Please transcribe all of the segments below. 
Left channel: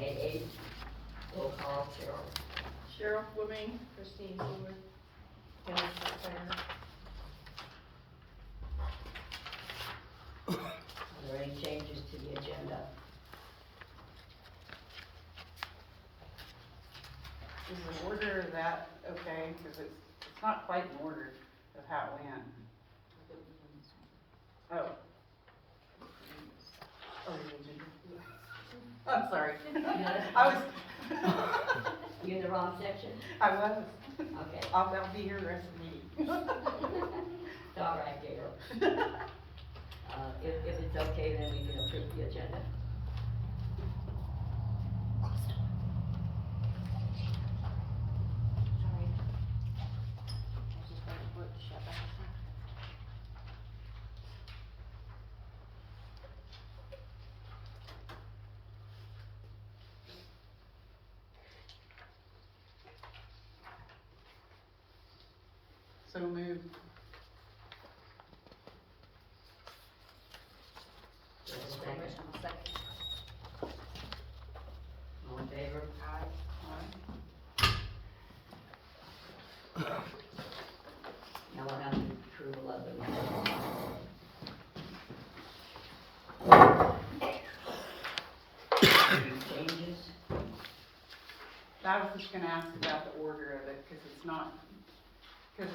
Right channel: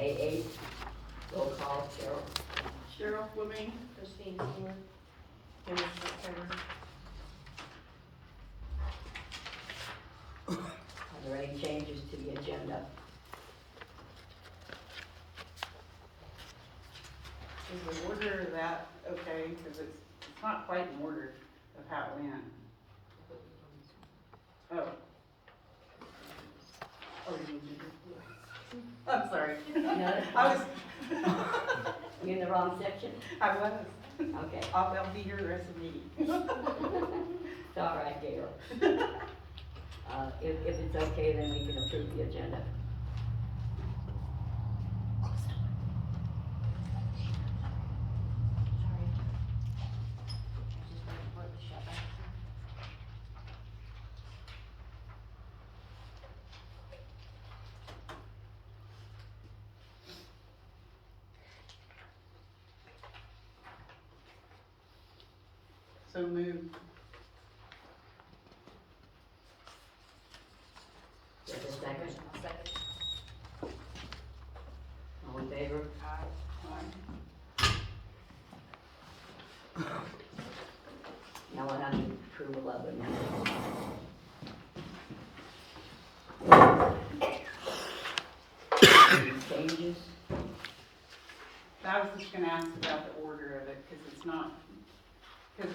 May 8th, roll call, Cheryl. Cheryl Fleming. Christine Stewart. Dennis Turner. Are there any changes to the agenda? Is the order of that okay? Because it's not quite in order of how it went. Oh. Oh, I'm sorry. I was. You in the wrong section? I was. Okay, I'll be here the rest of the meeting. it's all right, Gail. If it's okay, then we can approve the agenda. So moved. Do you have a second? Second. All in favor? Aye. Now we'll have the approval of the minutes. Any changes? I was just gonna ask about the order of it, because it's not, because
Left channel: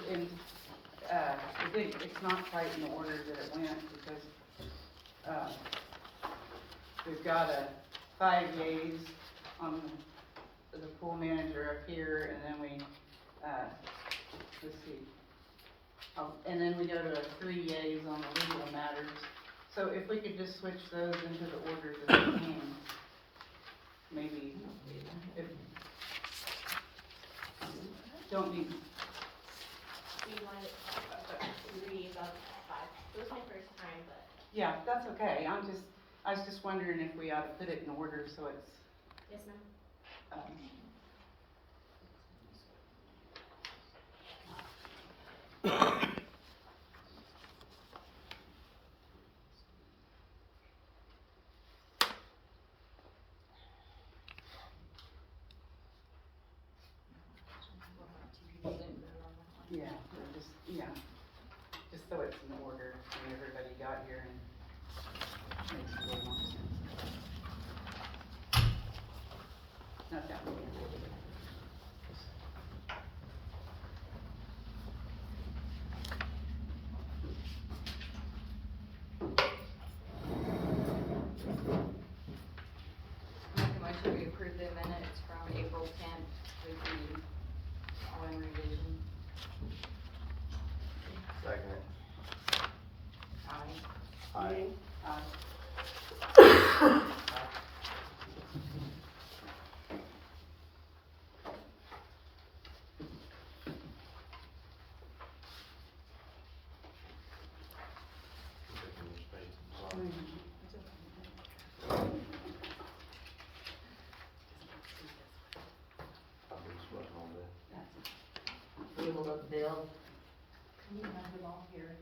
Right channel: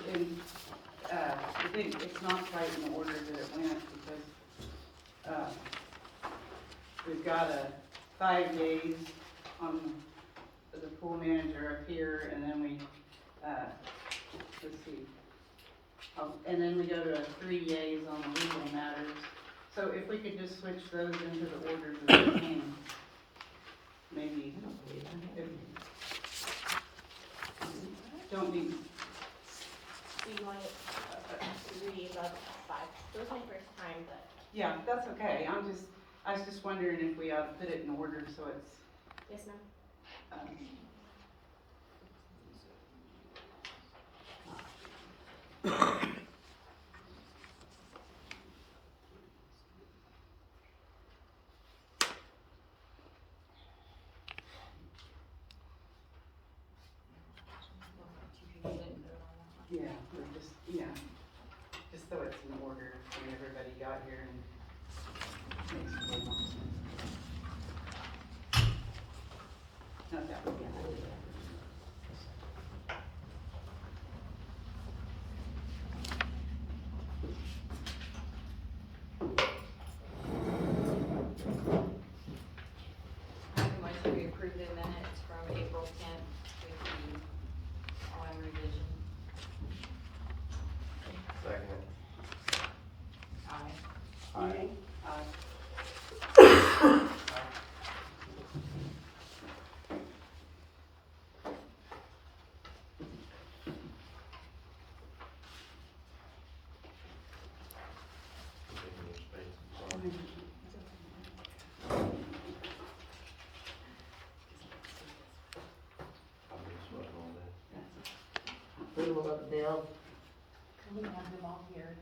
it's not quite in the order that it went, because, we've got 5 yeas on the pool manager up here, and then we, let's see. And then we go to 3 yeas on the legal matters. So if we could just switch those into the order that they came, maybe, if, don't need, Do you want to read about 5? It was my first time, but. yeah, that's okay, I was just wondering if we ought to put it in order so it's, Yes, ma'am. yeah, or just, just so it's in order when everybody got here and makes a little more sense. Okay. I make a motion we approve the minutes from April 10th with the following revision. Second. Aye. Aye. Approval of the bills? We have them all here.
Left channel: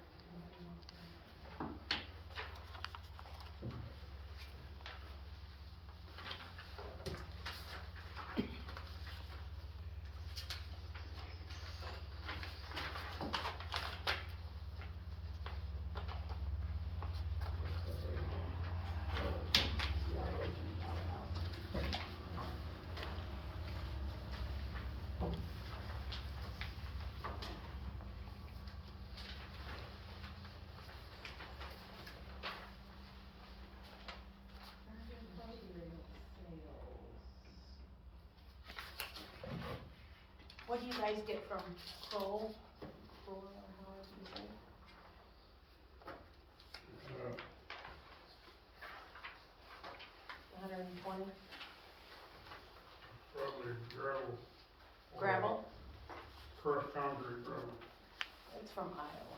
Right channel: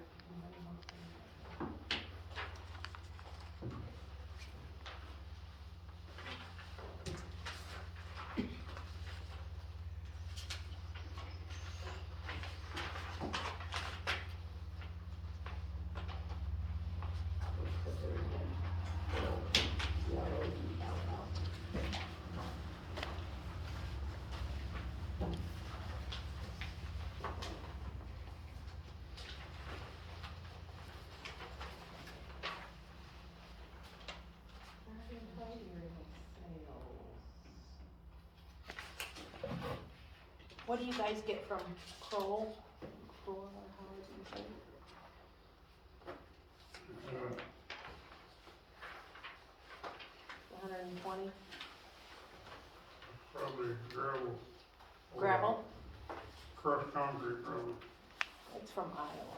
What do you guys get from Kroll? Kroll, or how is it said? $120? Probably gravel. Gravel? Crushed concrete gravel. It's from Iowa.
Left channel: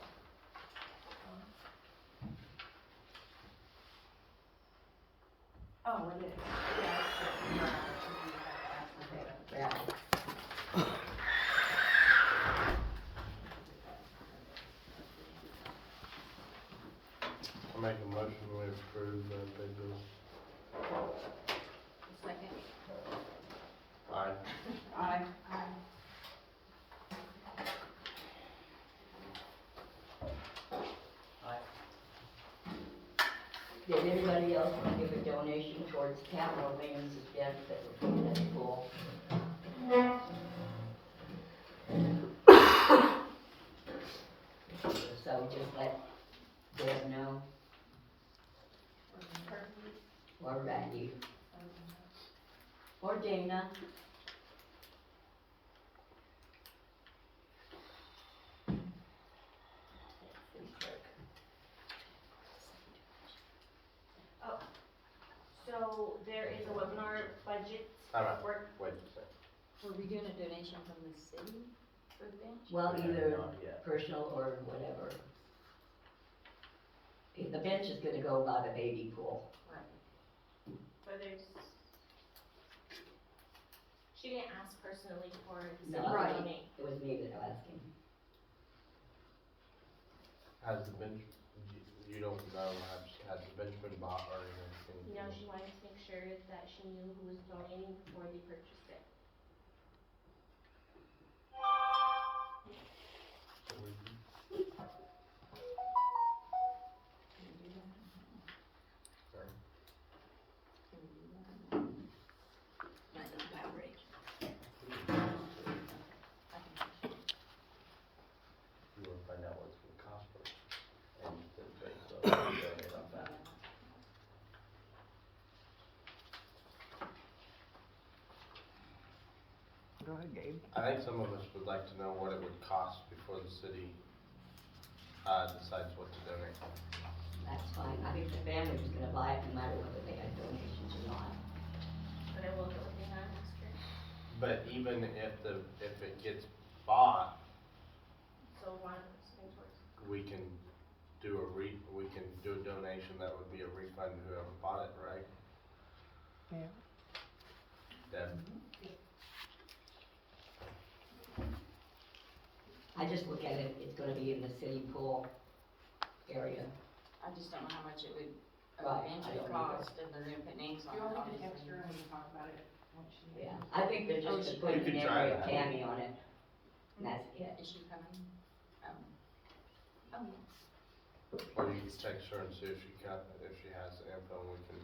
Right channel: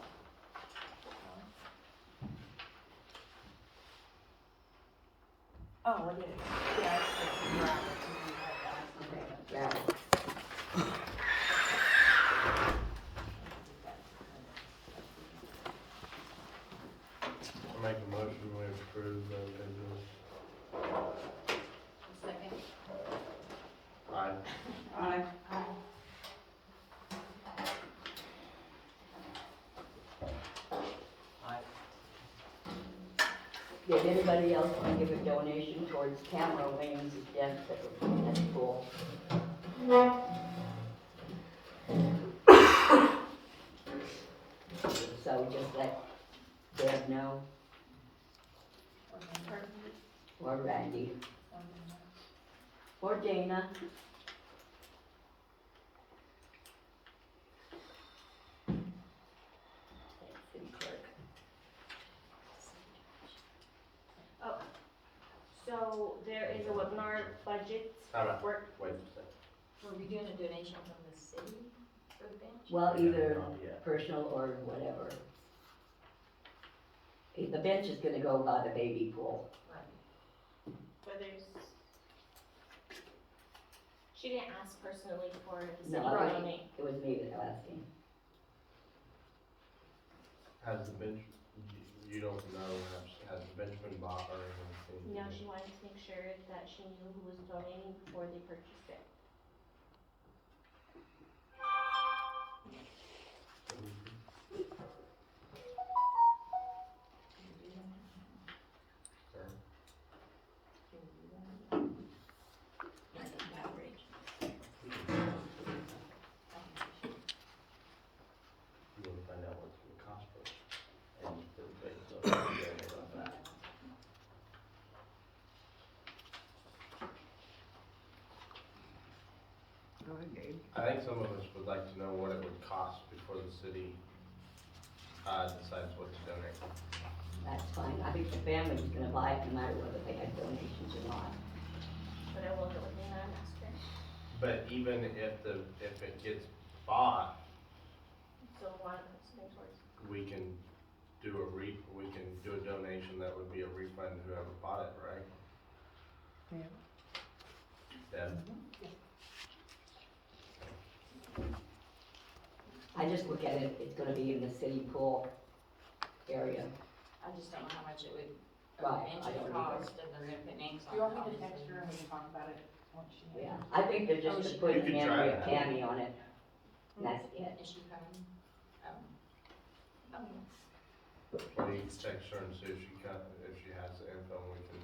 Oh, it is. Yeah. Yeah. I make a motion we approve the bills. Second. Did anybody else want to give a donation towards Tamara Williams' event that we're putting at the pool? So just let Deb know, or Randy, or Dana. City clerk. So there is a webinar budget Time out. work. Wait a second. Were we doing a donation from the city for the bench? Well, Okay, either not yet. personal or whatever. The bench is gonna go by the baby pool. But there's, she didn't ask personally for the city No, to I- donate. It was me that was asking. Has the bench, you don't know, has the bench been bought or anything? No, she wanted to make sure that she knew who was donating before they purchased it. Sorry. You wanna find out what it's gonna cost us? And then based on what we donate on that. I think some of us would like to know what it would cost before the city, decides what to donate. That's fine. I think the family's gonna buy it no matter whether they had donations or not. But I will, and I asked her. But even if it gets bought, So one goes towards. we can do a donation that would be a refund to whoever bought it, right? Yeah. Deb? I just look at it, it's gonna be in the city pool area. I just don't know how much it would, Right, bench I would don't either. cost, and they're gonna put names Do on you it. want me to obviously. text her and we can talk about it once she Yeah, I think they're Oh, just she- putting You in can try with that. Tammy on it. And that's Yeah, it. is she coming? Oh. Or you can text her and see if she has the info, and we can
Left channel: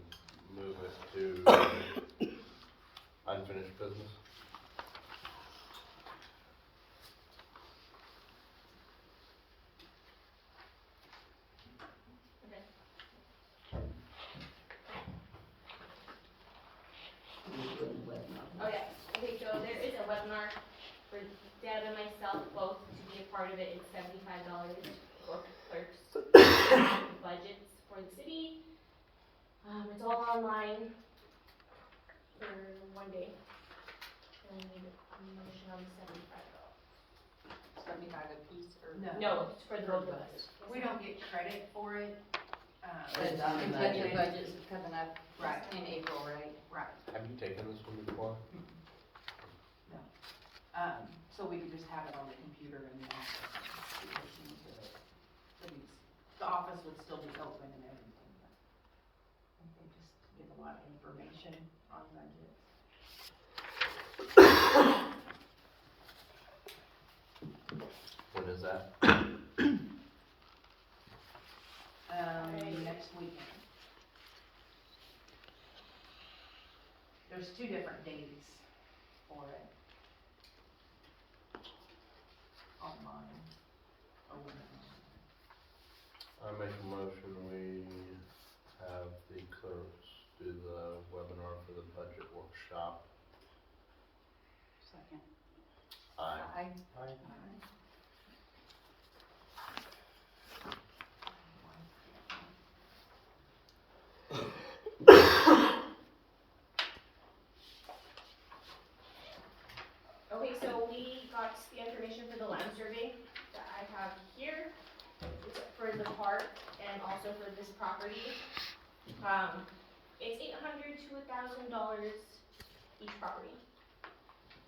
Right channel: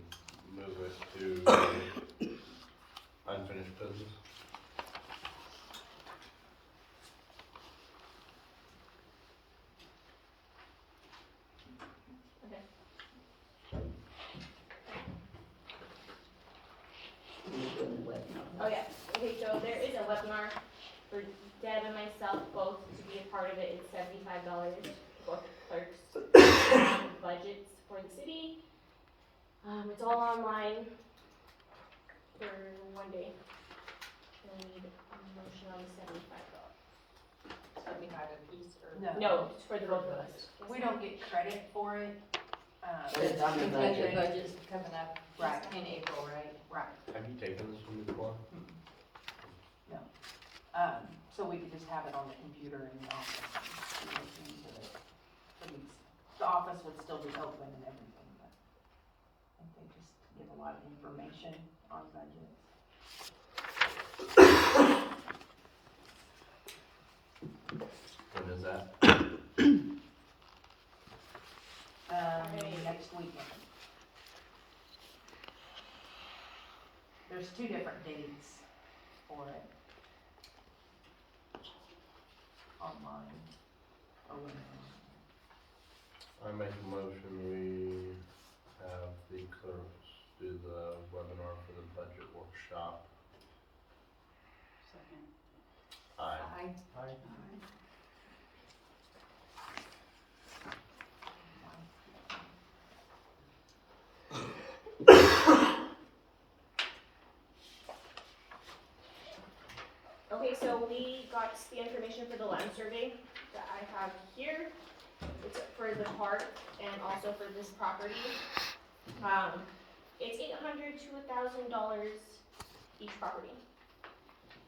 move it to unfinished business. We're doing the webinar. Oh, yeah, okay, so there is a webinar for Deb and myself both to be a part of it. It's $75 for clerks budgets for the city. It's all online for one day. And motion on the $75. 75 a piece or? No, it's for the both of us. We don't get credit for it, It's on the Because the budget. budget's coming up Right. in April, right? right, Have you taken this one before? so we could just have it on the computer in the office. The office would still be open and everything, but I think just give a lot of information on budget. When is that? Next weekend. There's 2 different dates for it. Online. Or whatever. I make a motion, we have the clerks do the webinar for the budget workshop. Second. Aye. Aye. Okay, so we got the information for the land survey that I have here. It's for the park and also for this property. It's $800 to $1,000 each property.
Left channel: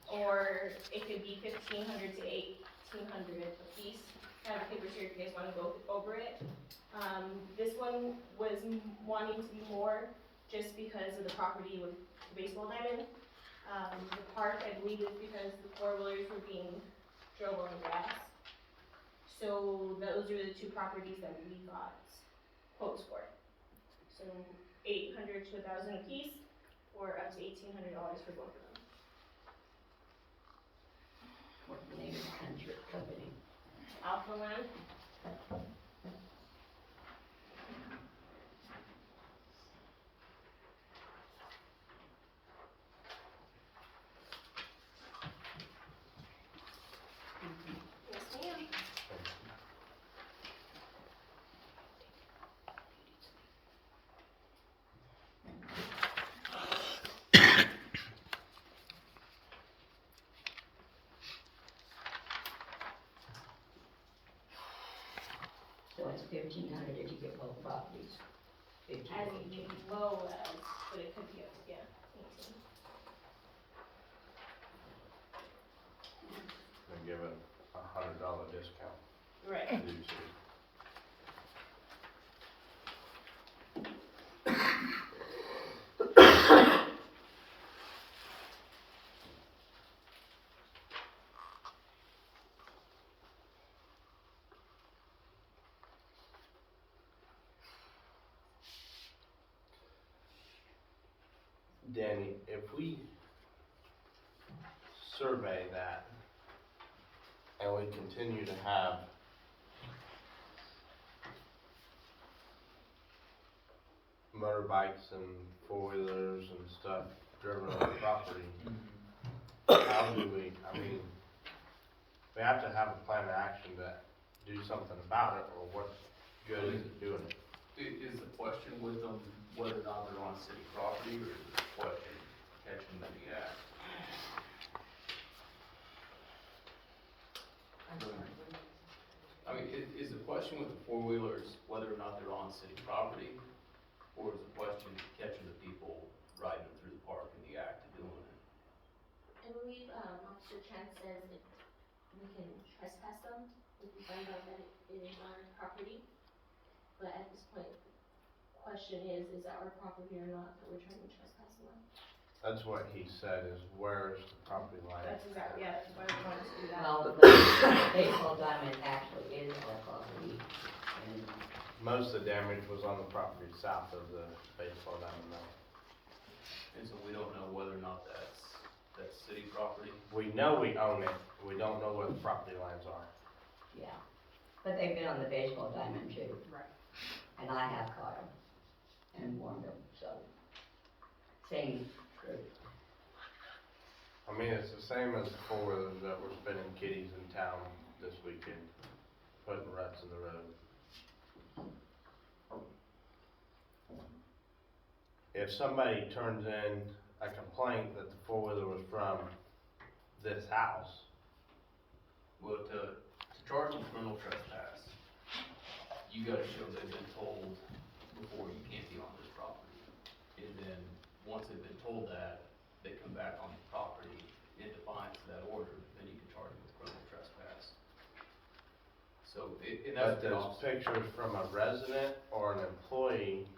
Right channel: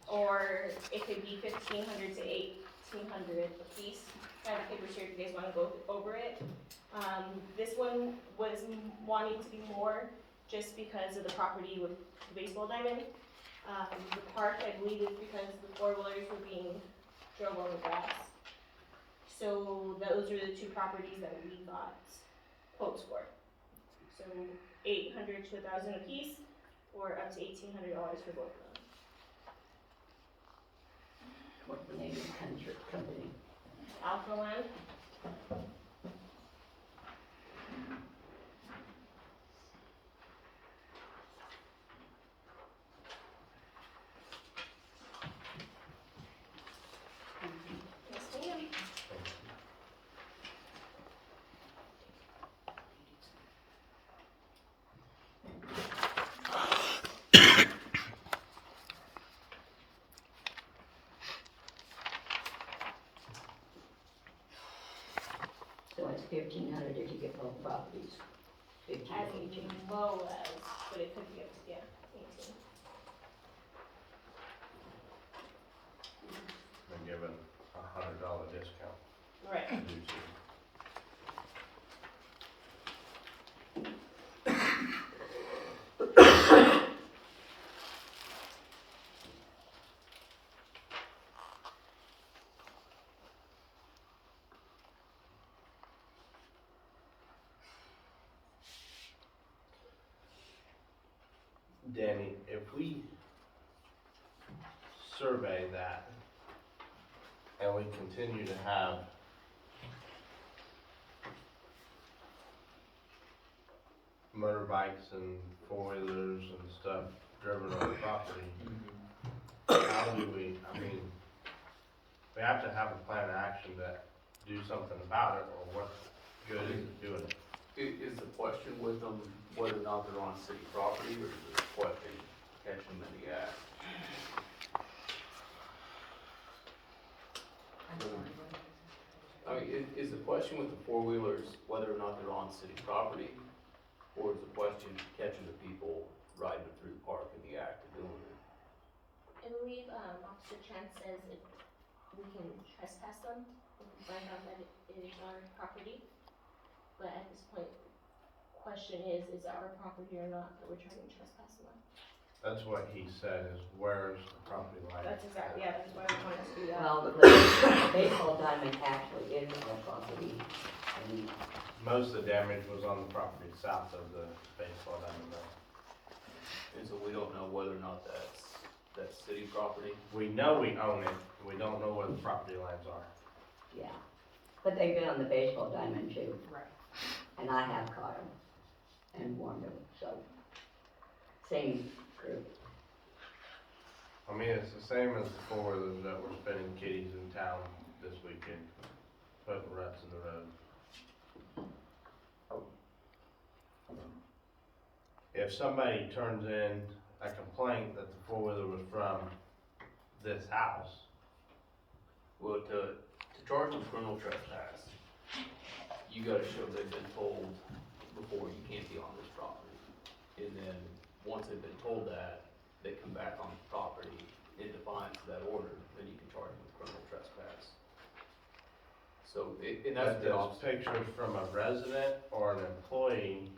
Or it could be $1,500 to $1,800 a piece. I have papers here if you guys wanna go over it. This one was wanting to be more just because of the property with the baseball diamond. The park, I believe, is because the four-wheelers were being drove on the grass. So those are the 2 properties that we got quotes for. So so $800 to $1,000 a piece, or up to $1,800 for both of them. What's the name of the company? Alpha Land. Yes, ma'am. So it's 1,500 if you get both properties. 15, As 18. low as, but it could be up to, yeah, 18. We'll give it $100 discount. Right. to the city. Danny, if we survey that and we continue to have motorbikes and four-wheelers and stuff driven on the property, how do we, I mean, we have to have a plan of action to do something about it, or what good is it doing it? Is the question with them whether or not they're on city property, or is the question catching them in the act? I mean, is the question with the four-wheelers whether or not they're on city property, or is the question catching the people riding them through the park in the act of doing it? I believe, Officer Trent says if we can trespass them, if we find out that it is our property. But at this point, question is it our property or not that we're trying to trespass them on? That's what he said, is where's the property line? That's exactly, yeah, that's why we wanted to do that. Well, the baseball diamond actually is our property, and Most of the damage was on the property south of the baseball diamond line. And so we don't know whether or not that's city property. We know we own it, we don't know where the property lines are. yeah. But they've been on the baseball diamond too. Right. And I have caught them and warned them, so, same group. I mean, it's the same as the four-wheelers that were spinning kitties in town this weekend, putting ruts in the road. If somebody turns in a complaint that the four-wheeler was from this house, Well, to charge them criminal trespass, you gotta show they've been told before you can't be on this property. And then, once they've been told that, they come back on the property in defiance of that order, then you can charge them with criminal trespass. So, and that's but the does officer. pictures from a resident or an employee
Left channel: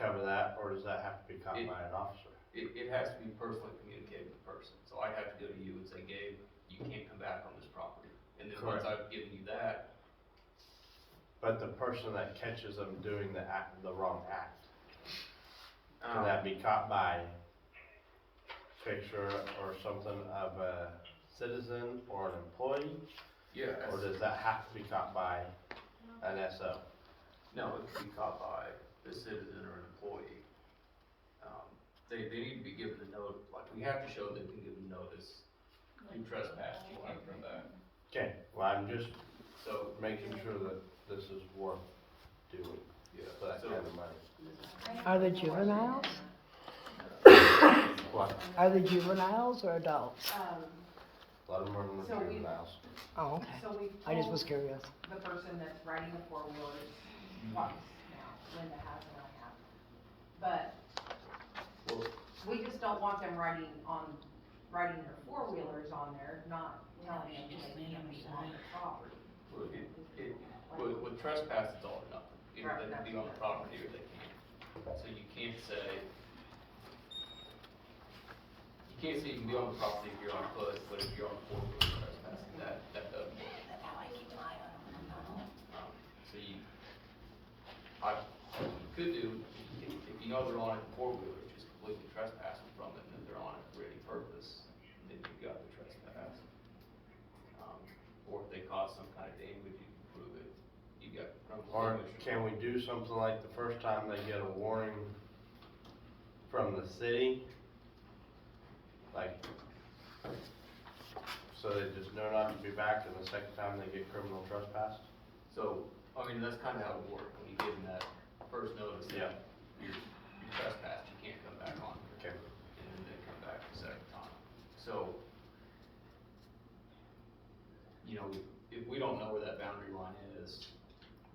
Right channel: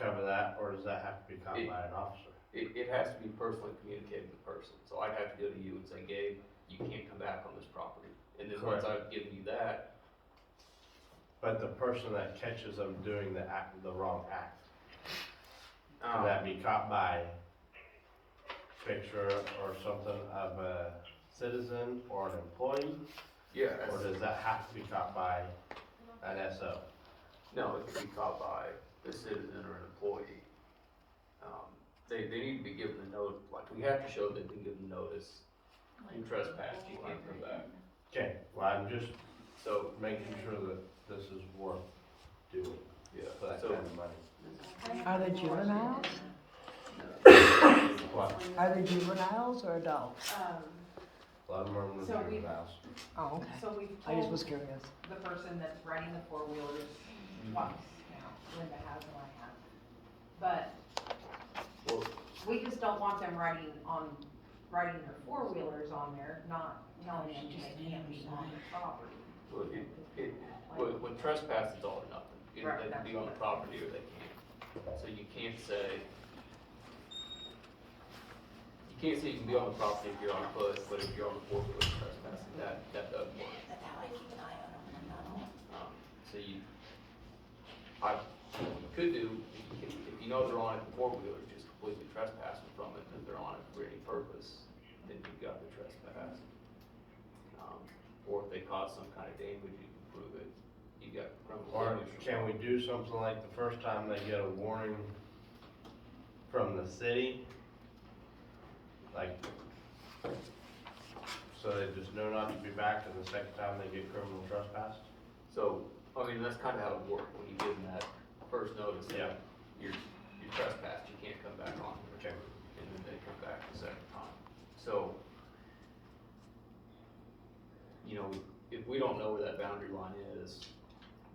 cover that, or does that have to be caught by an officer? It has to be personally communicated with the person, so I'd have to go to you and say, Gabe, you can't come back on this property. And then once Correct. I've given you that, But the person that catches them doing the wrong act, can that be caught by picture or something of a citizen or an employee? yeah, Or does that have to be caught by an SO? no, it can be caught by a citizen or an employee. They need to be given the note, like, we have to show they've been given notice, you trespassed, you can't come back. Okay, well, I'm just So, making sure that this is worth doing yeah, for that so, kind of money. Are they juveniles? What? Are they juveniles or adults? A lot of them are So we- juveniles. Oh, okay. So we've I just told was curious. the person that's riding the four-wheelers twice now, Linda has and I have. But well, we just don't want them riding their four-wheelers on there, not telling them they can't be on their property. with trespass, it's all or nothing. Either Right, they can be on the that's property or they can't. So you can't say you can be on the property if you're on foot, but if you're on the four-wheeler trespassing, that doesn't work. So could do, if you know they're on it four wheelers, just completely trespassing from it, and if they're on it for any purpose, then you've got the trespass. Or if they cause some kind of damage, you can prove it, you got criminal Or damage. can we do something like the first time they get a warning from the city? Like, so they just know not to be back, and the second time they get criminal trespass? So, I mean, that's kinda how it would work, when you give them that first notice, Yeah. that you're trespassed, you can't come back on. Okay. And then they come back the second time. So, you know, if we don't know where that boundary line is.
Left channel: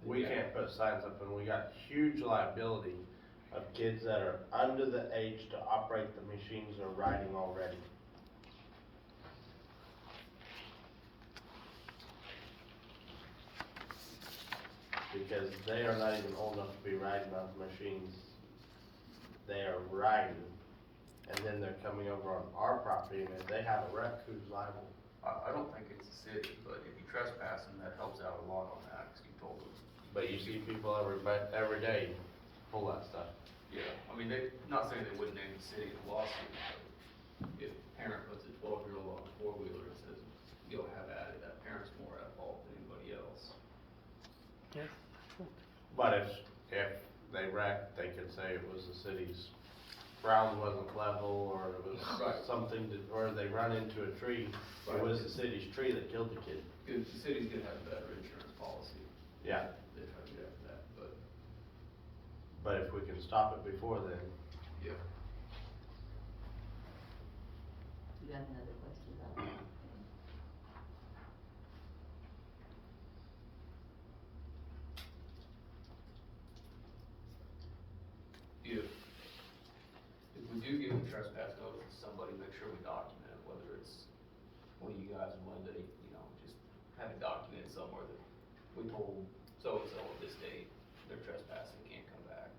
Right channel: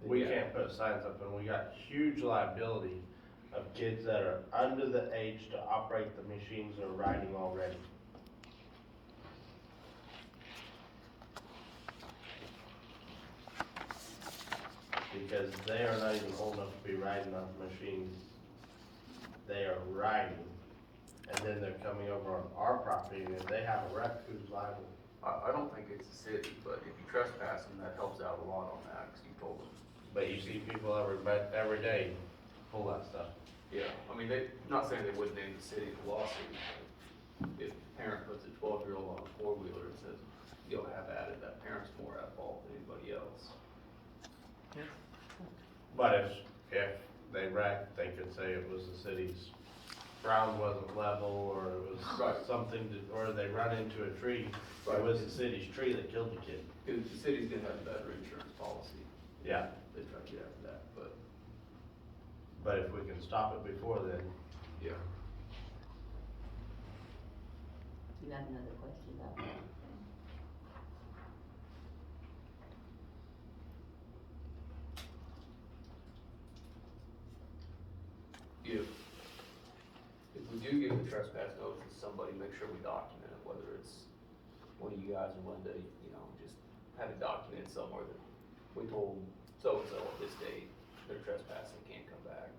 then We yeah. can't put signs up, and we got huge liability of kids that are under the age to operate the machines or riding already. Because they are not even old enough to be riding on machines. They are riding, and then they're coming over on our property, and if they have a wreck, who's liable? I don't think it's the city, but if you trespass them, that helps out a lot on that, cause you told them. But you see people every day pull that stuff. Yeah, I mean, not saying they wouldn't name the city in the lawsuit, but if a parent puts a 12-year-old on a four-wheeler and says, you'll have at it, that parent's more at fault than anybody else. But if they wrecked, they could say it was the city's ground wasn't level, or it was Right. something, or they run into a tree, or it was the city's tree that killed the kid. Cause the city's gonna have a better insurance policy, Yeah, they try to get after that, but, but if we can stop it before then, yeah. You got another question about that? If we do give a trespass notice to somebody, make sure we document it, whether it's one of you guys or Linda, you know, just have it documented somewhere that we told so-and-so at this date, they're trespassing, can't come back.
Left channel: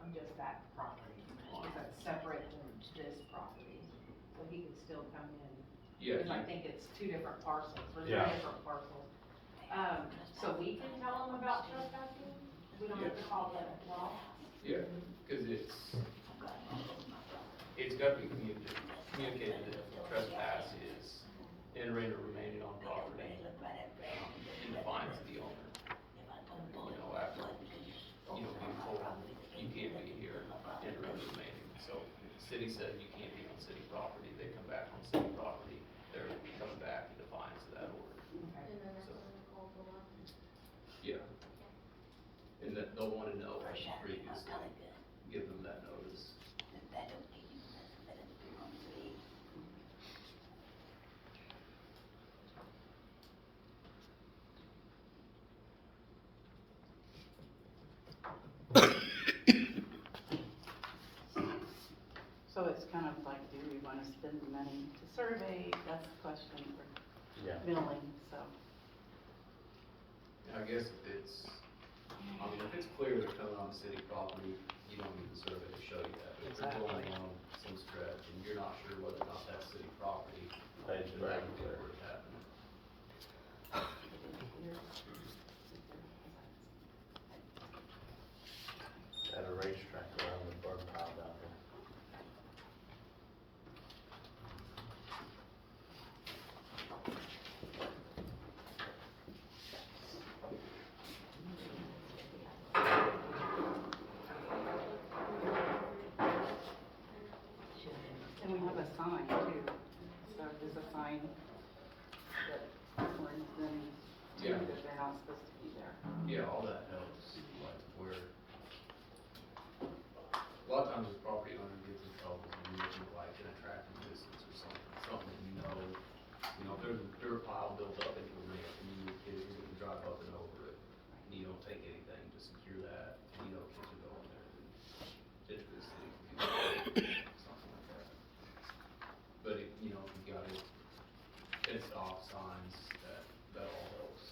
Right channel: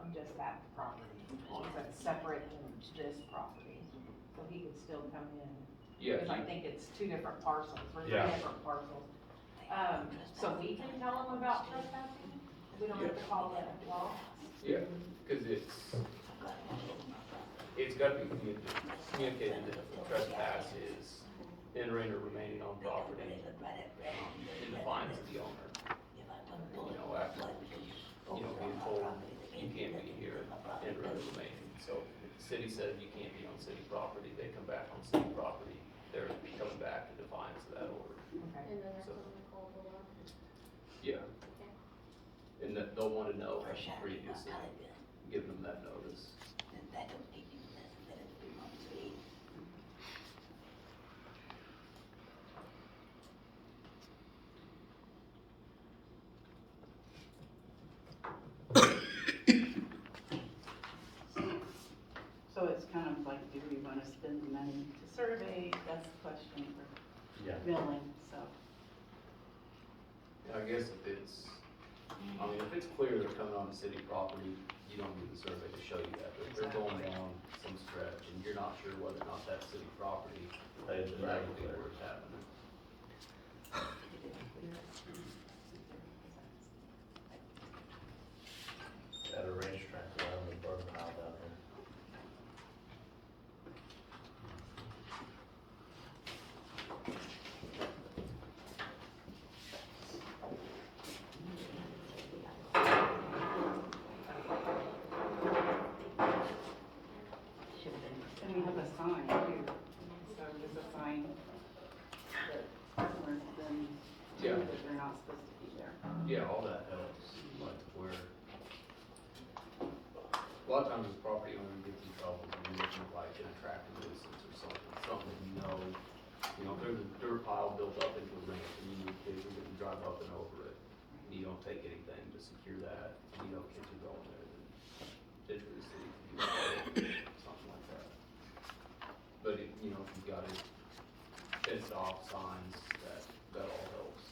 On just that property, is that separate than this property? So he could still come in, Yeah, because I think it's two different parcels, or three Yeah. different parcels. So we can tell them about trespassing? We don't have to call the law? yeah, cause it's gotta be communicated that trespass is entering or remaining on property, in defiance of the owner. You know, after, you know, being told you can't be here, entering or remaining, so if the city says you can't be on city property, they come back on city property, they're coming back in defiance of that order. Okay. So, yeah. And that they'll wanna know previously, give them that notice. So it's kind of like, do we wanna spend the money to survey, that's the question for yeah. milling, so. I guess if it's, I mean, if it's clear they're coming on city property, you don't need the survey to show you that, but if they're going down some stretch and you're not sure whether or not that's city property, It's then that right would be there. where it's happening. At a racetrack around the burn pile down there. And we have a sign too, so there's a sign that customers then Yeah. know that they're not supposed to be there. Yeah, all that helps, like where, a lot of times the property owner gets in trouble when you're looking at like an attractive nuisance or something that you know, if there's a dirt pile built up into the ramp and you occasionally get to drive up and over it, and you don't take anything to secure that, and you don't get to go in there, then typically the city can do something like that. But it, you know, if you've got it, fenced off signs, that all helps.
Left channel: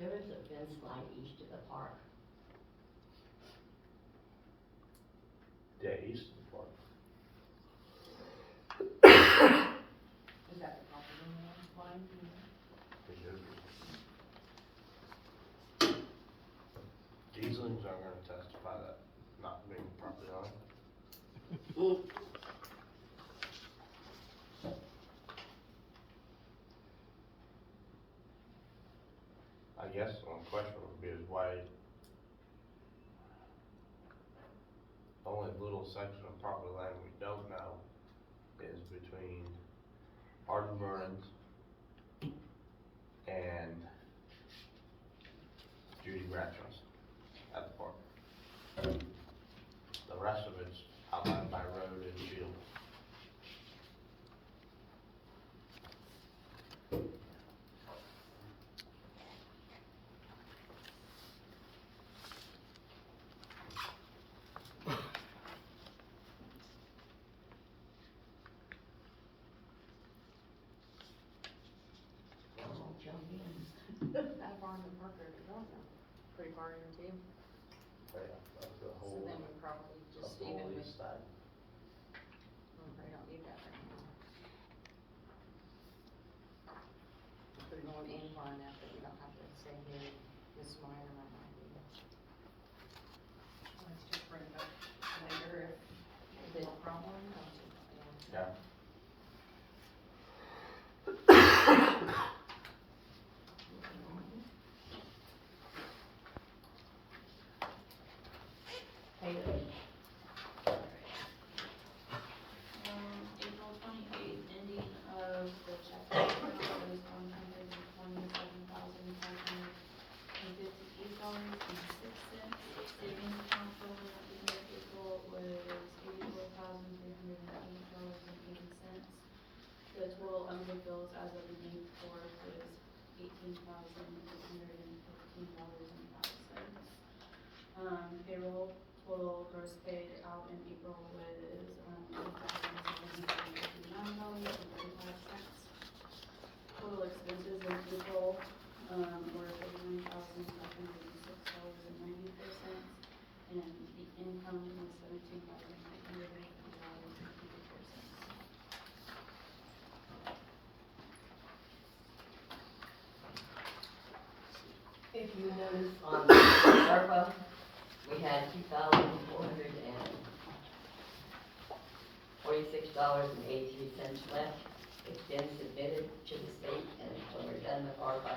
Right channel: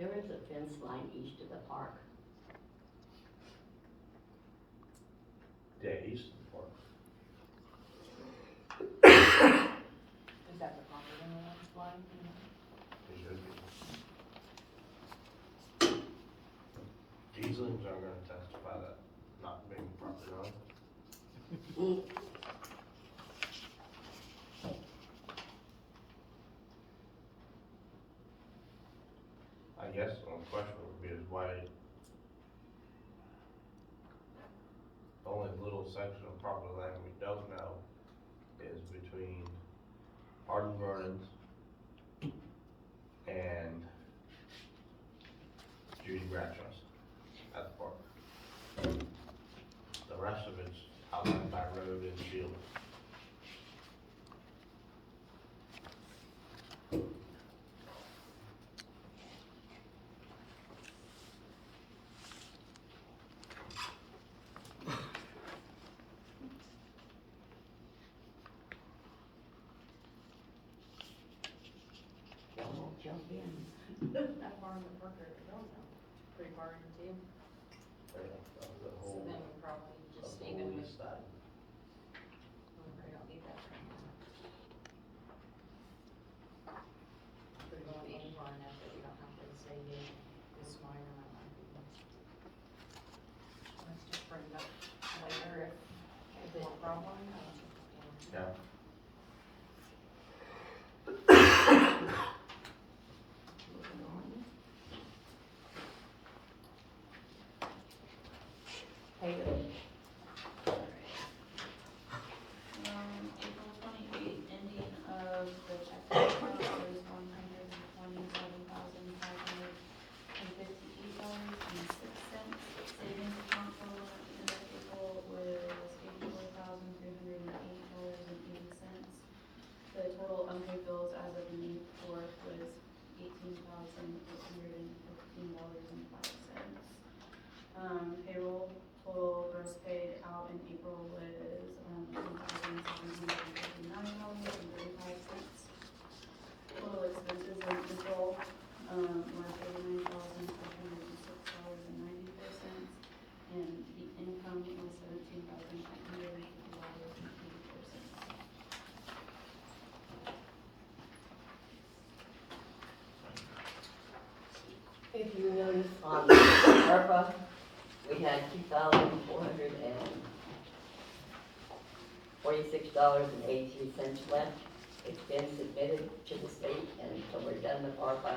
There is a fence line east of the park. Yeah, east of the park. Is that the property owner's one? Weaslings are gonna testify that not being property owner. I guess the only question would be is why only little section of property land we don't know is between Arden Vernon's and Judy Bradshaw's at the park. The rest of it's outlined by road and field. I'll jump in. How far in the park are they going then? Pretty far into, That's the so whole, then we probably the just whole even with, east side. we probably don't need that right now. Put it on Avon there, but we don't have to say they, this mine or not. Let's just bring it up later Is it a problem? Yeah. Payroll. April 28th, ending of the check account was $127,558.06. Savings account for the end of April was $84,308.80. The total unpaid bills as of May 4th was $18,815.05. Payroll total gross paid out in April was $2,759.35. Total expenses in April were $39,506.94, and the income was $17,950.54. If you notice on ARPA, we had $2,446.83 left. It's been submitted to the state, and so we're done with ARPA.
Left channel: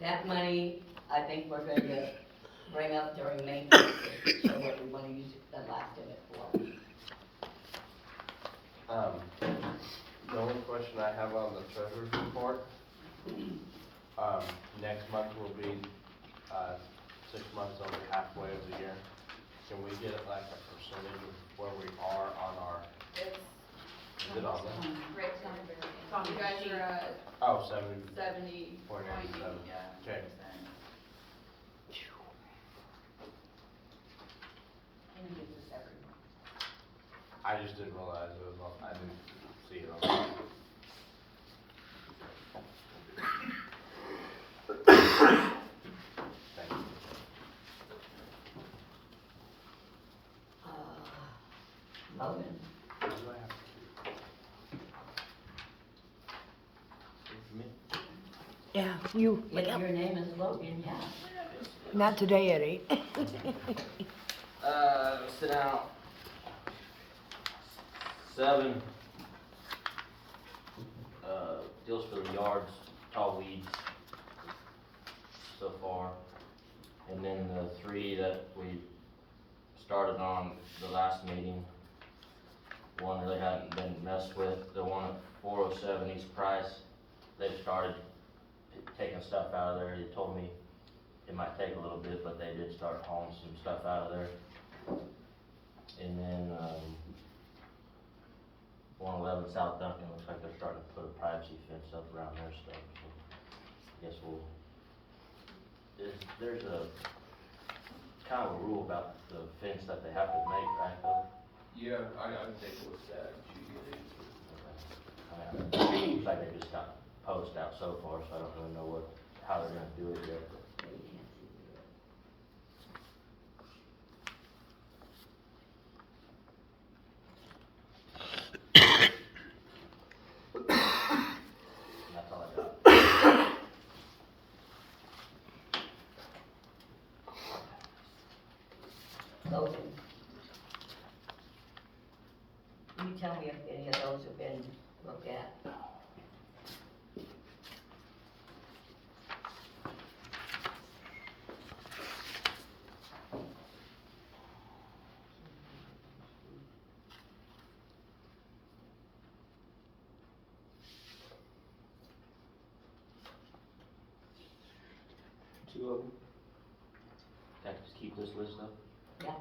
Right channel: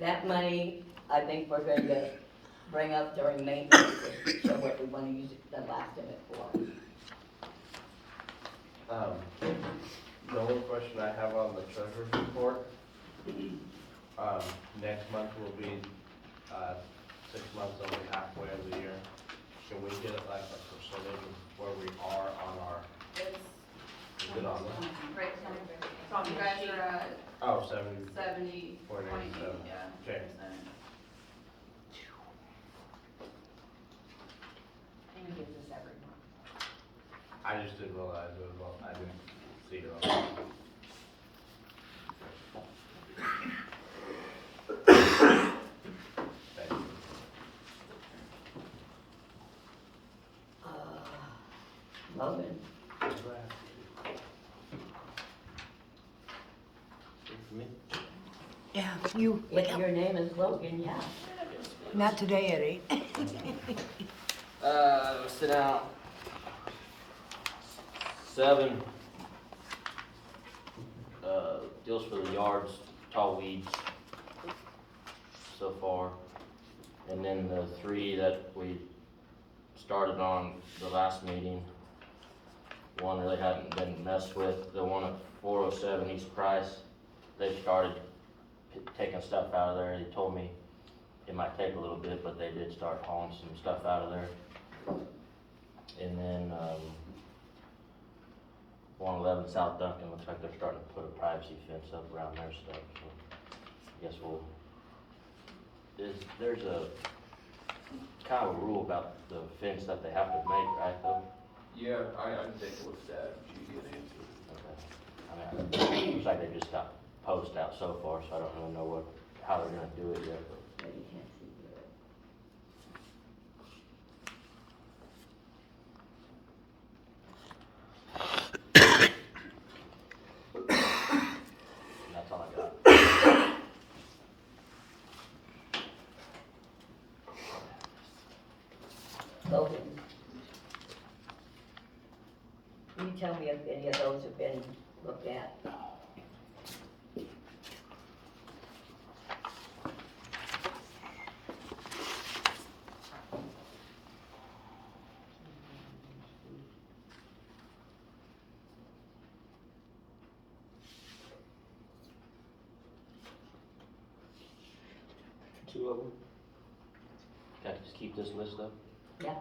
That money, I think we're going to bring up during maintenance, so what we want to use the last of it for. The only question I have on the treasurer's report, next month will be, 6 months over halfway of the year. Can we get like a percentage of where we are on our, is it on there? Right, So you guys are at Oh, 70, 70, 0.87. 20, yeah. Okay. He gives us every month. I just didn't realize it was on, I didn't see it on. Thank you. Logan, Yeah, you, if your name is Logan, yeah. not today, Eddie. Sit down. 7, deals for the yards, tall weeds so far. And then the 3 that we started on the last meeting, one really hadn't been messed with, the one at 407 East Price, they've started taking stuff out of there. They told me it might take a little bit, but they did start hauling some stuff out of there. And then, 111 South Duncan, looks like they're starting to put a privacy fence up around their stuff, so I guess there's a kind of a rule about the fence that they have to make, right, though? Yeah, I can take a look at that, and give you an answer. I mean, it seems like they just got posts out so far, so I don't really know how they're gonna do it yet, but. But you can't see through it. That's all I got. Logan. You tell me if any of those have been looked at. Two of them. Can I just keep this list up? Yeah.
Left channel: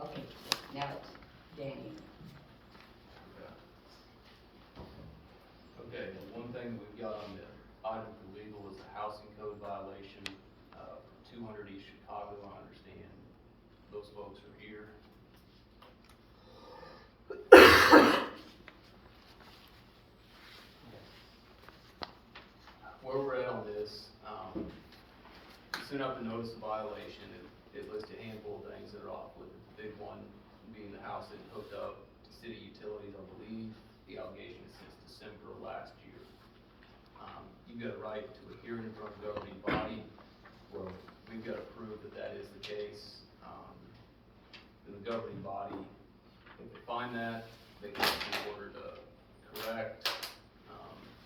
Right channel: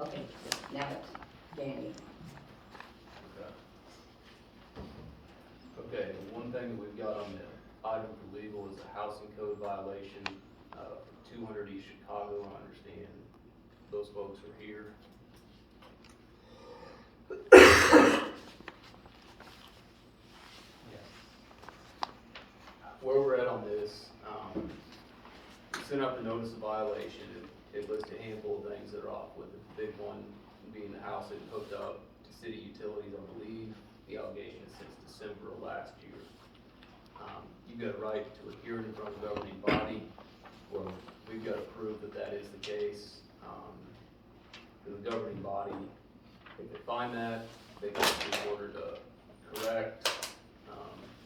Okay, now it's Danny. Okay, the one thing that we've got on the item for legal is a housing code violation, 200 East Chicago, I understand those folks are here. Where we're at on this, we sent out the notice of violation, it lists a handful of things that are off with it, the big one being the house that hooked up to city utilities, I believe, the allegation is since December of last year. You've got a right to a hearing in front of a governing body, well, we've got to prove that that is the case. For the governing body, if they find that, they can be ordered to correct,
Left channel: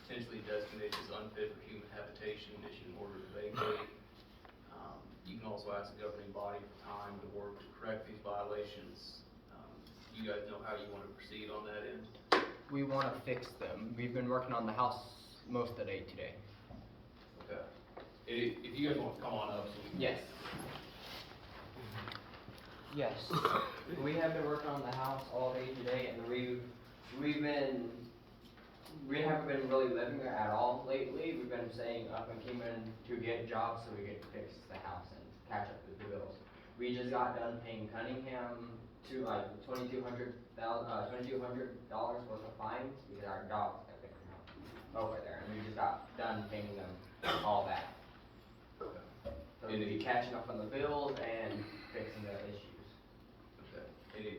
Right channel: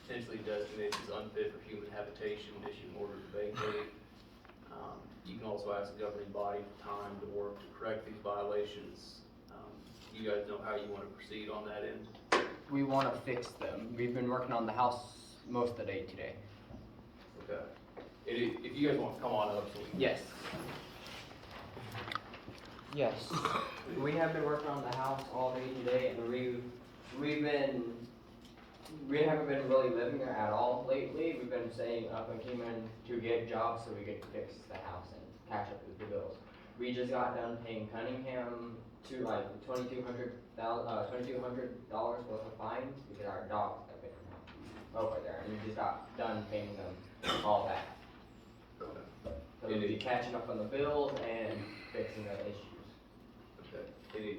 potentially designate as unfit for human habitation, issue an order to vacate. You can also ask the governing body for time to work to correct these violations. You guys know how you want to proceed on that end? We want to fix them. We've been working on the house most of the day today. Okay. If you guys want to come on up, so we can. Yes. Yes. We have been working on the house all day today, and we haven't been really living there at all lately. We've been staying up and came in to get jobs so we could fix the house and catch up with the bills. We just got done paying Cunningham to like $2,200 worth of fines because our dogs have been over there, and we just got done paying them all that. So we'll be catching up on the bills and fixing the issues. Okay.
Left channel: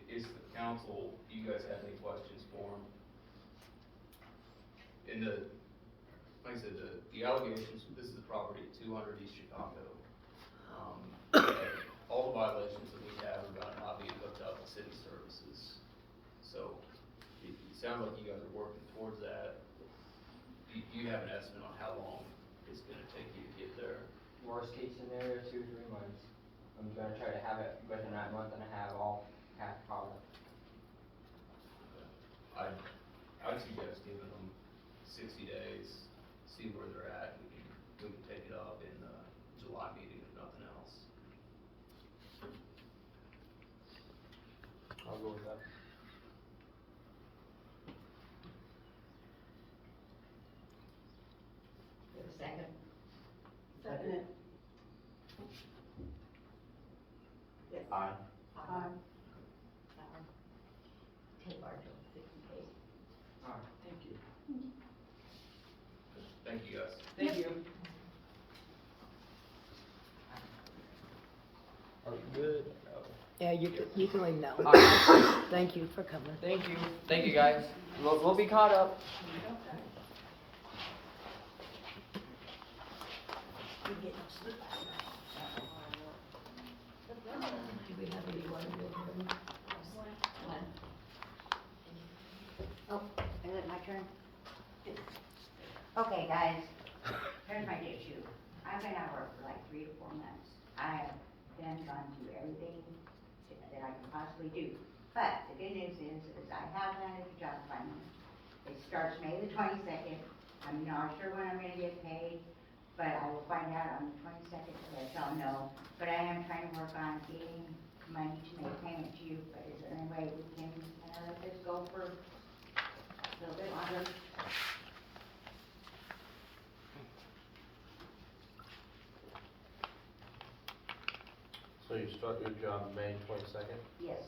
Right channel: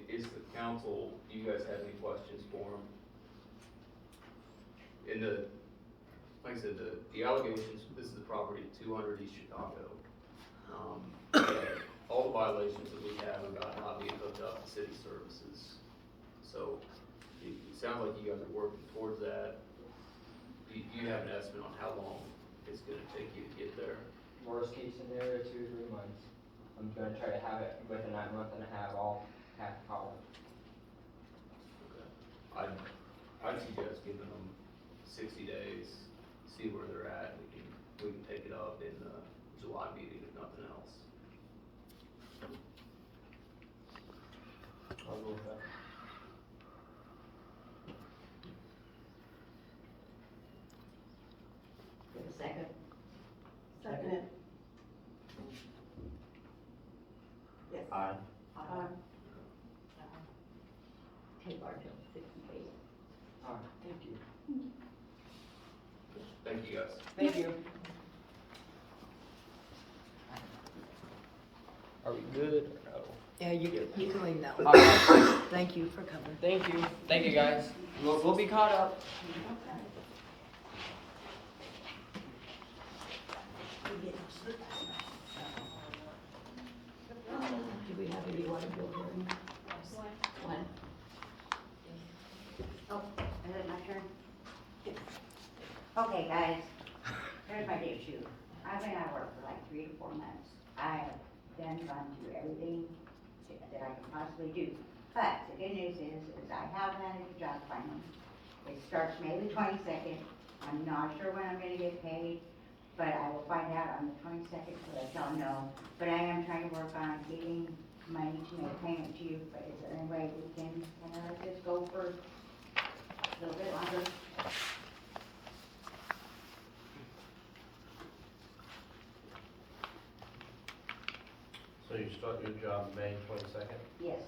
Is the council, do you guys have any questions for him? In the, like I said, the allegations, this is the property 200 East Chicago. All the violations that we have about not being hooked up to city services. So it sounds like you guys are working towards that. Do you have an estimate on how long it's gonna take you to get there? Worst case scenario, 2 to 3 months. I'm gonna try to have it within that month and a half, all half product. Okay. I'd suggest giving them 60 days, see where they're at, and we can take it up in the July meeting if nothing else. I'll go with that. Get a second? Second. Yes. Aye. Take our 50 days. Alright, thank you. Thank you, guys. Thank you. Are we good or no? Yeah, you can leave now. Alright, Thank you for coming. thank you. Thank you, guys. We'll be caught up. Do we have any water bill hearing? When? Oh, is it my turn? Okay, guys, here's my issue. I've been out of work for like 3 to 4 months. I have been gone through everything that I could possibly do. But the good news is I have landed a job finally. It starts May the 22nd. I'm not sure when I'm gonna get paid, but I will find out on the 22nd, so that y'all know. But I am trying to work on getting money to make payment to you, but is there any way we can just go for a little bit longer? So you start your job May 22nd? Yes.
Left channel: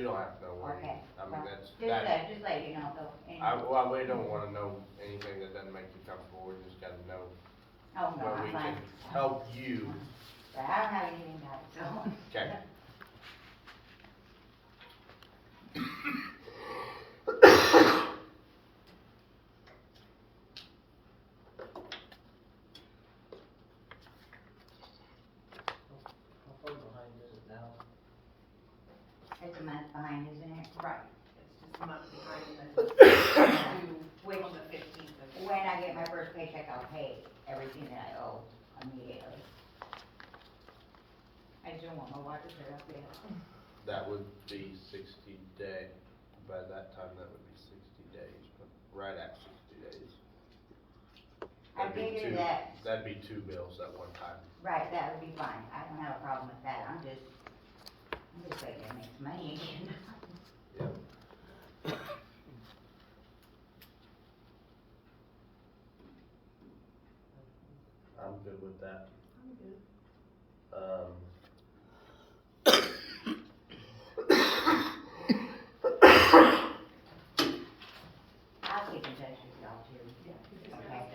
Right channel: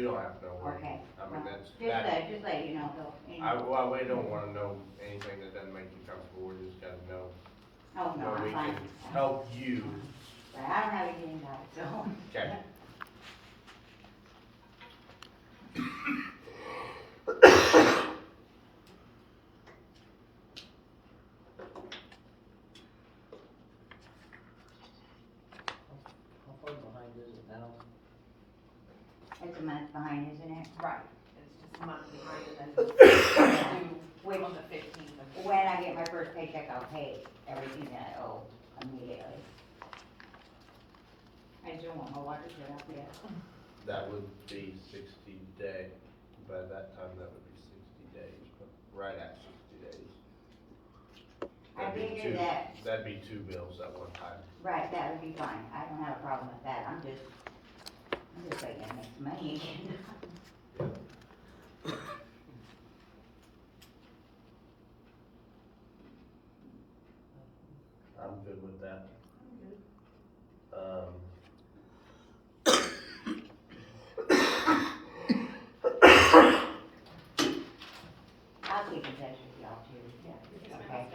we don't have to know where, Okay, I mean, well, that's, just that, let you know, though, I, anyway. well, we don't wanna know anything that doesn't make you comfortable, we just gotta know Oh, no, where we I'm fine. can help you. But I don't have anything about it, so. Okay. How far behind is it now? It's a month behind, isn't it? Right, it's just a month behind and then Which, on the 15th of. when I get my first paycheck, I'll pay everything that I owe immediately. I still want my water shut off yet. That would be 60 days, by that time, that would be 60 days, but right at 60 days. I That'd be figured two- that, That'd be 2 bills at one time. right, that would be fine. I don't have a problem with that. I'm just waiting to make some money again. I'm good with that. I'll keep in touch with y'all too. Okay.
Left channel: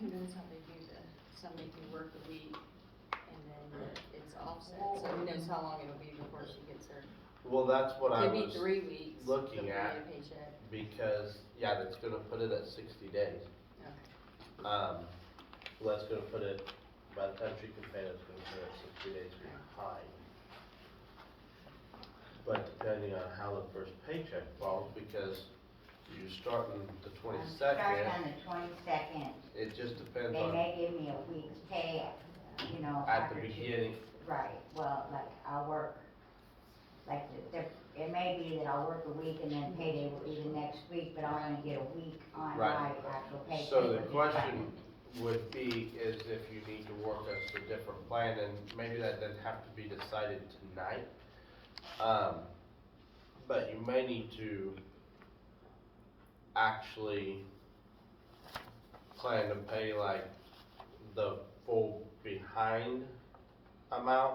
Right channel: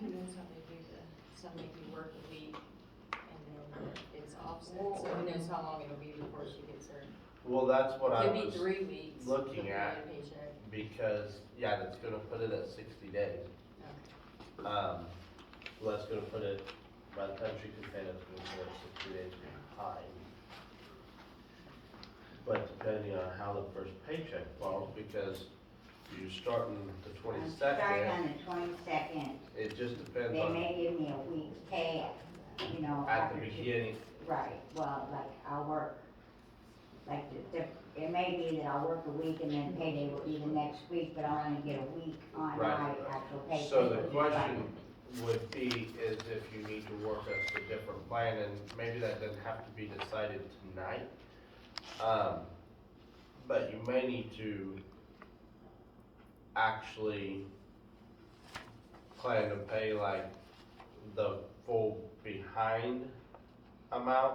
Who knows how they do that? Somebody can work a week and then it's offset, so who knows how long it'll be before she gets her. Well, that's what I Could be was 3 weeks. looking before at, your paycheck. because, yeah, that's gonna put it at 60 days. Okay. So that's gonna put it, by the time she can pay, it's gonna put it at 60 days behind. But depending on how the first paycheck falls, because you starting the I'm starting 22nd, on the 22nd. it just depends They on, may give me a week's pay, you know, at after the two. beginning, Right, well, like, I'll work, like, it may be that I'll work a week and then payday will be the next week, but I'll only get a week on my Right. actual paycheck. so the which is fine. question would be, is if you need to work us a different plan, and maybe that doesn't have to be decided tonight. But you may need to actually plan to pay like the full behind amount,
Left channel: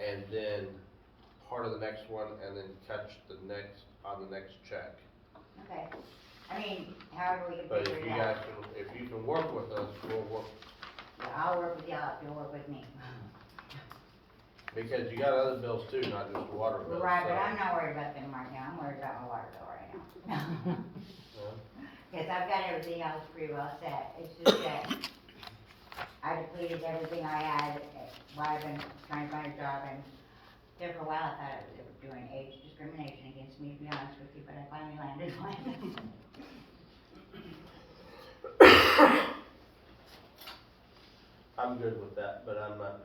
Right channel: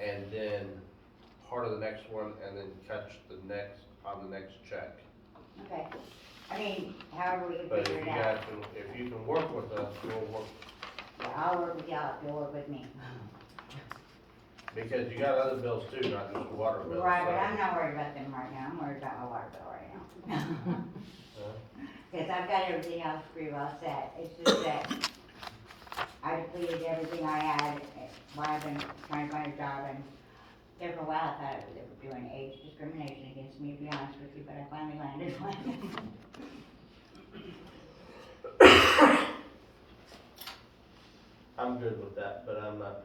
and then part of the next one, and then catch the next, on the next check. Okay, I mean, however we can But figure if it you out. guys can, if you can work with us, we'll work, Yeah, I'll work with y'all, if you'll work with me. because you got other bills too, not just the water bill. Right, but so- I'm not worried about them right now, I'm worried about my water bill right now. Yeah. Cause I've got everything else pretty well set, it's just that I depleted everything I had, while I've been trying to find a job, and there for a while I thought they were doing age discrimination against me, to be honest with you, but I finally landed one. I'm good with that, but I'm not,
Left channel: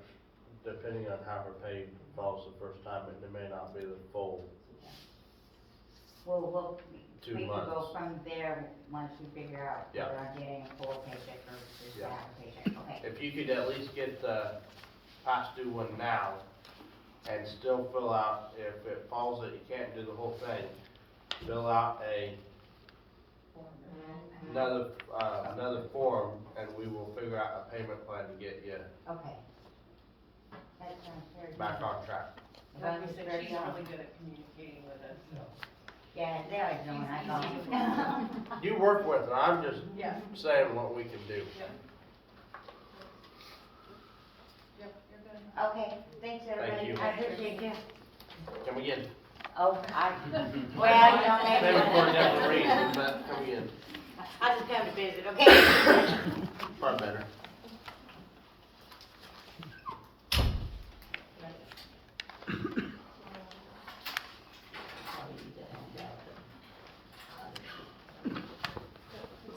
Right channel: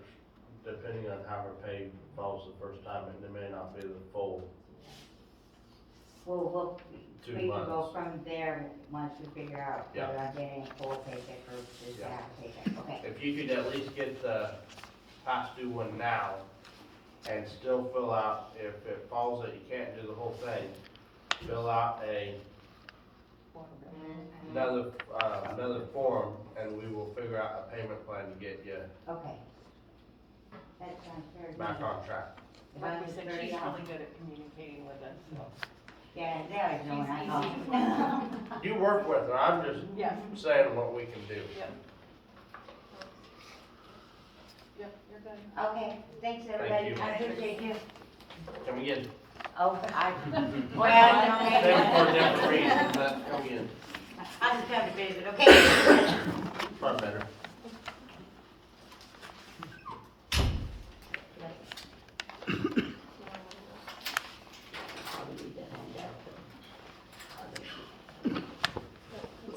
depending on how her pay falls the first time, it may not be the full Well, 2 we can go months. from there once we figure out whether Yeah. I'm getting a full paycheck or just Yeah. half a paycheck, okay? If you could at least get the past due one now, and still fill out, if it falls that you can't do the whole thing, fill out another form, and we will figure out a payment plan to get you Okay. That sounds very good. back on track. As long Like as I it's said, very she's young. really good at communicating with us, so. Yeah, they always know when I She's call. easy. You work with her, I'm just Yeah. saying what we can do. Yep, you're good. Okay, thanks everybody, you. I appreciate you. Come again. Oh, I, Maybe well, for a different reason, but come again. I just come to visit, okay? Probably better.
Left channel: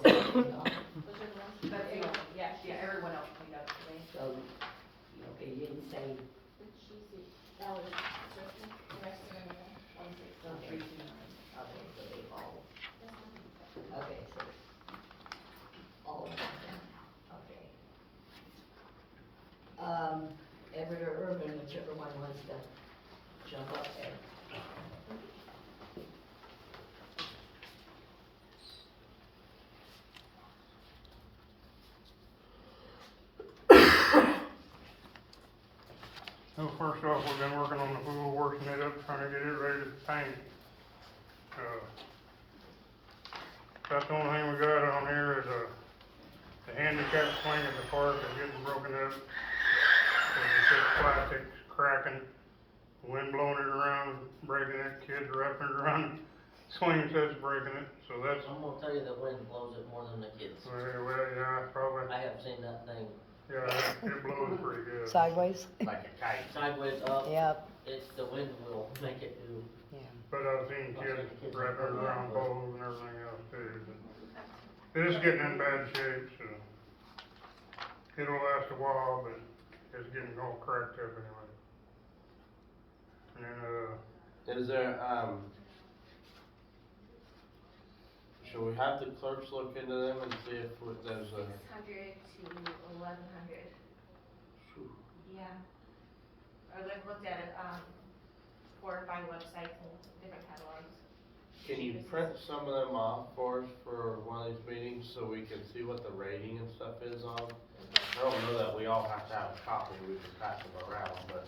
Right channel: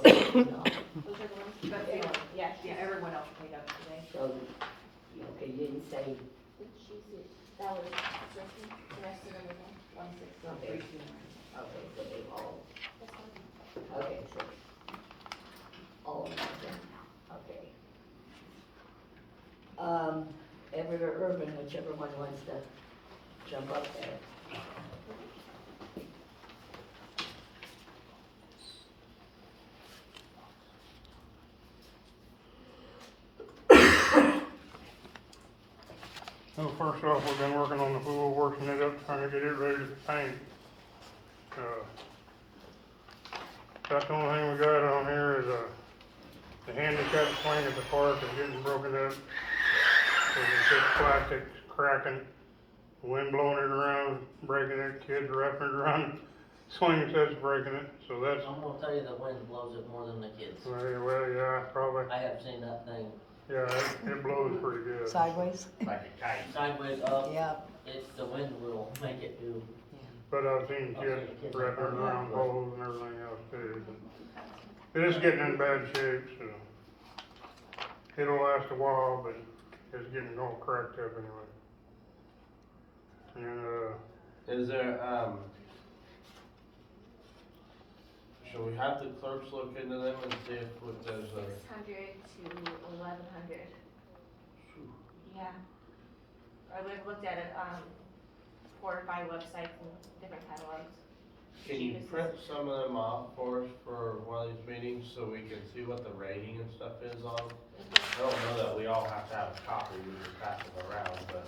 Those are the ones, Yeah, everyone else paid up today. So, okay, you didn't say, that was, the rest of them are 160. okay, okay, so they all, okay, so, all of them, okay. Everywhere urban, whichever one wants to jump up there. So first off, we've been working on the pool, working it up, trying to That's the only thing we got on here is, the handicap swing at the park is getting broken up. It's just plastic cracking, wind blowing it around, breaking it, kids wrapping it around, swing sets breaking it, so that's, I'm gonna tell you the wind blows it more than the kids. well, yeah, probably, I have seen that thing yeah, it blows pretty good. Sideways? Like a kite. sideways up. Yeah. It's, the wind will make it do. But I've seen I've kids seen the kids wrap it like around that. poles and everything else too. It's getting in bad shape, so it'll last a while, but it's getting all cracked up anyway. And, Is there, should we have the clerks look into them and see if there's a, 600 to 1100. Yeah. I've looked at it, 4 or 5 websites and different catalogs. can you print some of them off for us for one of these meetings so we can see what the rating and stuff is on? I don't know that we all have to have a copy, we can pass them around, but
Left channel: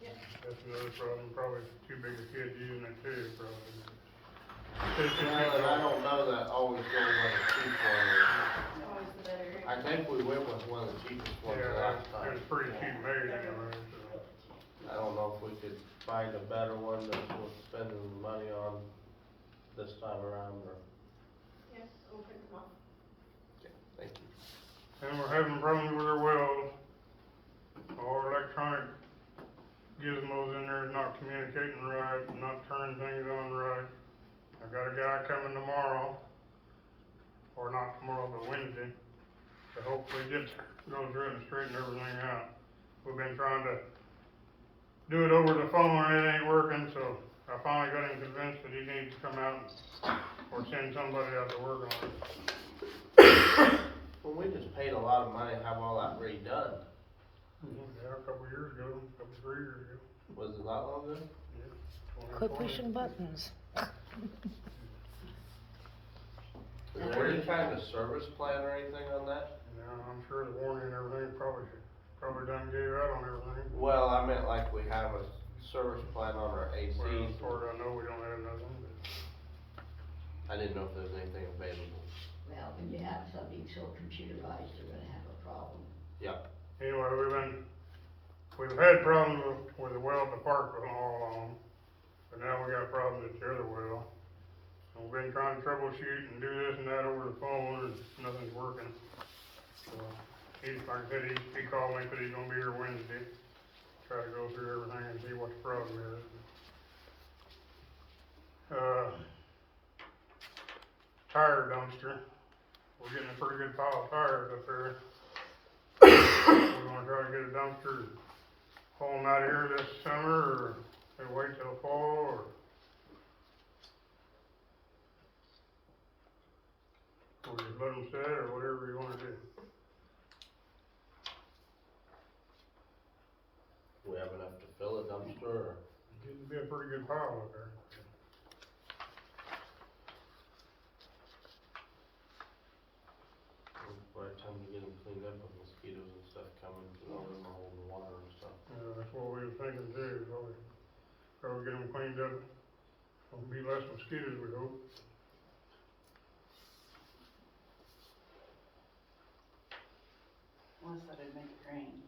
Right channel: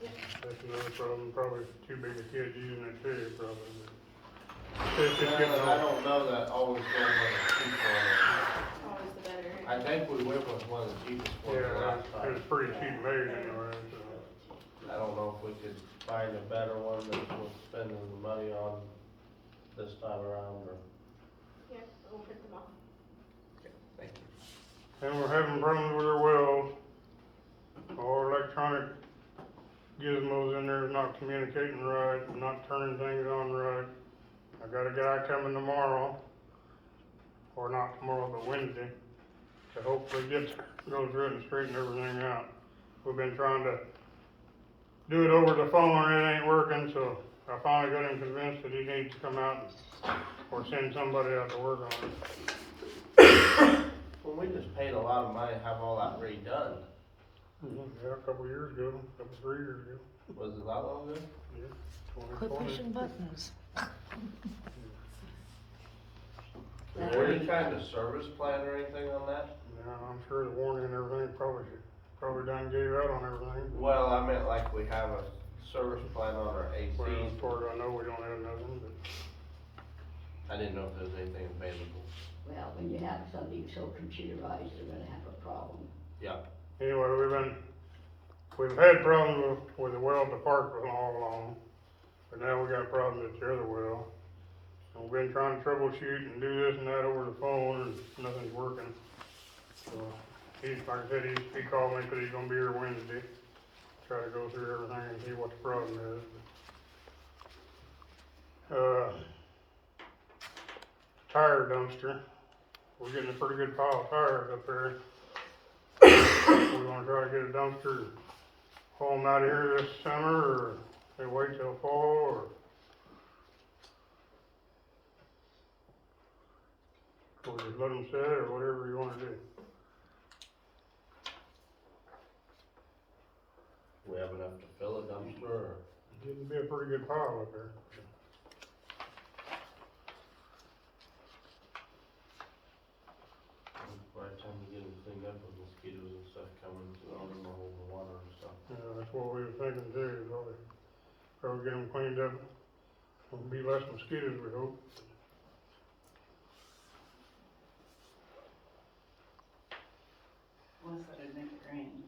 that's another problem, probably too big a kid using it too, probably. I don't know that always goes on the cheap one. Always the better. I think we went with one of the cheapest ones Yeah, last time. it's pretty cheap made anyway, so. I don't know if we could find a better one that we're spending the money on this time around, or, Yeah, we'll print them off. thank you. And we're having problems with our wells. Our electronic gizmos in there is not communicating right, not turning things on right. I got a guy coming tomorrow, or not tomorrow, but Wednesday, to hopefully go through it and straighten everything out. We've been trying to do it over the phone and it ain't working, so I finally got him convinced that he needs to come out or send somebody out to work on it. Well, we just paid a lot of money to have all that redone. Yeah, a couple years ago, 3 years ago. Was it that long ago? Yeah. Quit pushing buttons. Is there any kind of service plan or anything on that? Yeah, I'm sure the warranty and everything probably done gave out on everything. Well, I meant like we have a service plan on our AC. Well, as far as I know, we don't have nothing, but. I didn't know if there's anything available. Well, when you have something so computerized, you're gonna have a problem. Anyway, we've had problems with the well at the park for all along, but now we got problems at the other well. We've been trying to troubleshoot and do this and that over the phone, and nothing's working. So, like I said, he called me, said he's gonna be here Wednesday, try to go through everything and see what the problem is. Tire dumpster, we're getting a pretty good pile of tires up there. We're gonna try to get a dumpster, haul them out of here this summer, or they wait till fall, or just let them sit, or whatever you wanna do. Do we have enough to fill a dumpster, or? It'd be a pretty good pile up there. By the time we get them cleaned up, with mosquitoes and stuff coming, to all in the hole in the water and stuff. Yeah, that's what we were thinking too, probably get them cleaned up, there'll be less mosquitoes, we hope. Unless that would make it rain.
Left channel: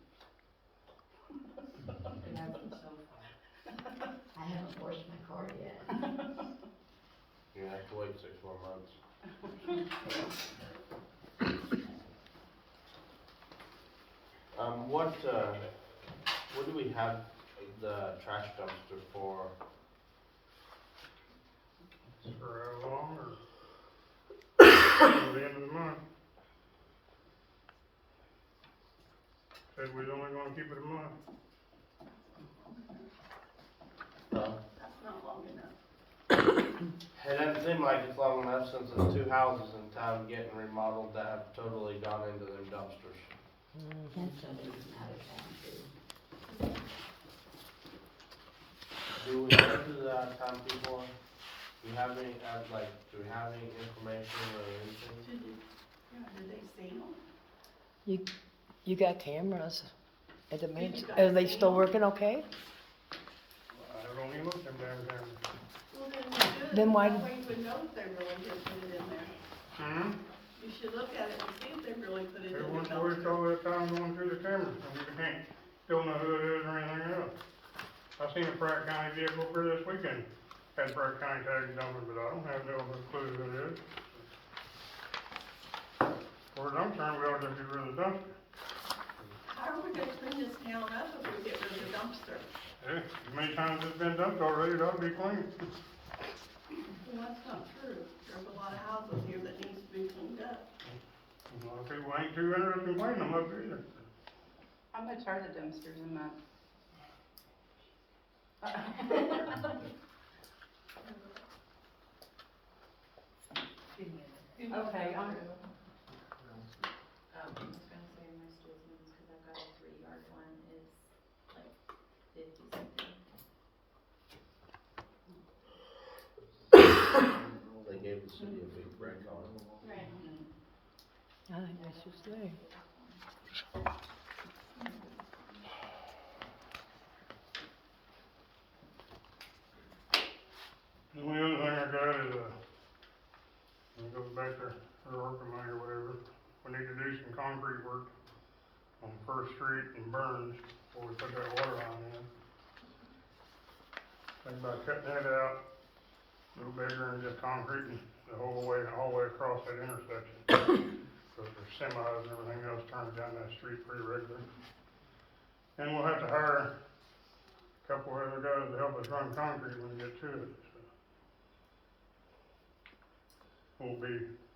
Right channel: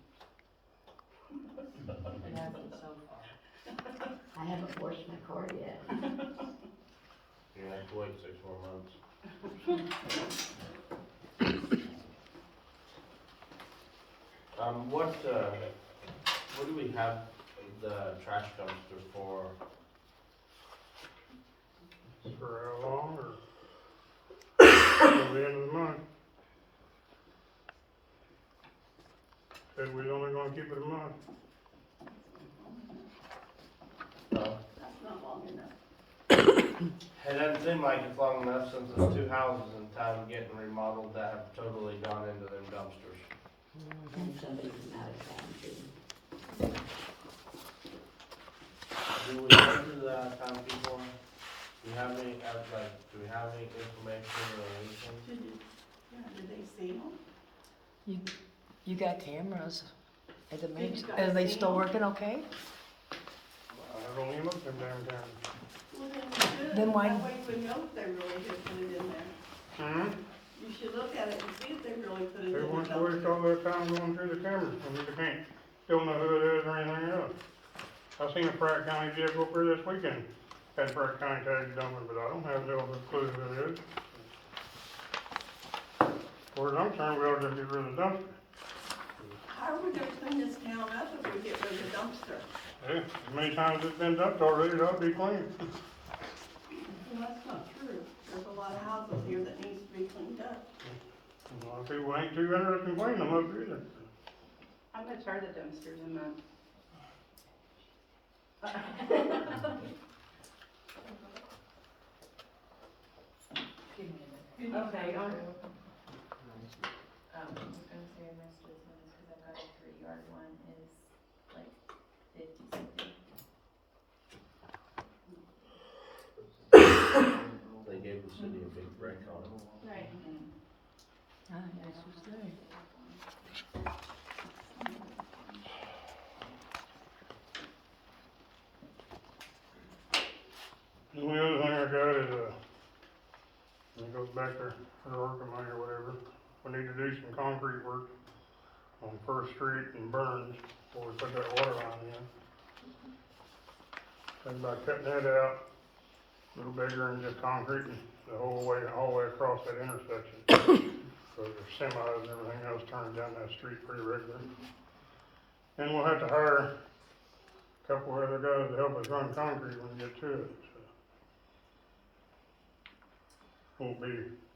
It hasn't so far. I haven't washed my car yet. You have to wait 6 more months. What do we have the trash dumpster for? For how long, or till the end of the month? Said we was only gonna keep it a month. That's not long enough. It doesn't seem like it's long enough since there's 2 houses in town getting remodeled that have totally gone into them dumpsters. And somebody's out of town too. Do we know who the out of town people are? Do we have any, do we have any information or anything? Did they see them? You got cameras at the Did you meetings, guys are they see still them? working okay? I've only looked at them damn things. Well, then we should. Then why- That way you would know if they really did put it in there. You should look at it and see if they really put it They in the want to waste dumpster. all that time going through the cameras, and you can't, don't know who it is or anything else. I seen a Pratt County vehicle up there this weekend, had Pratt County tags dumping, but I don't have no clue who it is. As far as I'm concerned, we ought to get rid of the dumpster. How are we gonna clean this town up if we get rid of the dumpster? Yeah, as many times it's been dumped already, it ought to be clean. Well, that's not true. There's a lot of houses here that needs to be cleaned up. A lot of people ain't too interested in cleaning them up either. How much are the dumpsters a month? Okay, I was gonna say my school's ones, cause I've got a 3-yard one is like 50 something. They gave the city a big break on it. Right. I should say. The only other thing I got is, it goes back to her working money or whatever, we need to do some concrete work on First Street and Burns before we put that water line in. Think about cutting that out, a little bigger and just concrete the whole way across that intersection. So there's semis and everything else turning down that street pretty regularly. And we'll have to hire a couple other guys to help us run concrete when we get to it, so. Won't be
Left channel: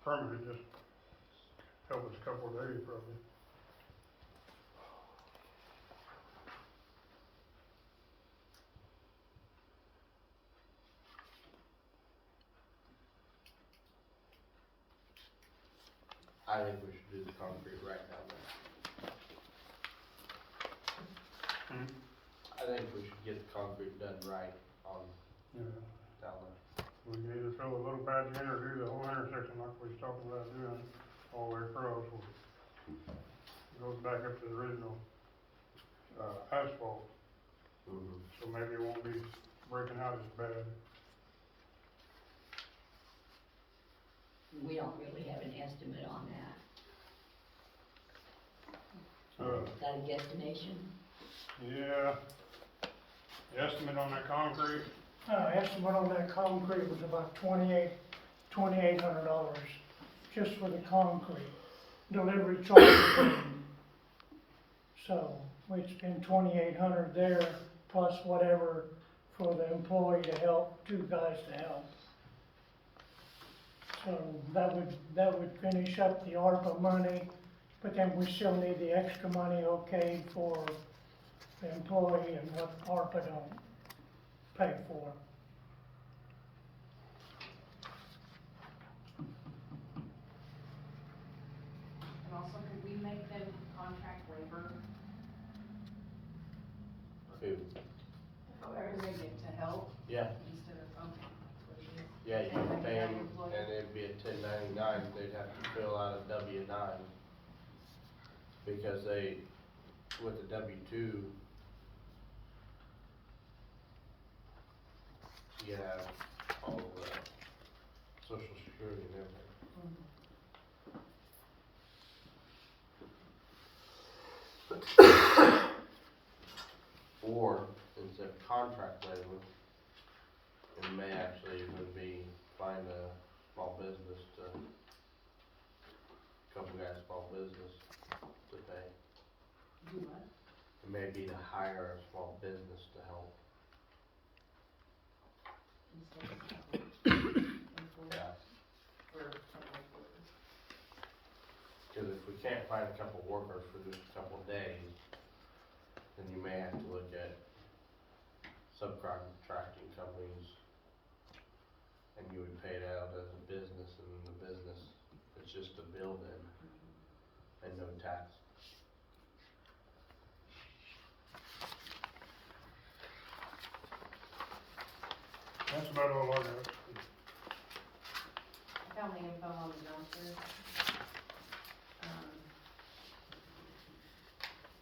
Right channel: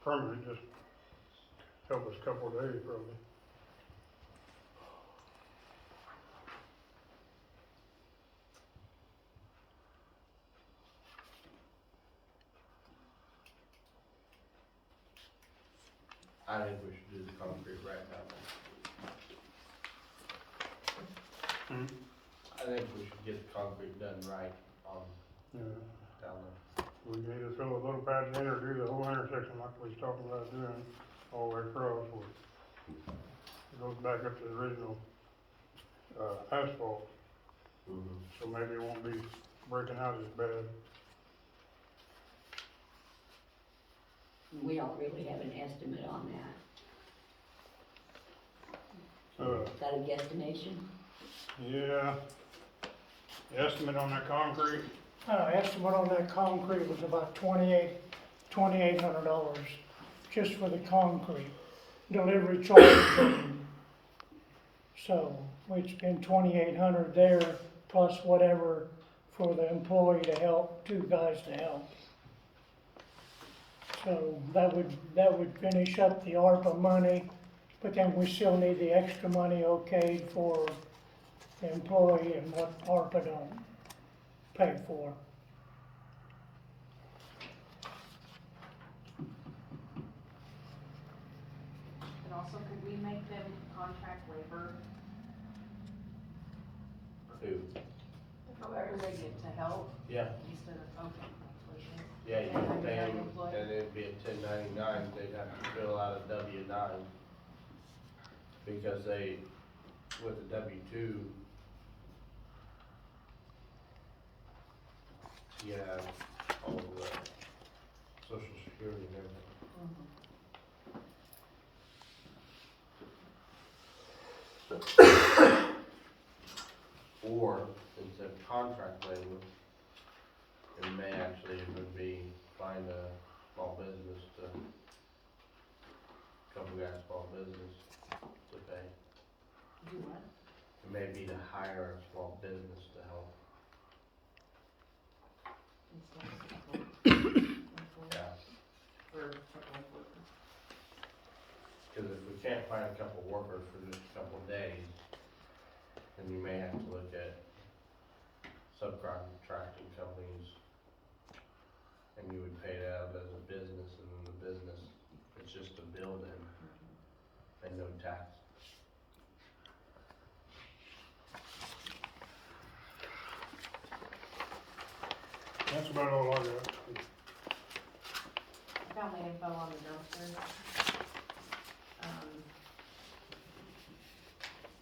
permanent, just help us a couple of days probably. I think we should do the concrete right now. I think we should get the concrete done right on, Yeah. down there. We can either fill a little patch in or do the whole intersection like we was talking about doing, all the way across. It goes back up to the original, asphalt, so maybe it won't be breaking out as bad. We don't really have an estimate on that. Is that a guesstimation? Yeah, the estimate on that concrete, Estimate on that concrete was about $2,800 just for the concrete, delivery charge. So we'd spend $2,800 there plus whatever for the employee to help, 2 guys to help. So that would finish up the ARPA money, but then we still need the extra money okayed for the employee and what ARPA don't pay for. And also, could we make them contract labor, Who? whoever they get to help, Yeah, instead of, okay, please. yeah, you would pay them, and it'd be a 1099, they'd have to fill out a W-9. Because they, with the W-2, you have all the social security and everything. Or, instead of contract labor, it may actually would be find a small business to, couple guys small business to pay. It may be to hire a small business to help. Yeah. Cause if we can't find a couple workers for just a couple days, then you may have to look at subcontracting companies. And you would pay it out as a business, and then the business, it's just a building and no tax. that's about all I got. I found the info on the dumpster.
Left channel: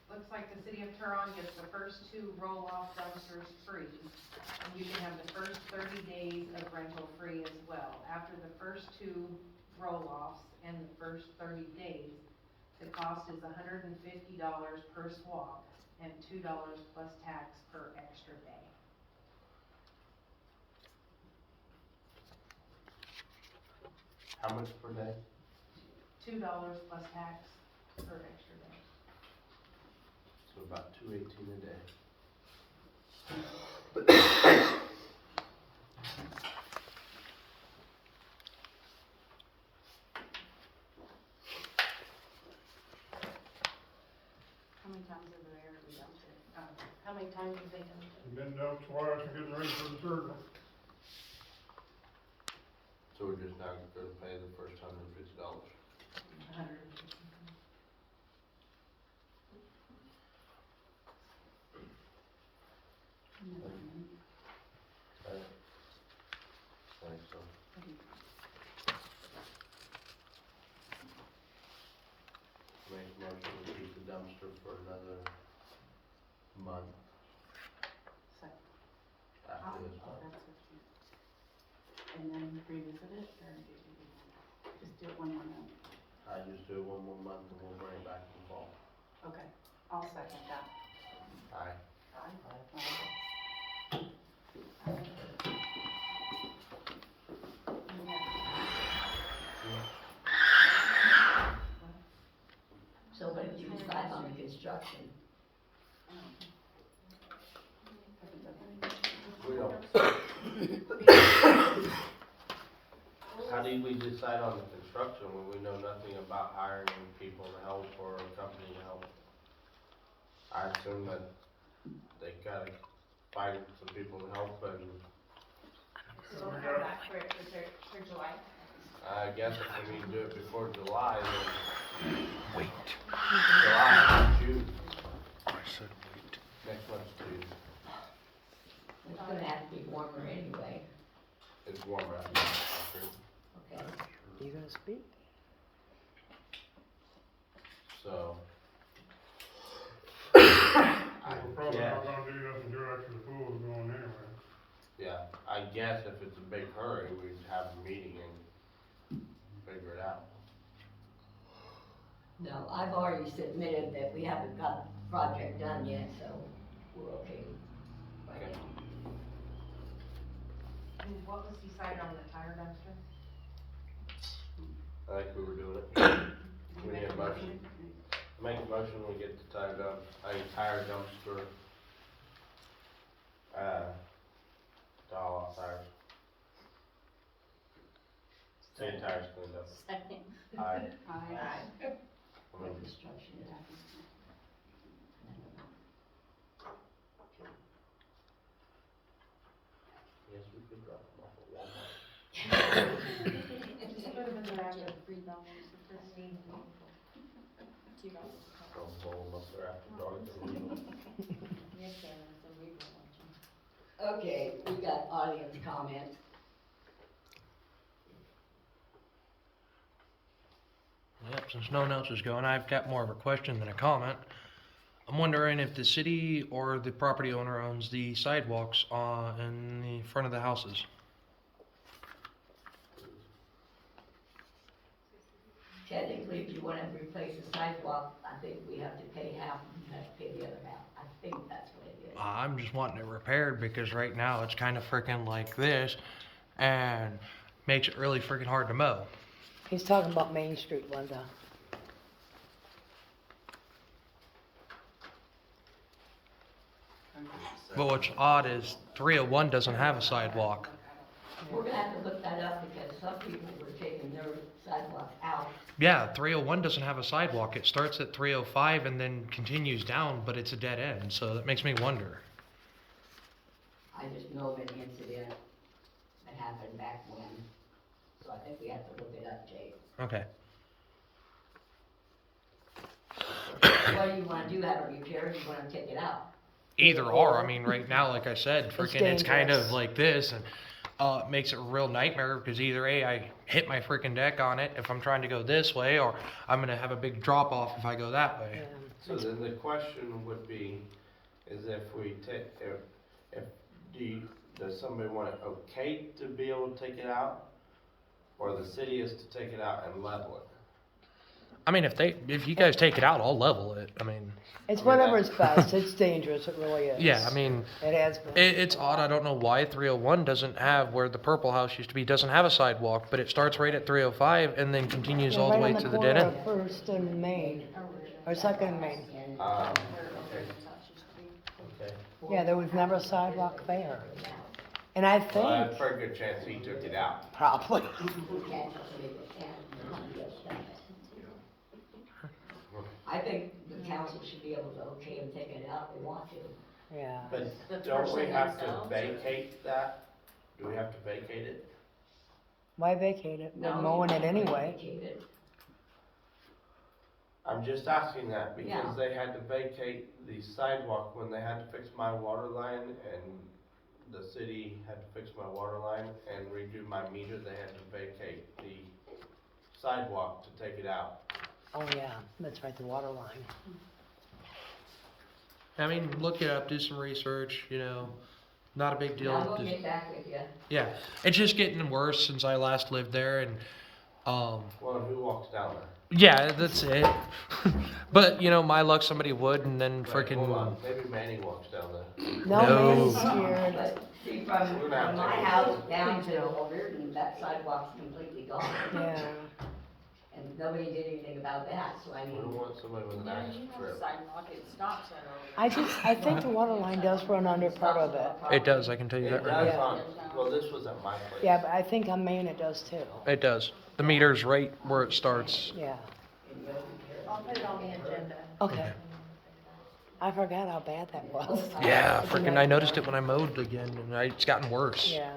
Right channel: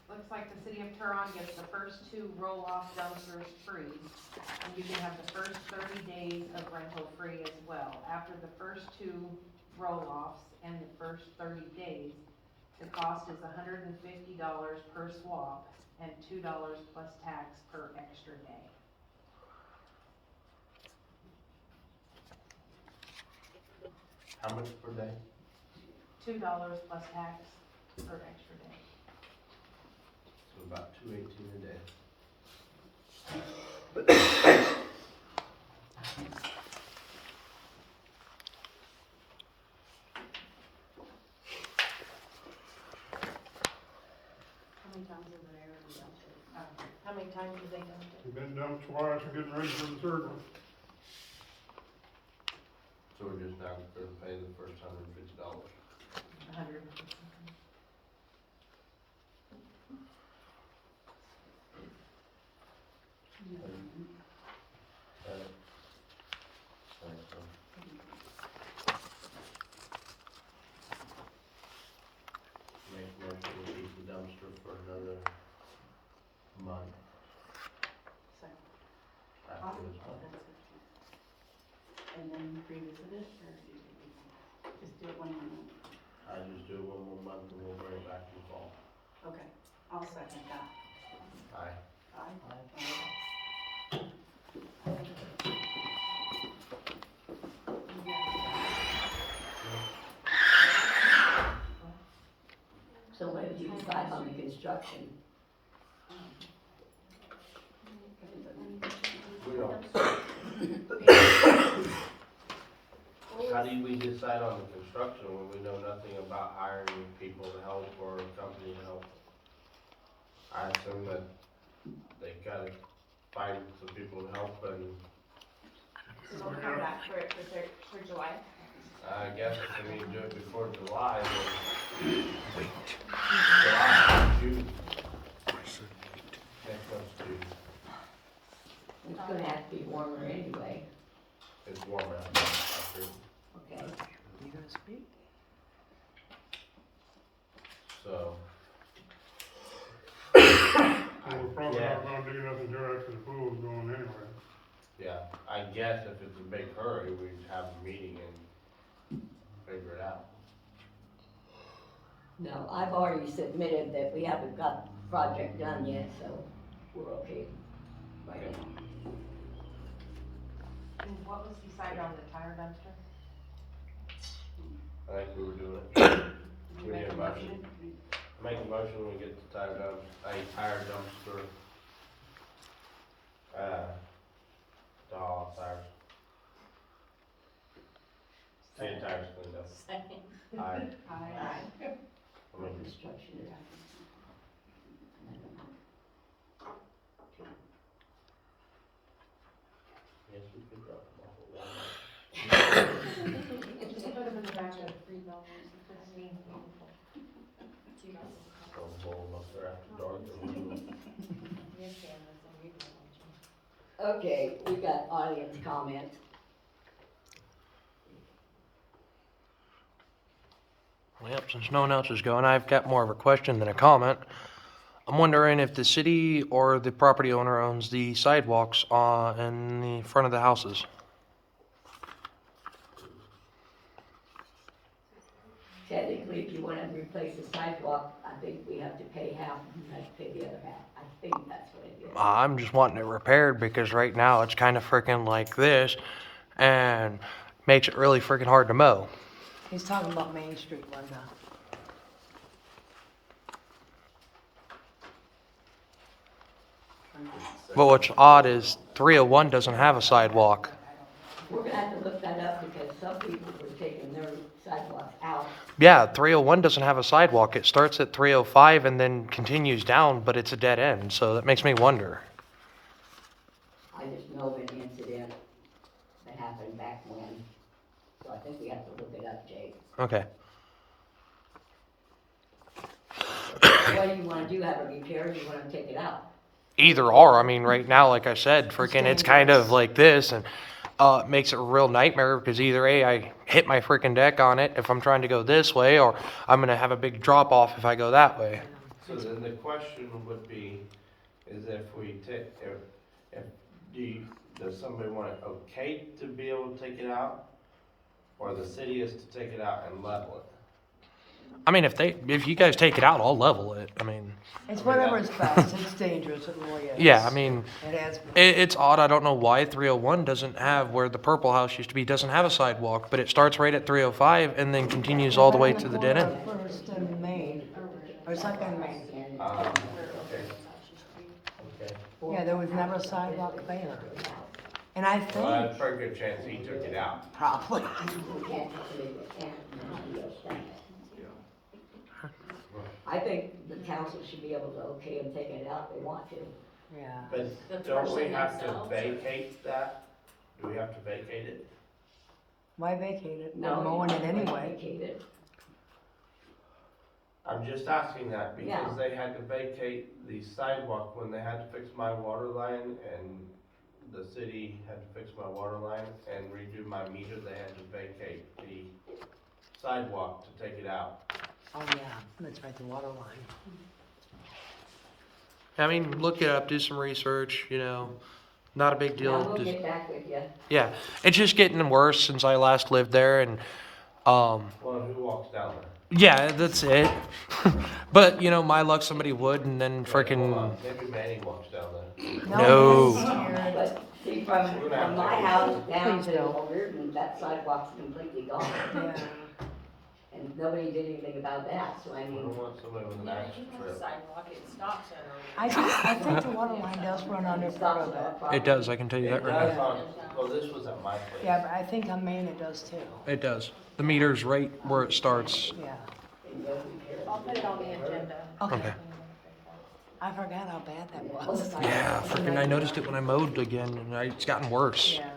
The looks like the city of Turon gets the first 2 roll-off dumpsters free. And you can have the first 30 days of rental free as well. After the first 2 roll-offs and the first 30 days, the cost is $150 per swap and $2 plus tax per extra day. How much per day? $2 plus tax per extra day. So about $2.18 a day. How many times have they already dumped it? How many times have they dumped it? We've been dumped twice, we're getting ready for the third one. So we're just now gonna pay the first $150. 100. Make a motion to keep the dumpster for another month. After this one. And then revisit it, or just do it one more month? I just do it one more month and we'll bring it back in the fall. Okay, I'll second that. Aye. So what did you decide on the construction? We don't. How do we decide on the construction when we know nothing about hiring people to help or a company to help? I assume that they gotta find some people to help and So we'll come back for July. I guess if we need to do it before July, then. July, June. Next month's June. It's gonna have to be warmer anyway, It's warmer out there, after. okay? You gonna speak? So. So we're probably Yeah. not gonna do nothing until after the pool's going anyway. Yeah, I guess if it's a big hurry, we'd have a meeting and figure it out. No, I've already submitted that we haven't got the project done yet, so we're okay right now. And what was decided on the tire dumpster? I think we were doing it. You We make need a a motion. motion? Make a motion when we get the tire dumpster. To haul off tires. Any tires cleaned up. Second. Aye. Aye. I mean, Construction. yes, we could drop them off at Walmart. Just put them in the bag at $3 $2 Don't hold up there after dark and leave them. Yes, Karen, some weird ones. Okay, we got audience comment. Well, since no one else is going, I've got more of a question than a comment. I'm wondering if the city or the property owner owns the sidewalks in the front of the houses. Technically, if you wanna replace the sidewalk, I think we have to pay half, and you have to pay the other half. I think that's what it is. I'm just wanting it repaired because right now it's kind of freaking like this and makes it really freaking hard to mow. He's talking about Main Street, Linda. But what's odd is 301 doesn't have a sidewalk. We're gonna have to look that up because some people were taking their sidewalks out. Yeah, 301 doesn't have a sidewalk. It starts at 305 and then continues down, but it's a dead end, so that makes me wonder. I just know of an incident that happened back when, so I think we have to look it up, Jake. Okay. What do you wanna do, have it repaired, or you wanna take it out? Either or, I mean, right now, like I said, freaking, it's kind of like this, and it makes it a real nightmare because either A, I hit my freaking deck on it if I'm trying to go this way, or I'm gonna have a big drop off if I go that way. So then the question would be, is if we take, if, does somebody want it okay to be able to take it out? Or the city is to take it out and level it? I mean, if you guys take it out, I'll level it. I mean, It's I mean, whatever's best, it's dangerous, it really is. yeah, I mean, It has been. it's odd. I don't know why 301 doesn't have where the purple house used to be, doesn't have a sidewalk, but it starts right at 305 and then continues all the way to the dead end. First in Maine, or second in Maine. Okay. Okay. Yeah, there was never a sidewalk there. And I Well, think, that's a pretty good chance he took it out. probably, I think the council should be able to okay them taking it out if they want to. yeah. But don't we have to vacate that? Do we have to vacate it? Why vacate it? We're No, mowing it anyway. vacate it. I'm just asking that Yeah. because they had to vacate the sidewalk when they had to fix my water line, and the city had to fix my water line and redo my meter. They had to vacate the sidewalk to take it out. Oh, yeah, that's right, the water line. I mean, look it up, do some research, not a big I deal. will Just- get back with you. yeah, it's just getting worse since I last lived there, and Well, and who walks down there? yeah, that's it. But my luck, somebody would, and then freaking Maybe Manny walks down there. no. it's scared. But see, from my house down to Old Reardon, that sidewalk's completely gone. Yeah. And nobody did anything about that, so I We mean, don't want somebody with an Yeah, axe you have a trip. sidewalk, it stops on I think the water line does run under part of it. It does, I can tell you that right It now. does well, this was at my place. Yeah, but I think on Maine it does too, It does. The meter's right where it starts. yeah. I'll put it on the agenda. Okay. I forgot how bad that was. Yeah, freaking, I noticed it when I mowed again, and it's gotten worse. Yeah.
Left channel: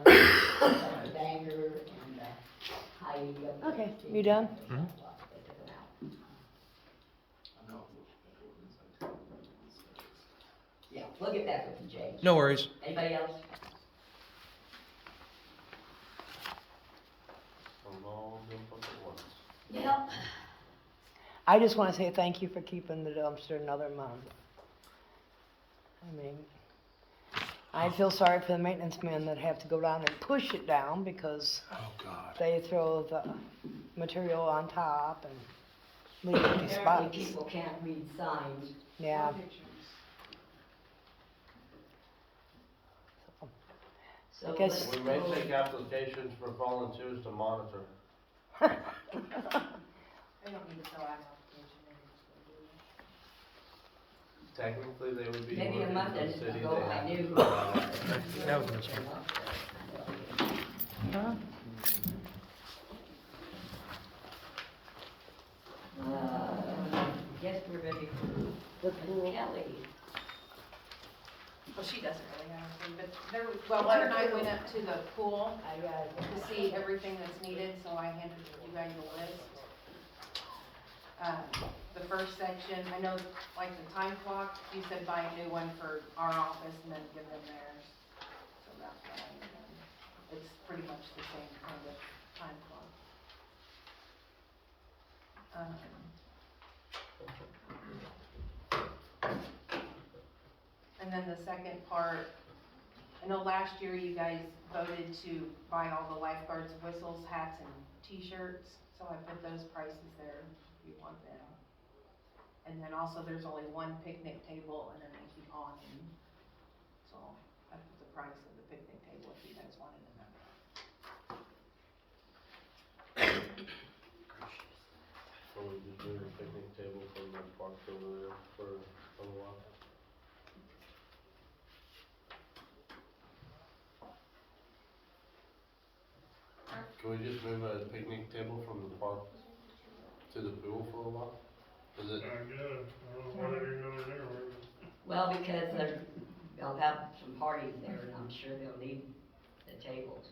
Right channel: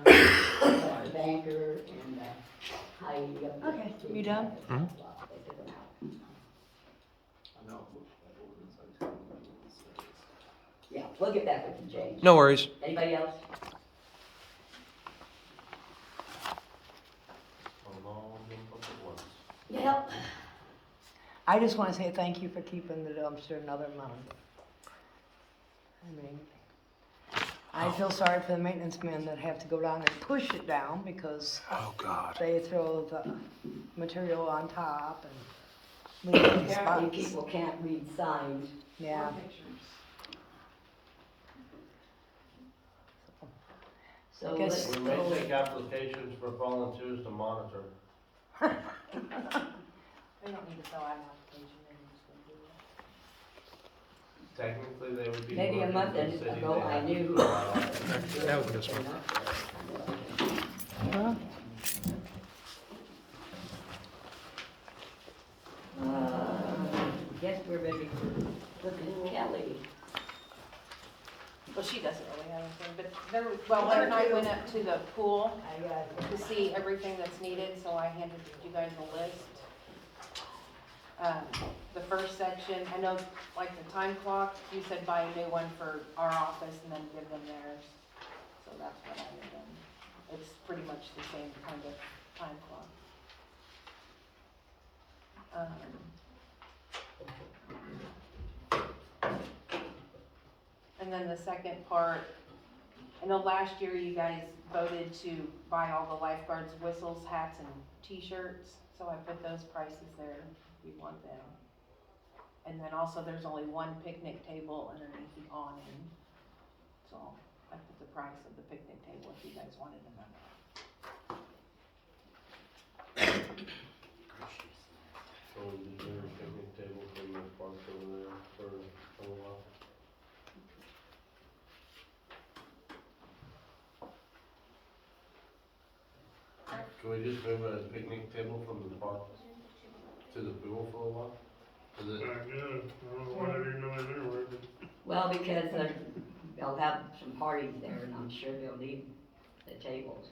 Banker and Heidi. Okay, you done? Mhm. Yeah, we'll get back with you, James. No worries. Anybody else? Yep. I just wanna say thank you for keeping the dumpster another month. I mean, I feel sorry for the maintenance men that have to go down and push it down because Oh, God. they throw the material on top and leave empty Apparently spots. people can't read signs. Yeah. So I guess- let's We may go. take applications for volunteers to monitor. We don't need to fill out an application, maybe just go do it. Technically, they would be. Maybe a working month for the city. ago, They I have to knew. fill out applications. Now we can just smoke. Guess we're ready to look in the alley. Well, she doesn't really have anything, but there, well, Hunter and I went up to the pool to see everything that's needed, so I handed you guys a list. The first section, I know, like the time clock, you said buy a new one for our office and then give them theirs. So that's what I did. It's pretty much the same kind of time clock. And then the second part, I know last year you guys voted to buy all the lifeguards whistles, hats, and t-shirts, so I put those prices there if you want them. And then also there's only one picnic table underneath the awning, so I put the price of the picnic table if you guys wanted to know. So we just bring a picnic table from the park over there for a while. Can we just move a picnic table from the park to the pool for a while? Is I it, guess, I don't know why they didn't know they knew it, Well, because they'll have some parties there and I'm sure they'll need the tables.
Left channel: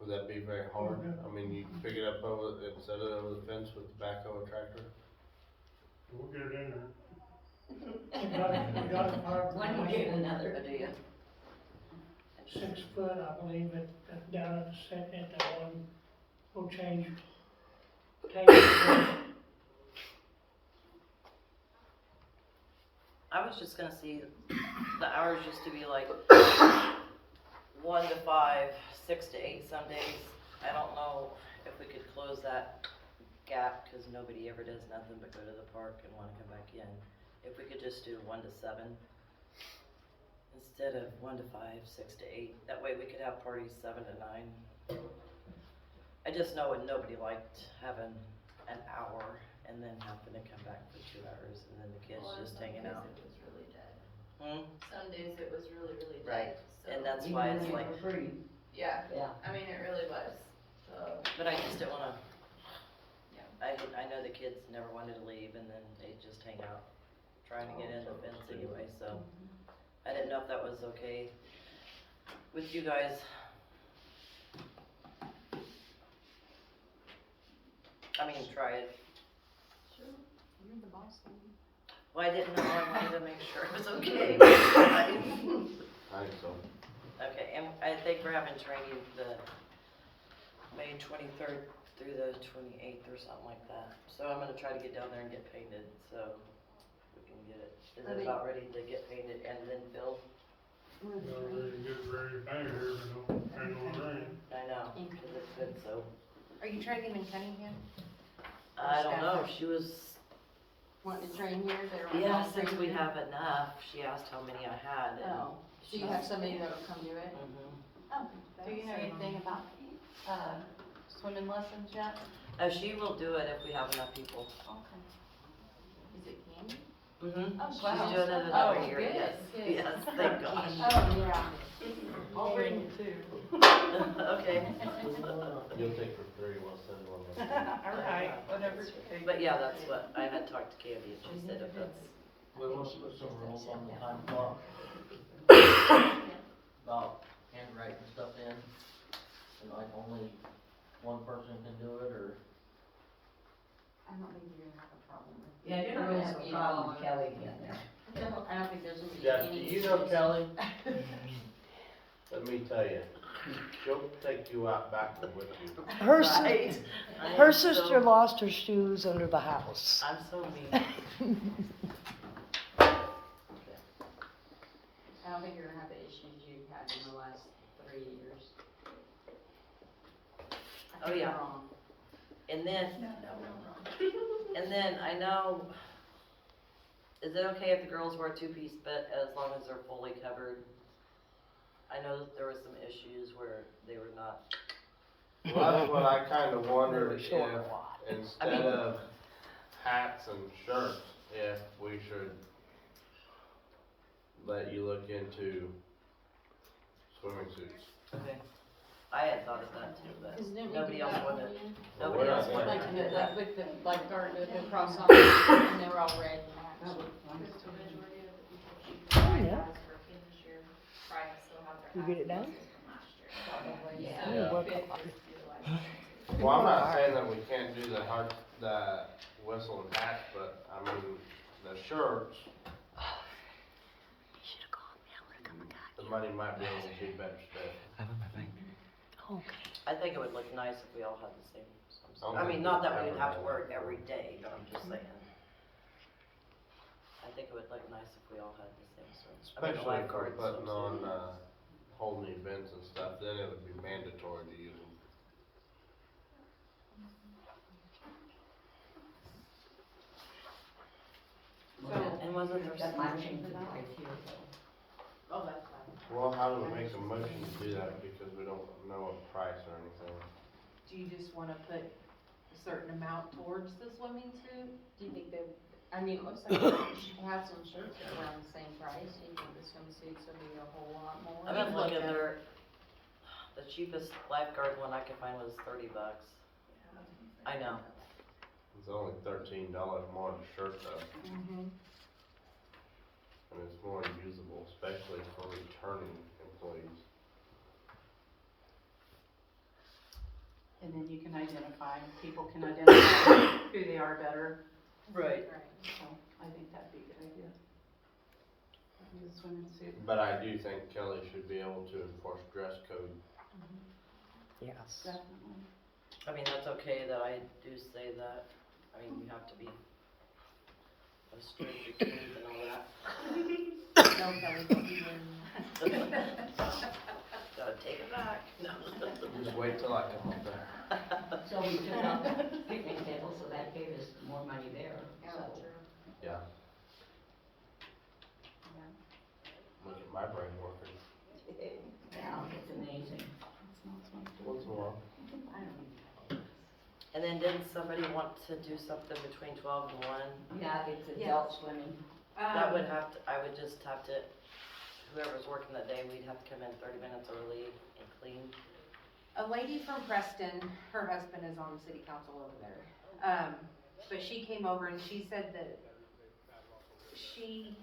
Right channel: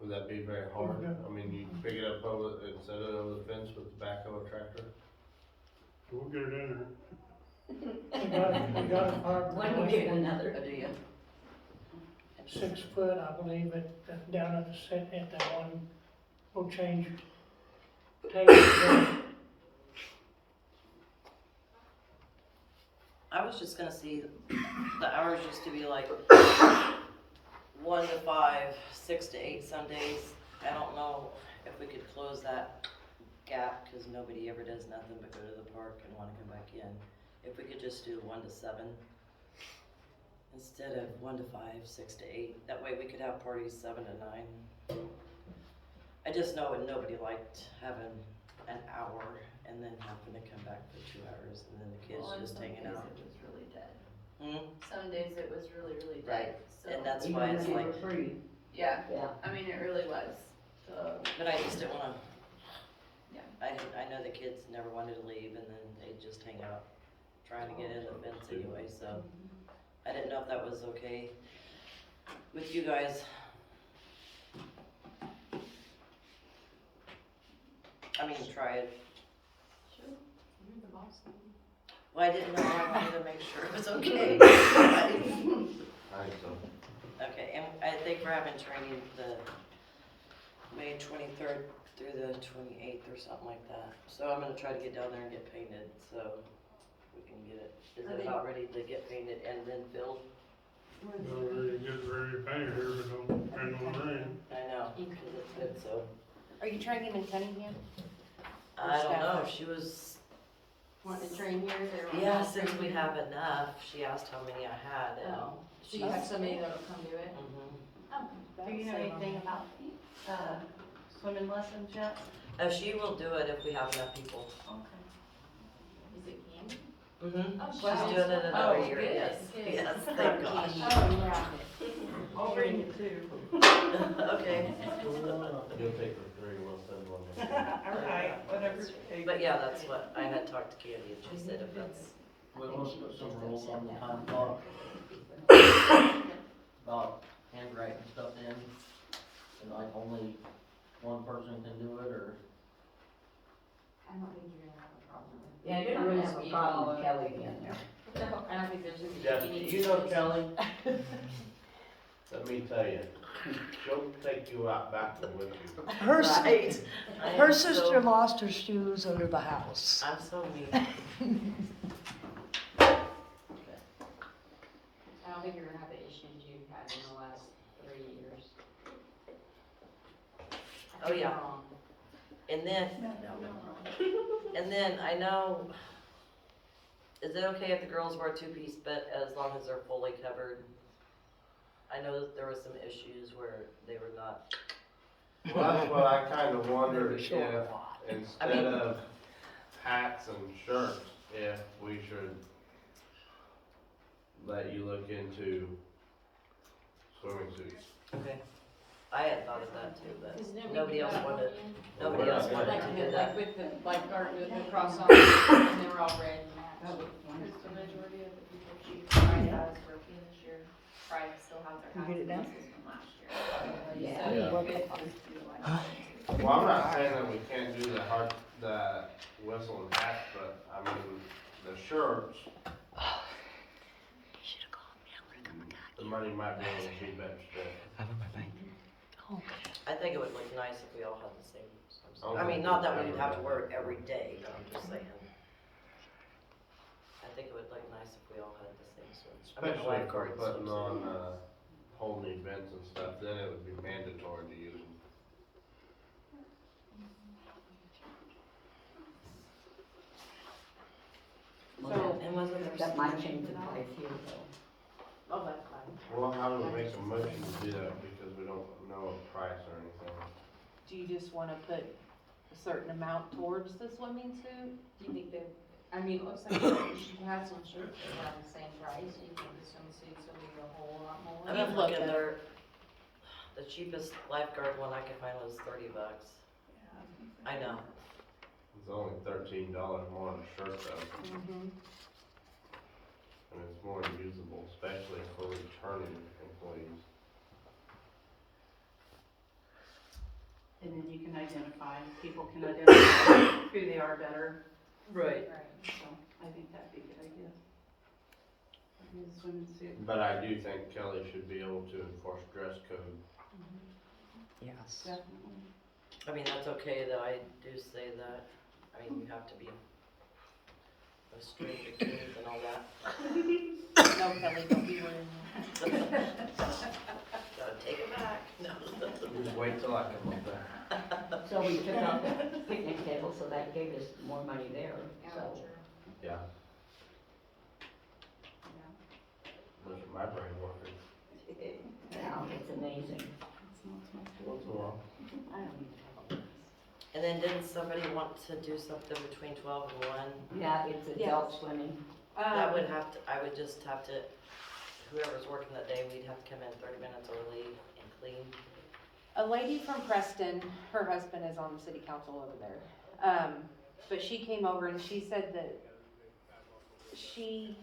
would that be very hard? I mean, you can pick it up over, and set it over the fence with the backhoe tractor? but we'll get it in there. We got a five. When you get another idea. 6 foot, I believe, down at the set, at that one, we'll change tables. I was just gonna see the hours used to be like 1 to 5, 6 to 8 some days. I don't know if we could close that gap, cause nobody ever does nothing but go to the park and wanna come back in. If we could just do 1 to 7 instead of 1 to 5, 6 to 8, that way we could have parties 7 to 9. I just know nobody liked having an hour and then having to come back for 2 hours and then the kids just hanging out. It was really dead. Hmm? Some days it was really, really Right. dead, so. And that's why it's like, Yeah, Yeah. I mean, it really was, so. but I just didn't wanna. Yeah. I know the kids never wanted to leave and then they just hang out trying to get in the fence anyway, so. I didn't know if that was okay with you guys. I mean, try it. Sure, you're the boss then. Well, I didn't know, I wanted to make sure it was okay. I think so. Okay, and I think we're having training the May 23rd through the 28th or something like that. So I'm gonna try to get down there and get painted, so we can get it. Is it about ready to get painted and then filled? Not really get ready to paint it here, but don't depend on the rain. I know, cause it's good, so. Are you training in Cunningham? I don't know, she was, Wanting to train here, they were. yeah, wanting to since train we here? have enough, she asked how many I had and. Oh, so you have somebody that will come do it? Mhm. Oh. Do you know anything about, swimming lessons yet? She will do it if we have enough people. Okay. Is it Candy? Mm-hmm. Oh, She's wow. doing it another Oh, year, good, yes, good. yes, thank gosh. Oh, yeah. I'll bring you two. Okay. You'll take the 3, we'll send one. Okay, whatever it takes. But yeah, that's what, I had talked to Candy and she said if that's, We want to put some rules on the time clock. About handwriting stuff in, and like only one person can do it, or? I don't think you're gonna have a problem with it. Yeah, you're gonna have a problem with Kelly being there. I don't think there's gonna be Jeff, do any. you know Kelly? Let me tell you, she'll take you out back with you. Her, right? I her am sister so- lost her shoes under the house. I'm so mean. I don't think you're gonna have the issues you've had in the last 3 years. I Oh, could be yeah. wrong. And then, and then I know, is it okay if the girls wear 2-piece, but as long as they're fully covered? I know that there were some issues where they were not. Well, that's what I kinda wondered if, short I instead mean- of hats and shirts, if we should let you look into swimming suits. Okay. I hadn't thought of that too, but 'Cause didn't we nobody do else that wanted, one? nobody else wanted Like, to do like that. with the lifeguard with the cross on, and they were all wearing the match. Because the majority of the people she tried that is working this year, Pride still has their You get it access done? system last year. Yeah. So Yeah. it is utilized. Well, I'm not saying that we can't do the whistle and hat, but I mean, the shirts. The money might be able to be better spent. I think it would look nice if we all had the same swimsuit. Okay. I mean, not that we would have to wear it every day, but I'm just saying. I think it would look nice if we all had the same swimsuit. I mean, the Especially if we're lifeguard putting on, swimsuit. holding events and stuff, then it would be mandatory to use them. And wasn't there That some might change the price here, though. Oh, that's fine. Well, how do we make a motion to do that, because we don't know a price or anything? Do you just wanna put a certain amount towards the swimming suit? Do you think they, I mean, it looks like you should have some shirts that are around the same price, do you think the swimsuits will be a whole lot more? I've been You've looked looking at there, the cheapest lifeguard one I could find was $30. I know. It's only $13 more than a shirt though, Mm-hmm. and it's more usable, especially for returning employees. And then you can identify, people can identify who they are better, Right. so I think that'd be a good idea. The swimming suit. But I do think Kelly should be able to enforce dress code. Yes. Definitely. I mean, that's okay that I do say that. I mean, you have to be, but with string bikinis and all that. No, Kelly, don't be wearing Gotta take it back. No. Just wait till I come up there. So we took out the picnic table, so that gave us more money there, so. Yeah. Look at my brain working. Yeah, it's amazing. What's wrong? And then didn't somebody want to do something between 12 and 1? Yeah, it's adult swimming. That would have to, I would just have to, whoever's working that day, we'd have to come in 30 minutes early and clean. A lady from Preston, her husband is on the city council over there. But she came over and she said that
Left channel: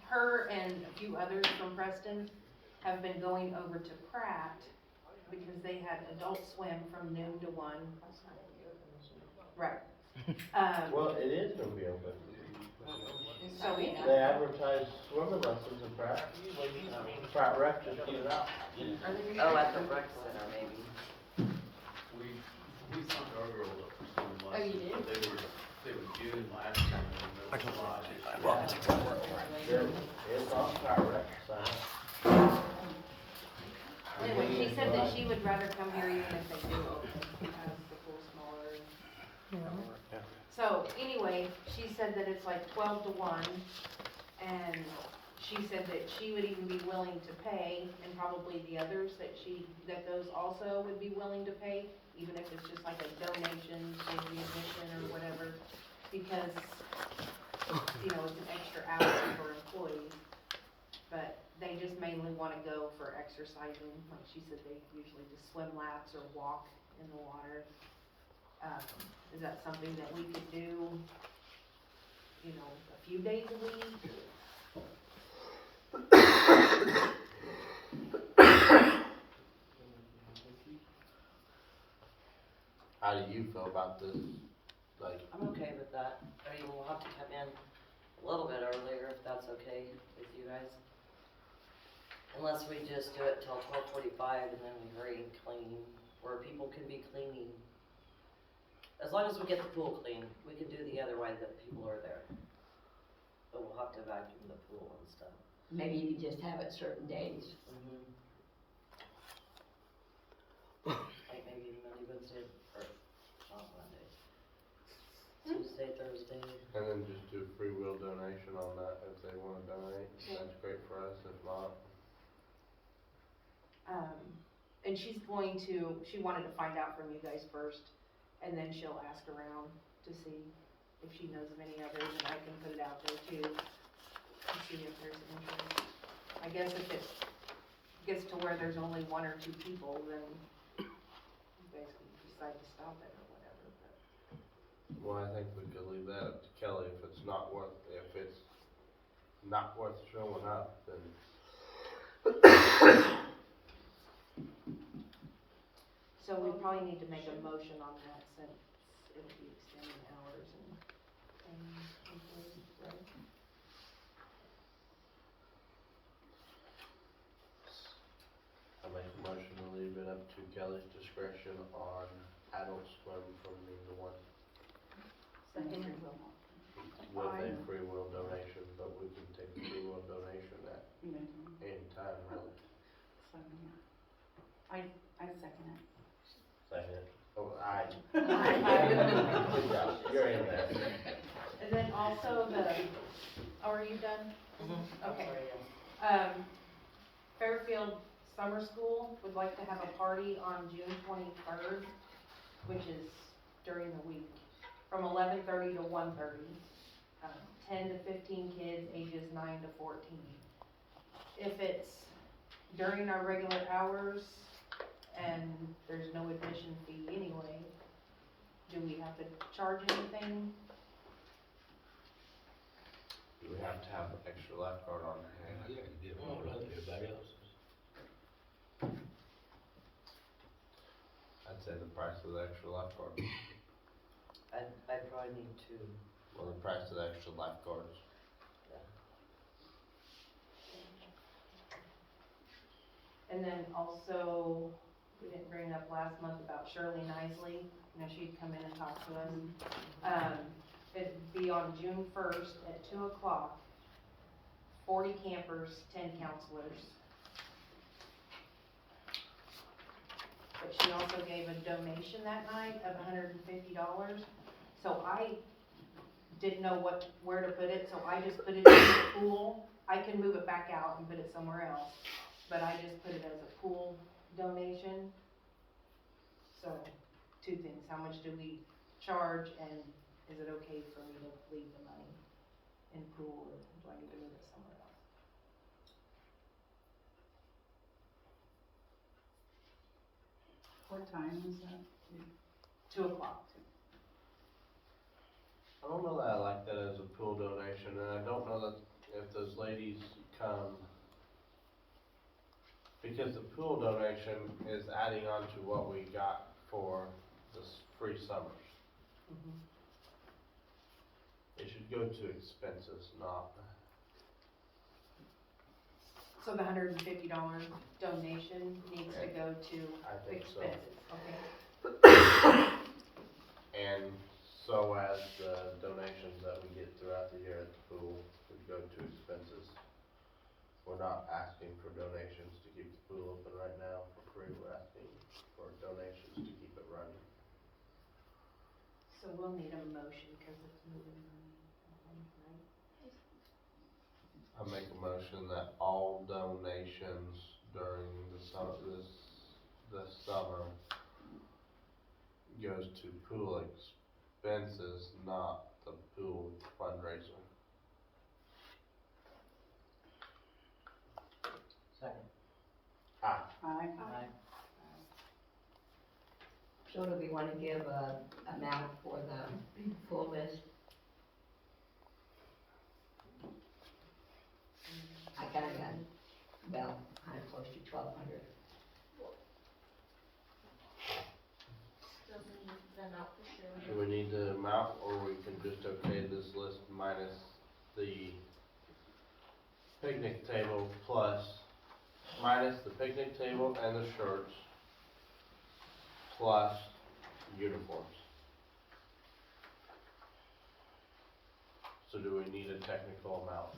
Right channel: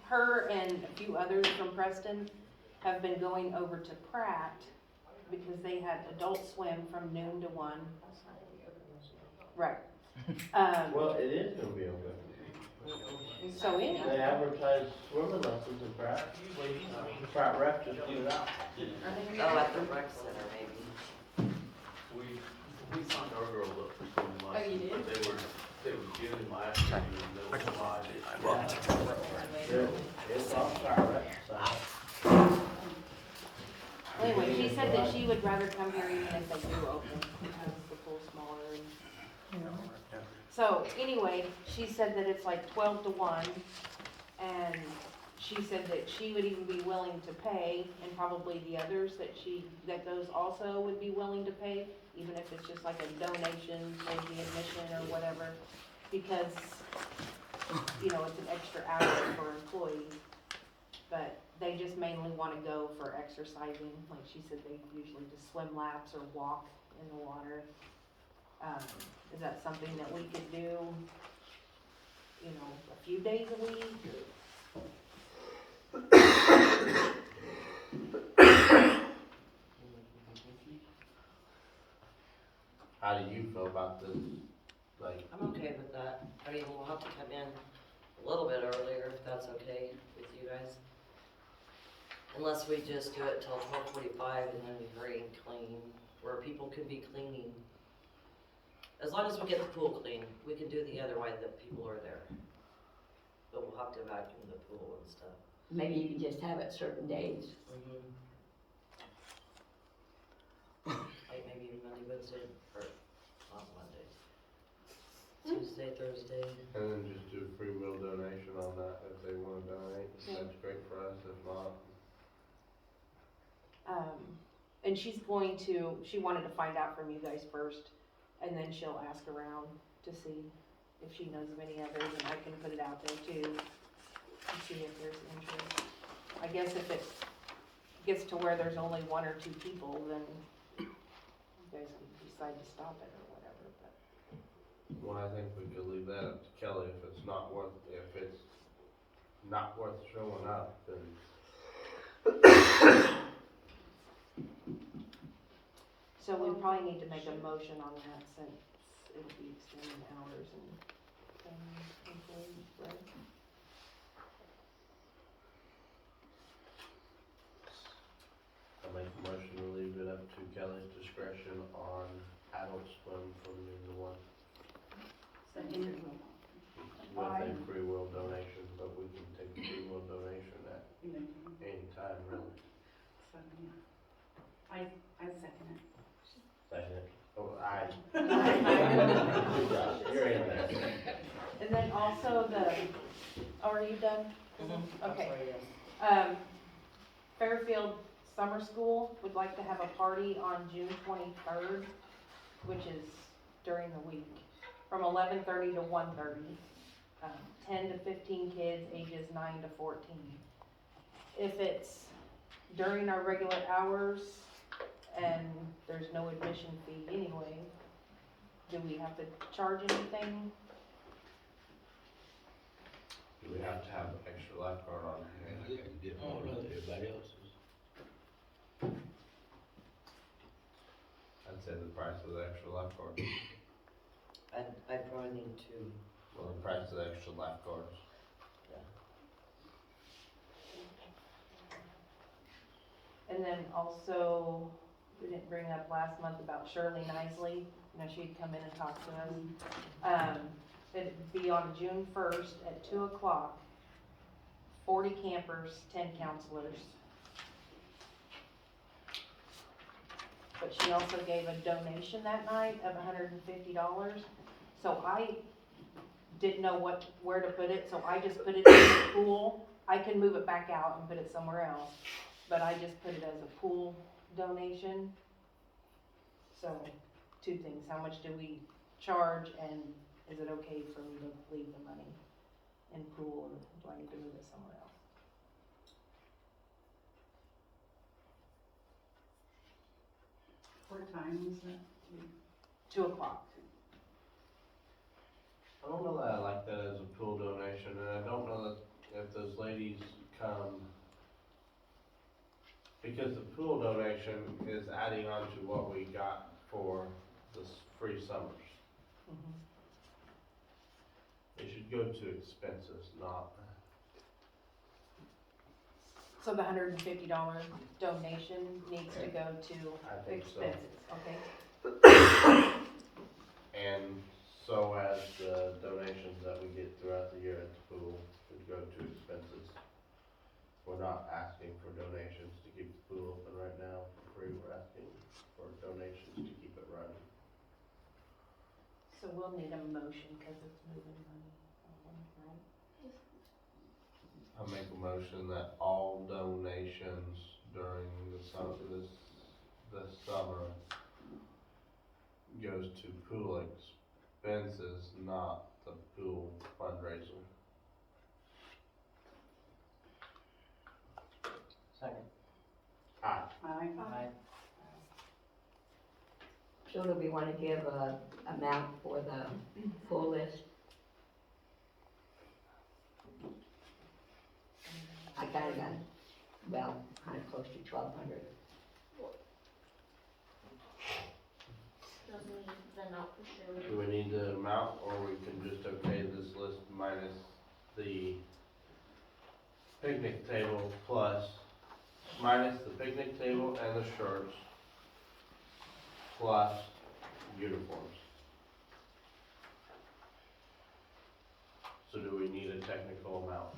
her and a few others from Preston have been going over to Pratt because they had adult swim from noon to 1. Right. Well, it is gonna be okay. So They anyway, advertise swimming lessons in Pratt. Pratt Rec just put it out. Oh, at the rec center maybe. We signed our girls up for swimming Oh, you lessons, did? but they were June last year, and no July. It's on Pratt Rec side. anyway, she said that she would rather come here even if they do open, because the pool's smaller and. So anyway, she said that it's like 12 to 1, and she said that she would even be willing to pay, and probably the others that those also would be willing to pay, even if it's just like a donation, like the admission or whatever, because, it's an extra hour for employees. But they just mainly wanna go for exercising, like she said, they usually just swim laps or walk in the water. Is that something that we could do, a few days a week? How do you feel about this? Like, I'm okay with that. I mean, we'll have to come in a little bit earlier if that's okay with you guys. Unless we just do it till 12:45 and then we hurry and clean, where people can be cleaning. As long as we get the pool clean, we can do the other way that people are there. But we'll have to vacuum the pool and stuff. Maybe you could just have it certain days. Like maybe Monday, Wednesday, or not Mondays. Tuesday, Thursday. and then just do free will donation on that if they wanna donate, that's great for us, if not. And she wanted to find out from you guys first, and then she'll ask around to see if she knows of any others, and I can put it out there too, to see if there's interest. I guess if it gets to where there's only 1 or 2 people, then you guys can decide to stop it or whatever, but. Well, I think we could leave that up to Kelly, if it's not worth showing up, then. So we probably need to make a motion on that since it would be extending hours and employees, right? I make a motion to leave it up to Kelly's discretion on adult swim from noon to 1. With a free will donation, but we can take a free will donation at any time, really. I second it. Second. Oh, aye. Aye. You're in there. And then also are you done? Okay. Fairfield Summer School would like to have a party on June 23rd, which is during the week, from 11:30 to 1:30. 10 to 15 kids, ages 9 to 14. If it's during our regular hours and there's no admission fee anyway, do we have to charge anything? You would have to have an extra lifeguard on hand. Everybody else's. I'd say the price of the extra lifeguard, I'd probably need to. well, the price of the extra lifeguards. And then also, we didn't bring up last month about Shirley Nisley, she'd come in and talk to us. It'd be on June 1st at 2 o'clock. 40 campers, 10 counselors. But she also gave a donation that night of $150. So I didn't know where to put it, so I just put it in the pool. I can move it back out and put it somewhere else, but I just put it as a pool donation. So, two things, how much do we charge, and is it okay for me to leave the money in pool, or do I need to move it somewhere else? What time is that? 2 o'clock. I don't know that I like that as a pool donation, and I don't know that if those ladies come, because the pool donation is adding on to what we got for this free summers. Mm-hmm. It should go to expenses, not, So the $150 donation needs to go to I think so. expenses, okay? And so as the donations that we get throughout the year at the pool should go to expenses. We're not asking for donations to keep the pool open right now for free, we're asking for donations to keep it running. So we'll need a motion, cause it's moving money, right? I make a motion that all donations during the summer, this summer goes to pool expenses, not the pool fundraiser. Second. Aye. Aye. Aye. So do we wanna give a amount for the full list? I kinda got, well, kinda close to 1,200. Do we need the amount, or we can just okay this list minus the picnic table plus, minus the picnic table and the shirts, plus uniforms? So do we need a technical amount?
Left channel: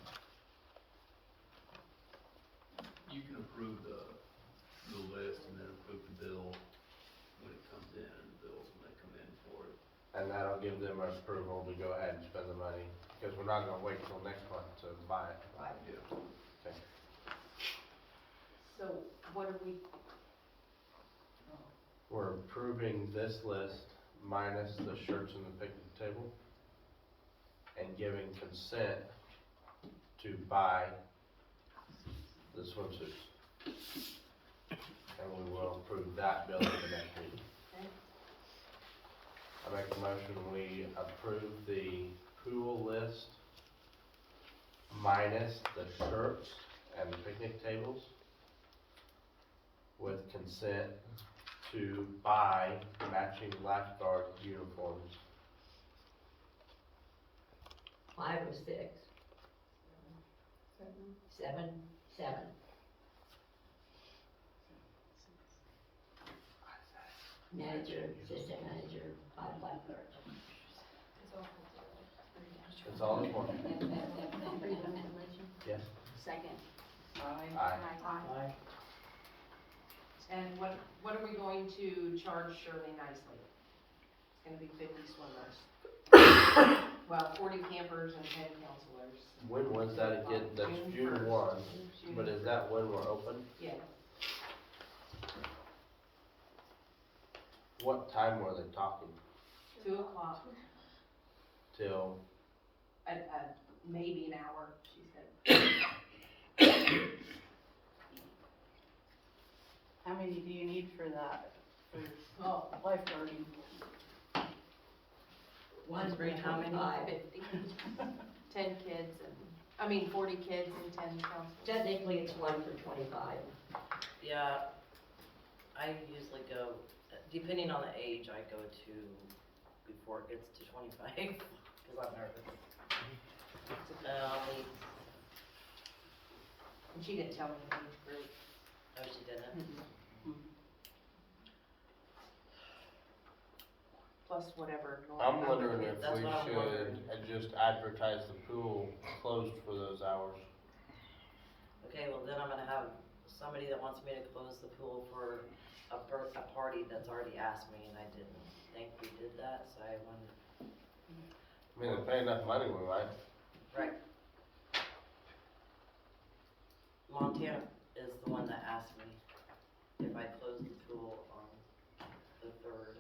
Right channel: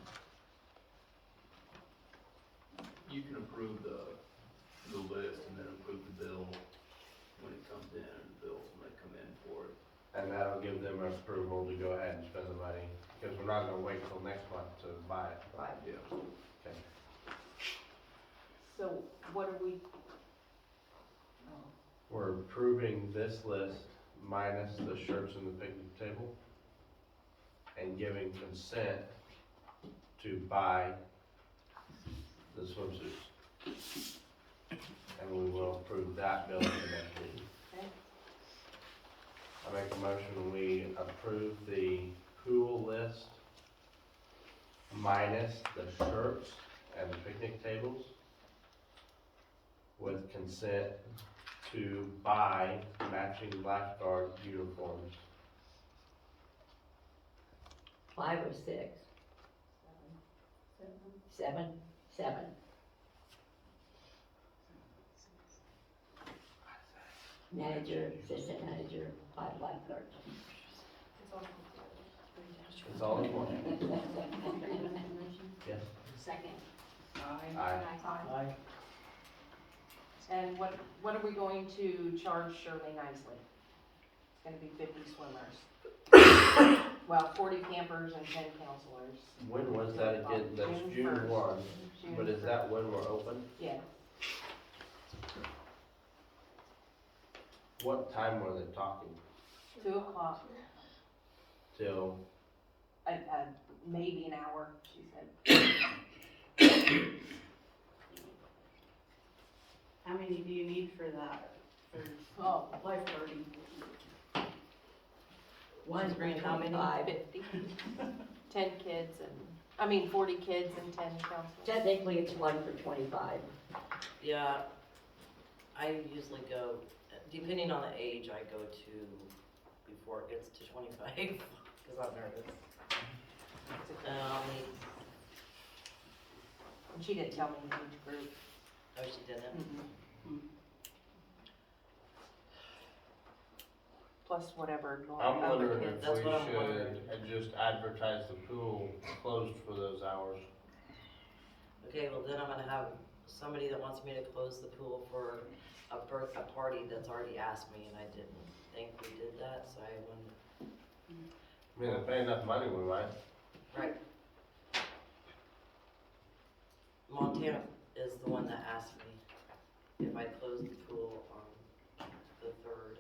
You can approve the list and then approve the bill when it comes in, bills when they come in for it. And that'll give them approval to go ahead and spend the money, because we're not gonna wait till next month to buy it. Right. Yeah. Okay. So what are we, We're approving this list minus the shirts and the picnic table, and giving consent to buy the swimsuits. And we will approve that bill in the next meeting. I make a motion, we approve the pool list minus the shirts and the picnic tables with consent to buy matching lifeguard uniforms. 5 or 6? 7? 7. Manager, assistant manager, 5 lifeguards. It's all in one. Yes. Second. Aye. Aye. Aye. and what are we going to charge Shirley Nicely? It's gonna be 50 swimmers. Well, 40 campers and 10 counselors. When was that again? That's June June 1st. 1, June but is that when we're open? Yeah, What time were they talking? 2 o'clock, Till, maybe an hour, she said. How many do you need for that, for Oh, lifeguarding? One bring how many? 25. 50. 10 kids and, 40 kids and 10 counselors. Technically, it's 1 for 25. Yeah, I usually go, depending on the age, I go to before it gets to 25, because I'm nervous. And she didn't tell me the age group. Oh, she didn't? plus whatever. I'm wondering if That's we what I'm wondering. should just advertise the pool closed for those hours. Okay, well then I'm gonna have somebody that wants me to close the pool for a party that's already asked me, and I didn't think we did that, so I wanted. I mean, they pay enough money, we might. Right. Montana is the one that asked me if I closed the pool on the 3rd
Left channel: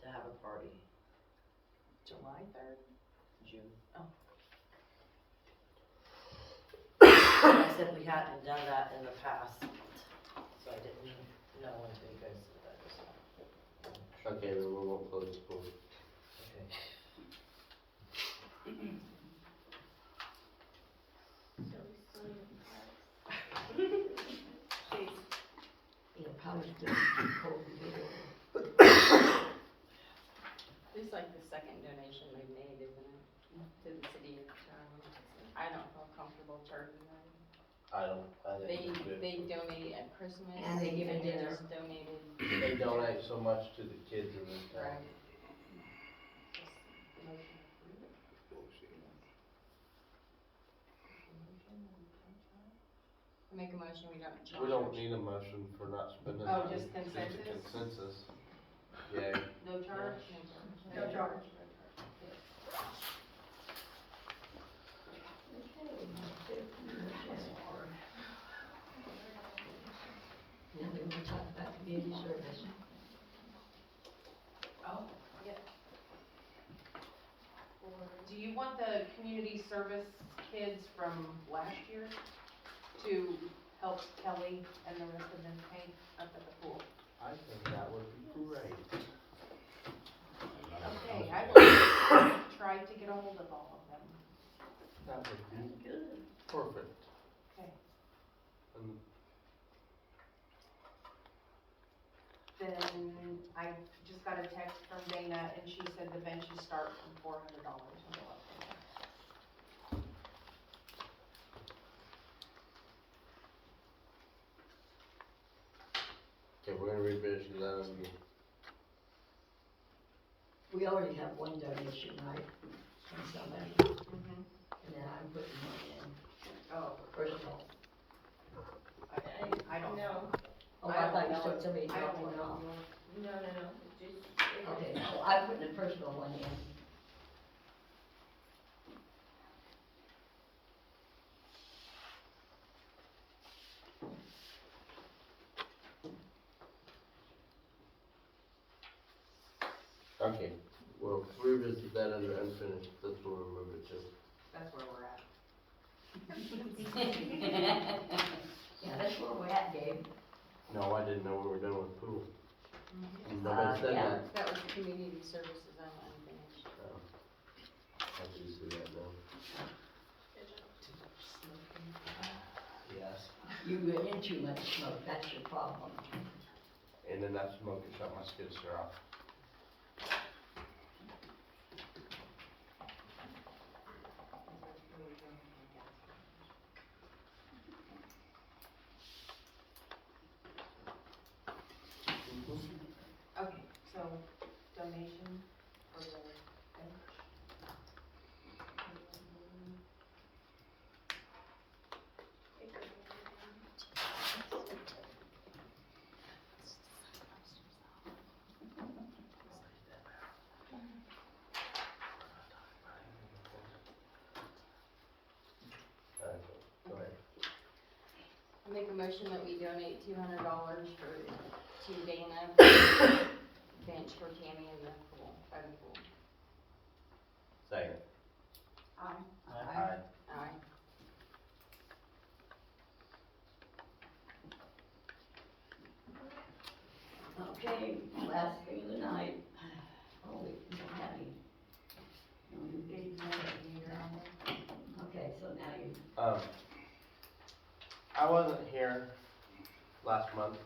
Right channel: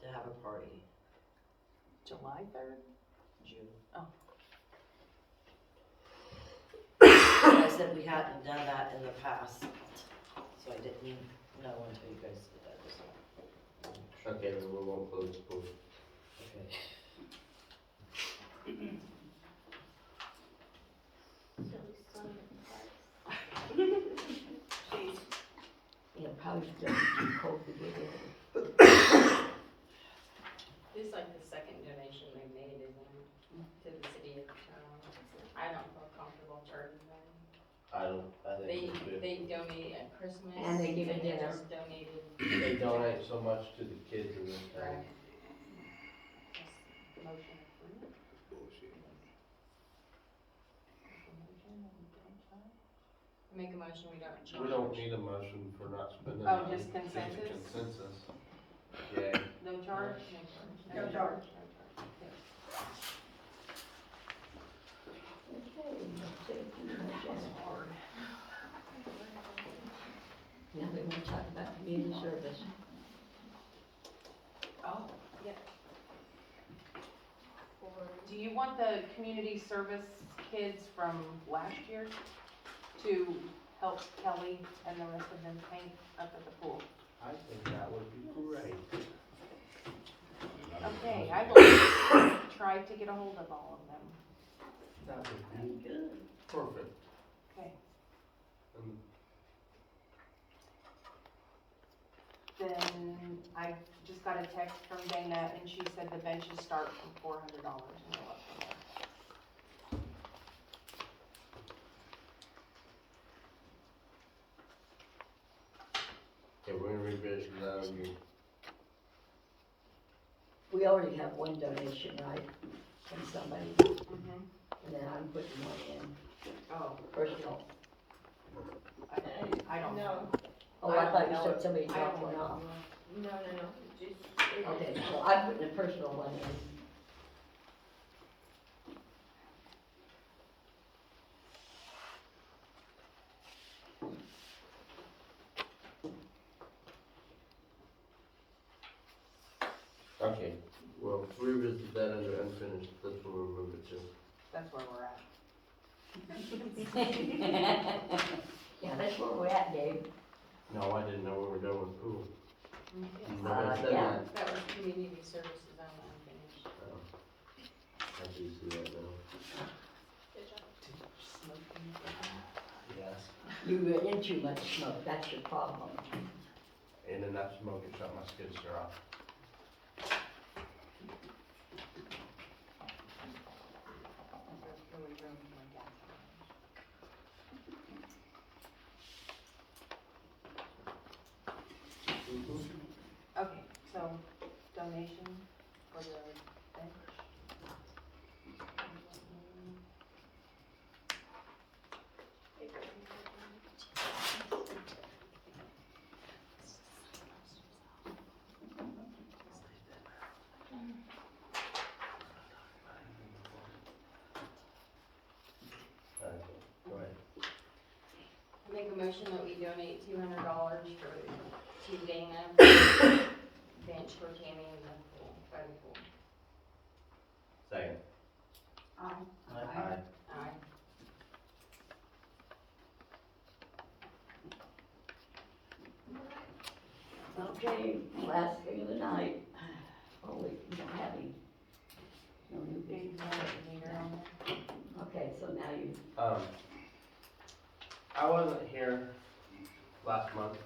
to have a party. July 3rd? June. Oh. I said we hadn't done that in the past, so I didn't know until you guys said that just now. Okay, then we won't close the pool. Okay. So we still need a price. Yeah, probably still too cold to get in. At least like the second donation they made, isn't it, to the city of town? I don't feel comfortable charging them. I think we should. They donate at Christmas. And they give a dinner. just donated. They donate so much to the kids in this town. Right. Just motion approved. Make a motion, we don't charge. We don't need a motion for not spending. Oh, money. just consensus? Just consensus. Yeah. No charge? No charge. Yes. Now they want to talk about community service. Oh, yeah. Do you want the community service kids from last year to help Kelly and the rest of them paint up at the pool? I think that would be great. Okay, I will try to get a hold of all of them. That would be good. Perfect. Okay. And Then I just got a text from Dana and she said the benches start from $400 and go up from there. okay, we're gonna revisit that and We already have one donation, right, from somebody, Mm-hmm. and then I'm putting one in Oh, personal. I don't know. Oh, I thought you said somebody I dropped don't one know. off. No, just. Okay, so I'm putting a personal one in. okay, we'll revisit that under unfinished, that's where we'll move it to. That's where we're at. Yeah, that's where we're at, Dave. No, I didn't know where we're going with pool. Mm-hmm. Nobody said yeah. that. That was community services on unfinished. Oh. I do see that now. Yes. You get in too much smoke, that's your problem. And then that smoke will shut my skid steer off. Okay, so donation for the bench. Alright, go ahead. I make a motion that we donate $200 to Dana bench for Tammy in the pool, by the pool. Second. Aye. Aye. Aye. Okay, last thing of the night. Oh, wait, we don't have any. No new Dave, business. you want to on there? Okay, so now you, I wasn't here last month,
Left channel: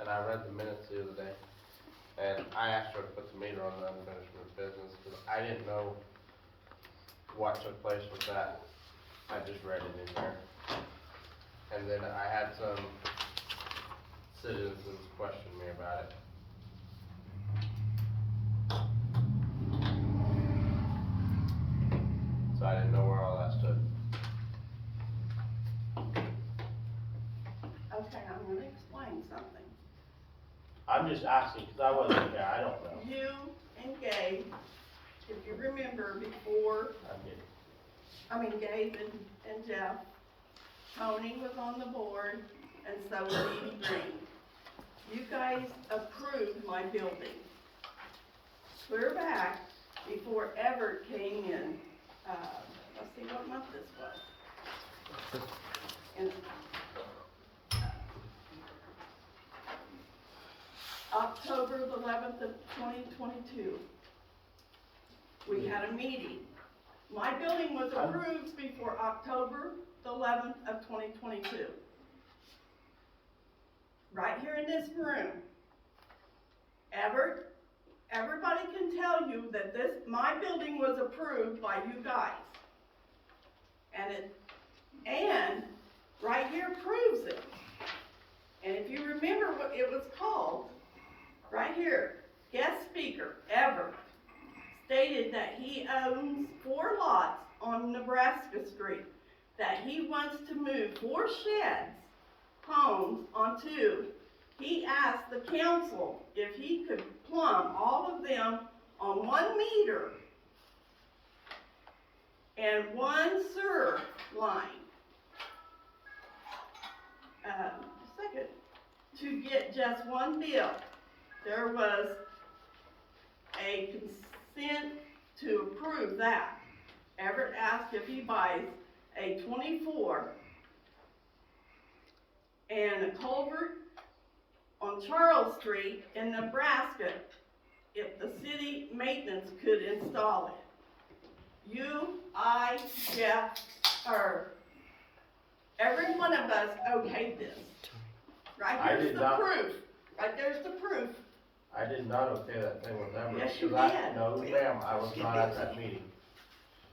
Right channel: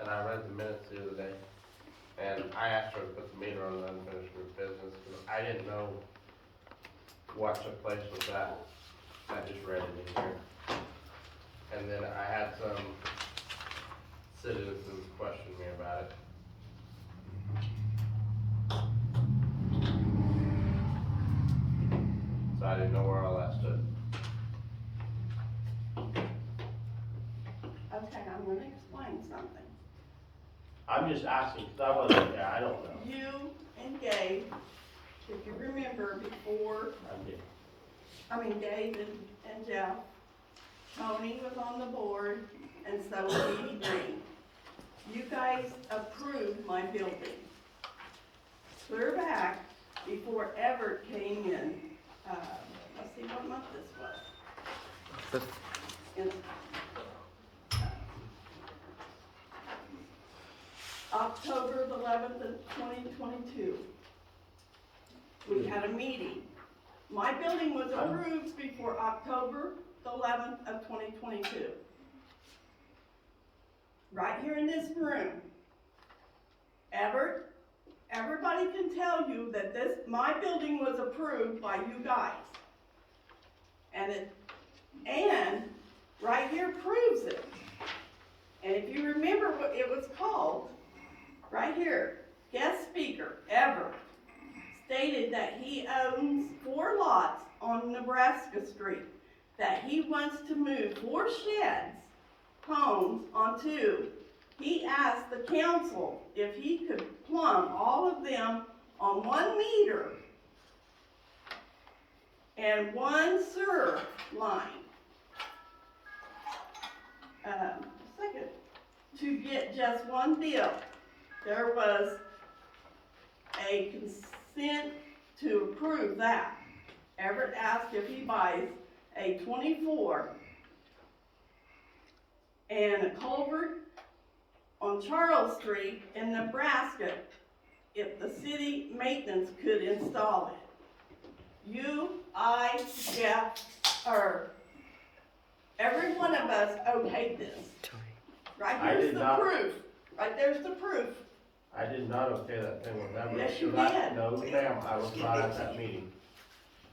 and I read the minutes the other day, and I asked her to put the meter on the unfinished roof business, because I didn't know what took place with that. I just read it in here. And then I had some citizens question me about it. explain something. I'm just asking, cause I wasn't there, I don't know. You and Gabe, if you remember before, Gabe and Jeff, Tony was on the board, and so was Edie Green. You guys approved my building. Clear back before Everett came in, let's see what month this was. In, October the 11th of 2022. We had a meeting. My building was approved before October the 11th of 2022. Right here in this room. Everybody can tell you that my building was approved by you guys. And right here proves it. And if you remember what it was called, right here, guest speaker, Everett, stated that he owns 4 lots on Nebraska Street, that he wants to move 4 sheds, homes onto. He asked the council if he could plumb all of them on 1 meter and 1 sewer line. Second, to get just 1 bill. There was a consent to approve that. Everett asked if he buys a 24 and a culvert on Charles Street in Nebraska, if the city maintenance could install it. You, I, Jeff, every one of us okayed this. Right here's the proof. Right there's the proof. I did not okay that thing with Everett. Yes, you because did. No, ma'am, I was not at that meeting.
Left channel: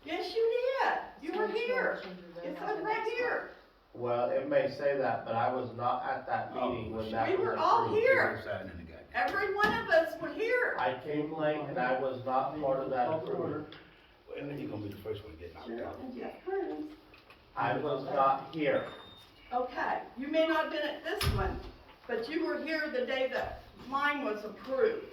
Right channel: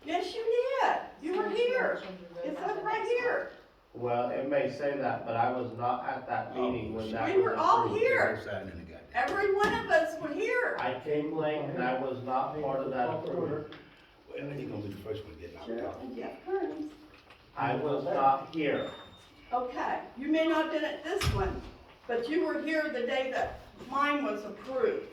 Yes, you did. You were here. It's up right here. Well, it may say that, but I was not at that meeting when that was We were all approved. here. Every one of us were here. I came late and I was not part of that approval. Well, you're gonna be the first one getting Cheryl out. and Jeff Kearns. I was not here. Okay, you may not have been at this one, but you were here the day that mine was approved.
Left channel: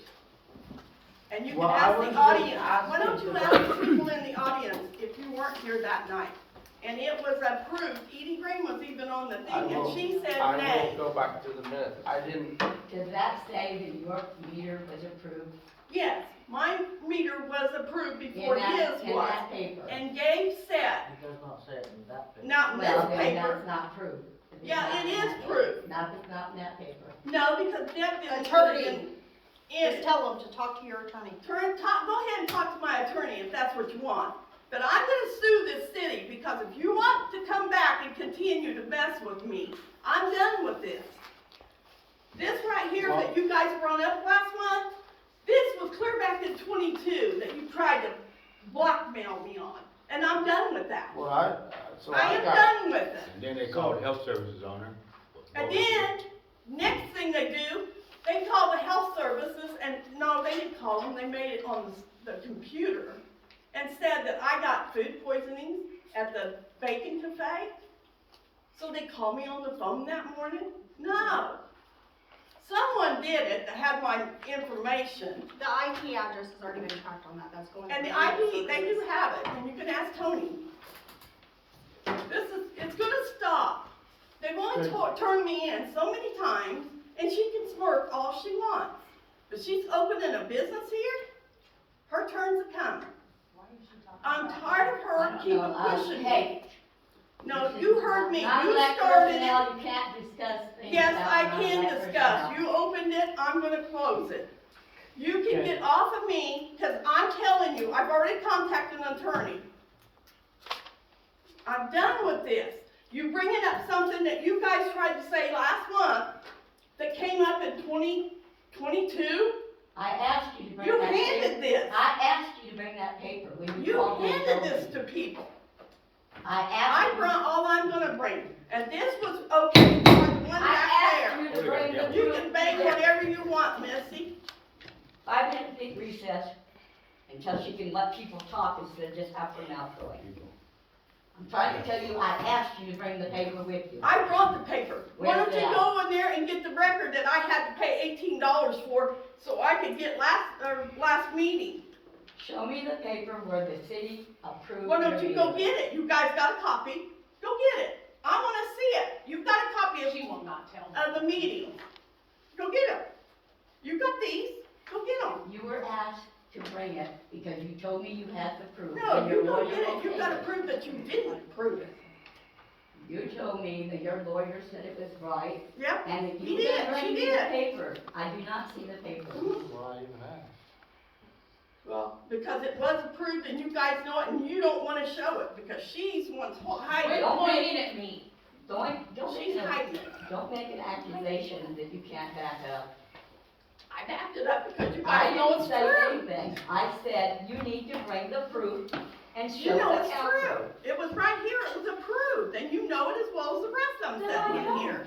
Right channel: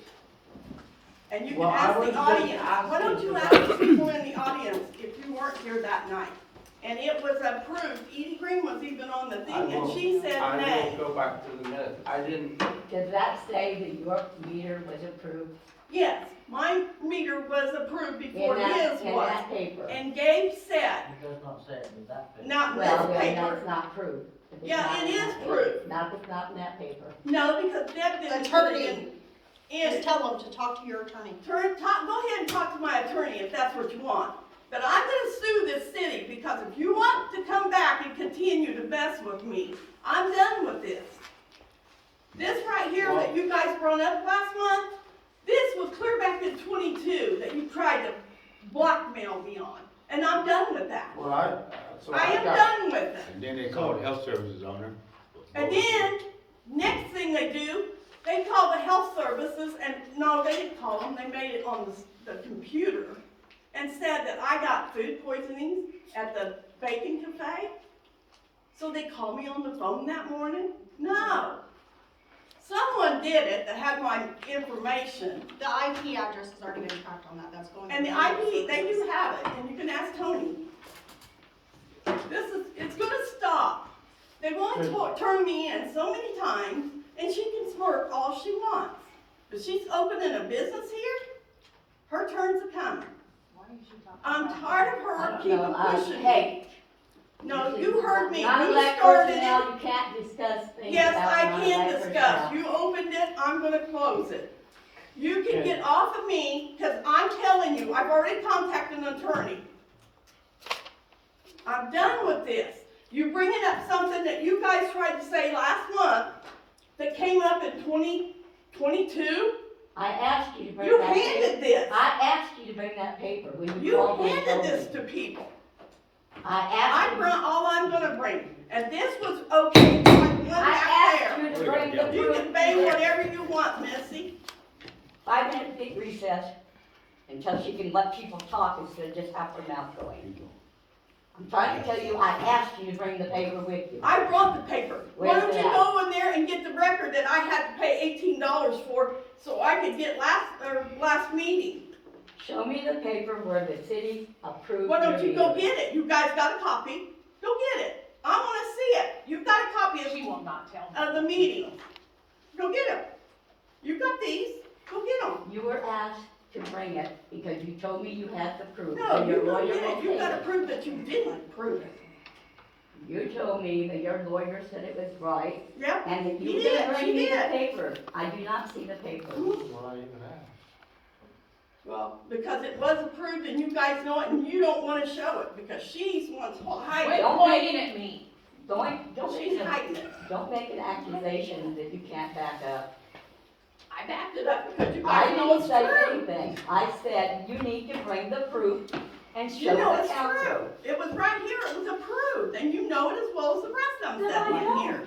And you can Well, I ask was the just audience, why asking don't you for ask that. the people in the audience if you weren't here that night? And it was approved, Edie Green was even on the thing, and she said I nay. will go back to the minutes. I didn't, Does that say that your meter was approved? Yes, my meter was approved before In that- his in was. that paper. And Gabe said, It does not say it in that paper. not in Well, this then paper. that's not proof. If it's Yeah, not it in is that proof. paper. Not in that paper. No, because Deb didn't put it in. Just tell them to talk to your attorney. Go ahead and talk to my attorney if that's what you want. But I'm gonna sue this city because if you want to come back and continue to mess with me, I'm done with this. This right here that you guys brought up last month, this was clear back in 22 that you tried to blackmail me on. And I'm done with that. well, I am done with it. And then they called health services on her. And then, next thing they do, they call the health services, and no, they didn't call them, they made it on the computer, and said that I got food poisoning at the bacon cafe. So they called me on the phone that morning? No. Someone did it that had my information. The IP addresses are gonna impact on that, that's going. And the IP, they do have it, and you can ask Tony. It's gonna stop. They've only turned me in so many times, and she can smirk all she wants. But she's opening a business here, her turn's a coming. I'm tired of her keeping pushing me. Hey. No, you heard me, you Non-elected started personnel, it. you can't discuss things Yes, about I can non-elected discuss. personnel. You opened it, I'm gonna close it. You can get off of me, cause I'm telling you, I've already contacted an attorney. I'm done with this. You bringing up something that you guys tried to say last month that came up in 2022? I asked you to bring You that paper. handed this. I asked you to bring that paper. We were You told we handed told this you. to people. I I asked you. brought all I'm gonna bring, and this was okay, like the one back I there. asked you to bring the You proof. can bang whatever you want, Missy. 5-minute big recess until she can let people talk instead of just have her mouth going. I'm trying to tell you, I asked you to bring the paper with you. I brought the paper. Why Where's don't you it at? go in there and get the record that I had to pay $18 for, so I could get last meeting? Show me the paper where the city approved Why your don't you go meter. get it? You guys got a copy? Go get it. I wanna see it. You've got a copy She will not tell me. of the meeting. Go get them. You got these. Go get them. You were asked to bring it because you told me you had the proof. No, and you your go lawyer get it. won't You take gotta it. prove that you didn't prove it. You told me that your lawyer said it was right, Yep. and that He you did, didn't she bring me the did. paper. I do not see the paper. Well, because it was approved and you guys know it and you don't wanna show it because she's the one's hiding Quit it. pointing at me. Don't She's make hiding an, it. don't make an accusation that you can't back up. I backed it up because you I guys know didn't it's say true. anything. I said you need to bring the proof and show You know the it's council. true. It was right here. It was approved and you know it as well as the rest of them No, I sitting in don't. here.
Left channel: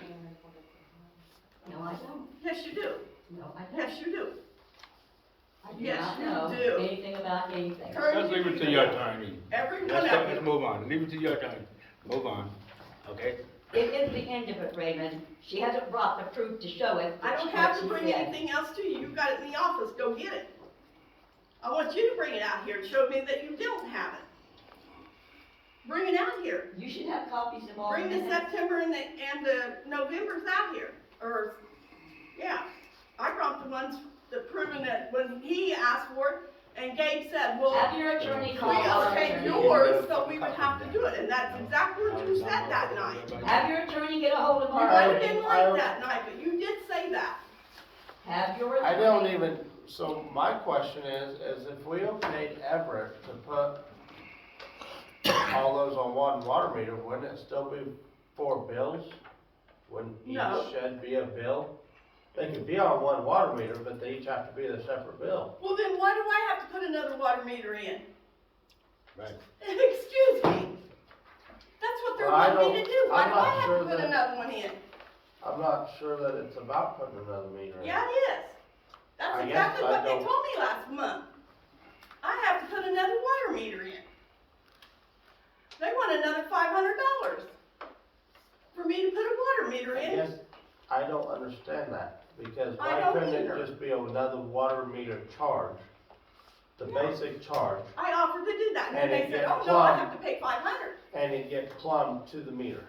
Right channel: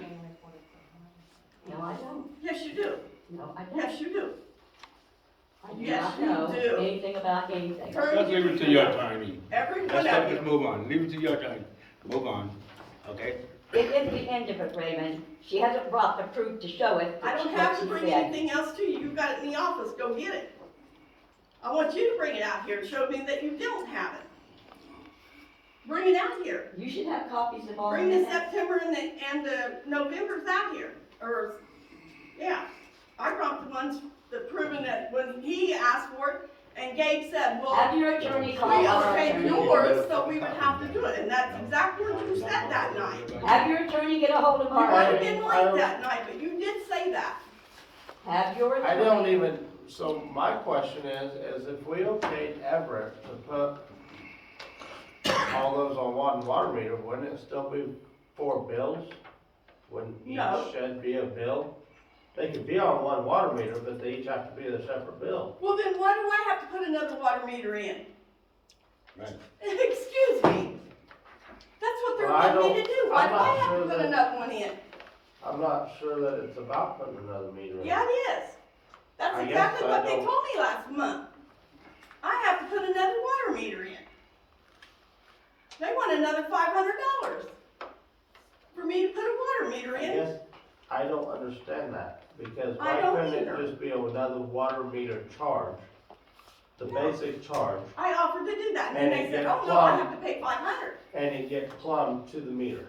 No, I don't. Yes, you do. No, I don't. Yes, you do. I do Yes, not you know do. anything about anything. Turn Let's leave it to your attorney. Every one Let's, of let's you. move on, leave it to your attorney, move on, okay? It is the end of it, Raymond. She hasn't brought the proof to show it. I don't what have to she bring said. anything else to you. You've got it in the office. Go get it. I want you to bring it out here and show me that you don't have it. Bring it out here. You should have copies of all Bring the the September and the November's out here, or, yeah. I brought the ones that proven that when he asked for it, and Gabe said, well, Have your attorney call we our okayed attorney. yours, so we would have to do it, and that's exactly what you said that night. Have your attorney get a hold of You our might have attorney. been late that night, but you did say that. Have your I attorney. don't even, so my question is if we okayed Everett to put all those on one water meter, wouldn't it still be 4 bills? Wouldn't each No. shed be a bill? They could be on one water meter, but they each have to be a separate bill. Well, then why do I have to put another water meter in? Right. Excuse me. That's what they're Well, I wanting me to don't- do. Why I'm do not I have sure to put that- another one in? I'm not sure that it's about putting another meter in. Yeah, it is. That's I guess exactly I what they don't- told me last month. I have to put another water meter in. They want another $500 for me to put a water meter I in. guess I don't understand that, because I why don't couldn't either. it just be another water meter charge? The basic charge, I offered to do that, and then And they it said, get oh, no, I plugged. have to pay 500. and it get plumbed to the meter.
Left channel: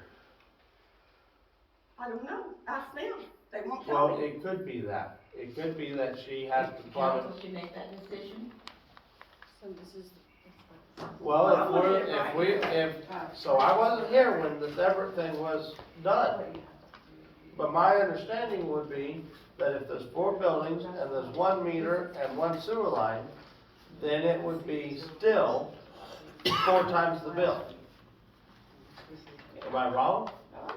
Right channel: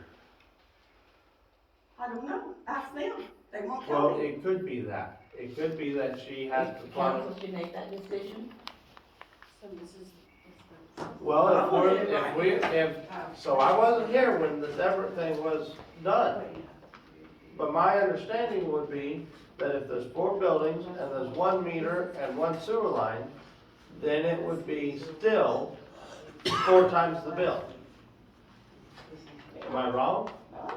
I don't know. Ask them. They won't Well, tell me. it could be that, it could be that she has to The plumb. council should make that decision. So this is. Well, I if want we're, it right if we, here. so I wasn't here when the separate thing was done. But my understanding would be that if there's 4 buildings and there's 1 meter and 1 sewer line, then it would be still 4 times the bill. Am I wrong?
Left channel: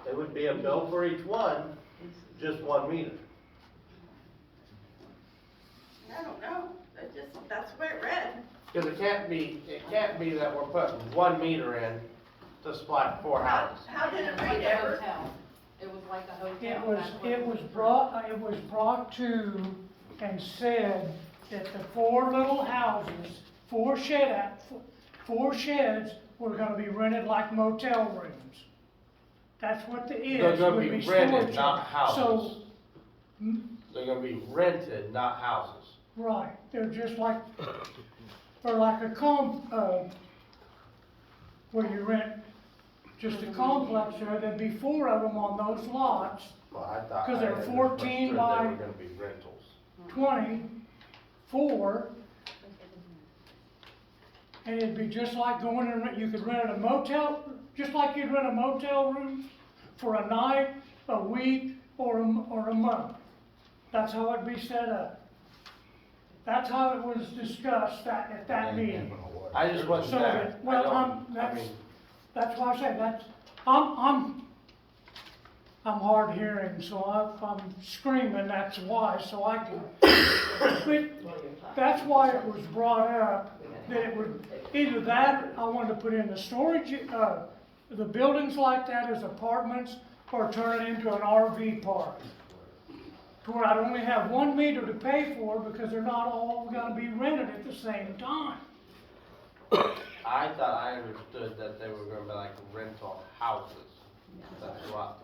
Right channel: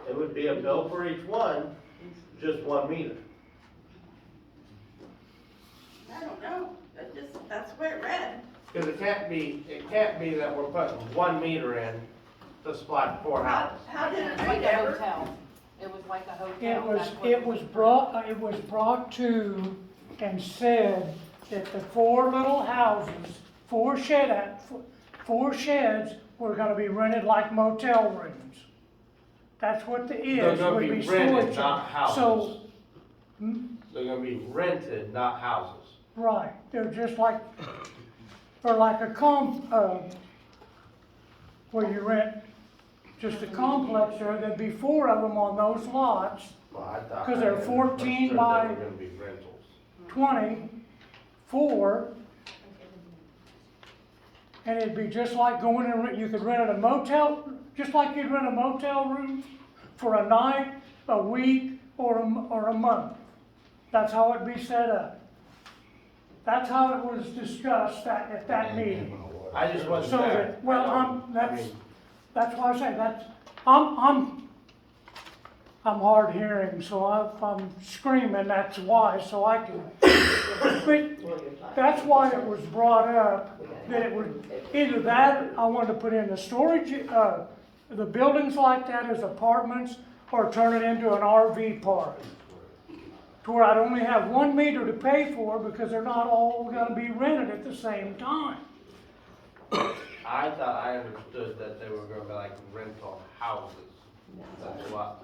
It would be a bill for each one, just 1 meter. I don't know. That's the way it read. Cause it can't be that we're putting 1 meter in to supply 4 houses. How did it Like read, a Everett? hotel. It was like a hotel. It was brought to and said that the 4 little houses, 4 sheds were gonna be rented like motel rooms. That's what the They're is, gonna would be be rented, storage. not So, houses. They're gonna be rented, not houses. right, they're just like, or like a where you rent just a complex there, there'd be 4 of them on those lots, Well, I thought. 'Cause they're I 14 understood by- They were gonna be rentals. 24. And it'd be just like going and you could rent a motel, just like you'd rent a motel room for a night, a week, or a month. That's how it'd be set up. That's how it was discussed at that meeting. I just wasn't So there. that, well, I mean, that's why I say I'm hard hearing, so I'm screaming, that's why, so I can, but that's why it was brought up, that it would, either that, I wanted to put in the storage, the buildings like that as apartments, or turn it into an RV park. To where I'd only have 1 meter to pay for, because they're not all gonna be rented at the same time. I thought I understood that they were gonna be like rental houses. That's what,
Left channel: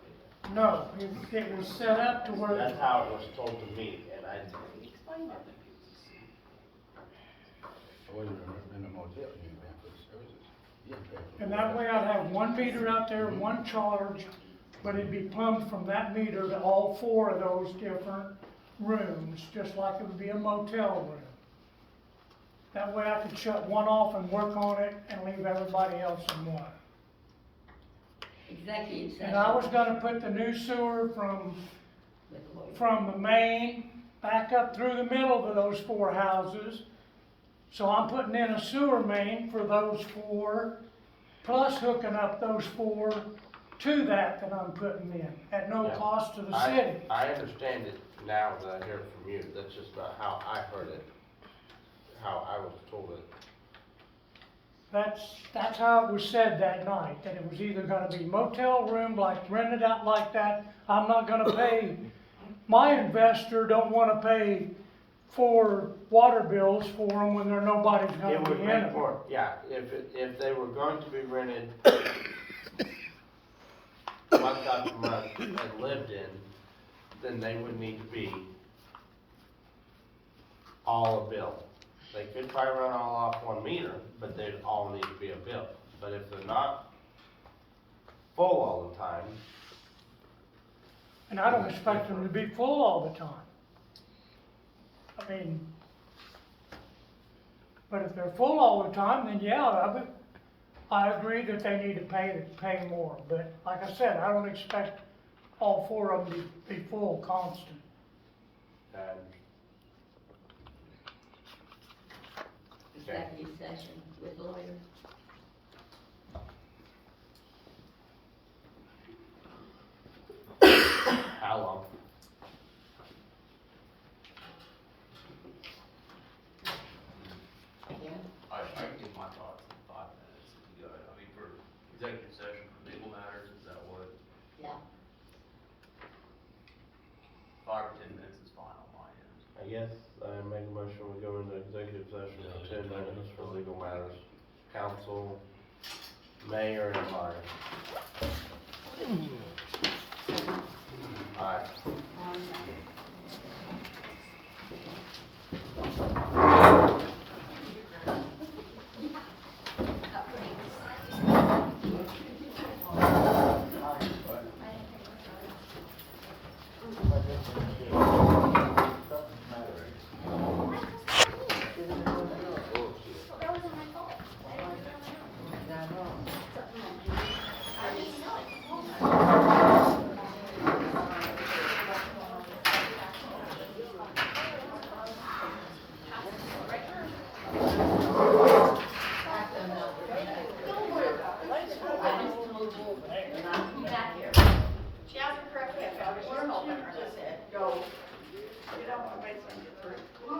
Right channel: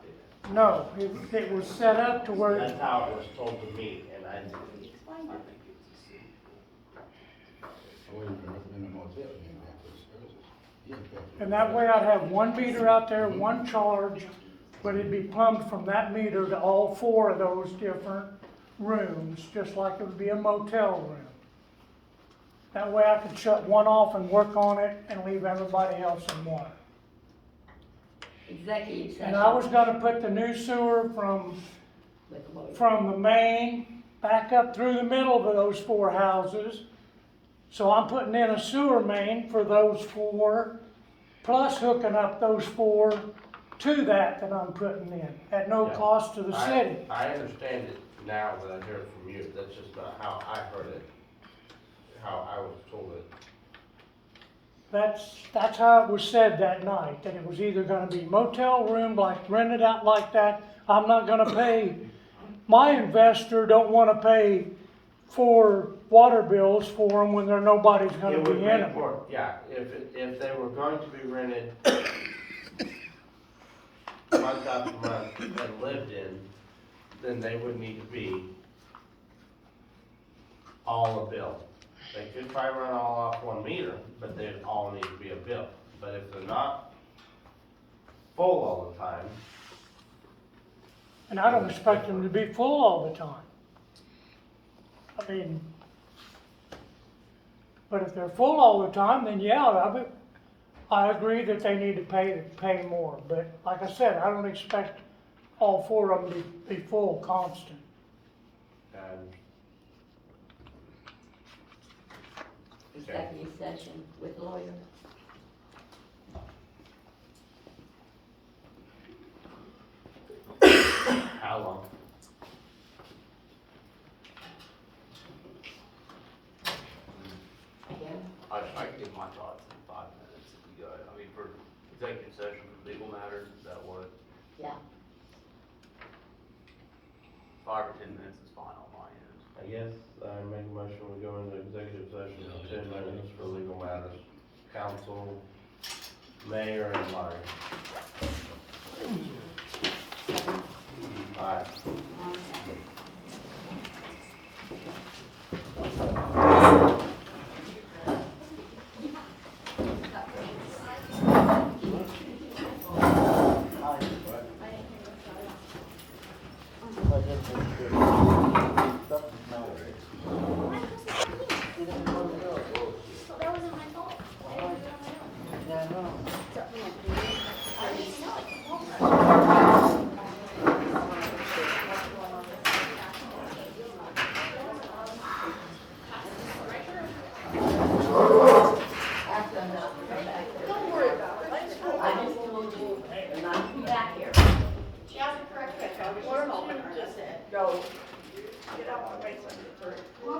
No, it was set up to where, that's how it was told to me, and I, Explain it. I wasn't in a motel, you didn't have to service. You didn't pay for it. and that way I'd have one meter out there, one charge, but it'd be plumbed from that meter to all 4 of those different rooms, just like it would be a motel room. That way I could shut one off and work on it and leave everybody else in one. Executive session. And I was gonna put the new sewer from the main back up through the middle of those 4 houses. So I'm putting in a sewer main for those 4, plus hooking up those 4 to that I'm putting in, at no Yeah. cost to the city. I understand it now that I hear it from you, that's just not how I heard it, how I was told it. That's how it was said that night, that it was either gonna be motel room, like rented out like that. I'm not gonna pay, my investor don't wanna pay for water bills for them when nobody's gonna It would be in make them. more, yeah, if they were going to be rented month after month and lived in, then they would need to be all a bill. They could probably run all off one meter, but they'd all need to be a bill. But if they're not full all the time, And I don't expect them to be full all the time. I mean, but if they're full all the time, then yeah, I agree that they need to pay more. But like I said, I don't expect all 4 of them to be full constant. and Executive session with lawyer. how long? I can give my thoughts in 5 minutes if you got it. I mean, for executive session, for legal matters, is that what? Yeah. 5 or 10 minutes is fine on my end. I guess I make a motion, we go into executive session for 10 minutes for legal matters. Council, mayor, and mine. Aye. She hasn't corrected it, so I was just hoping her to say, go. I didn't want to wait for her.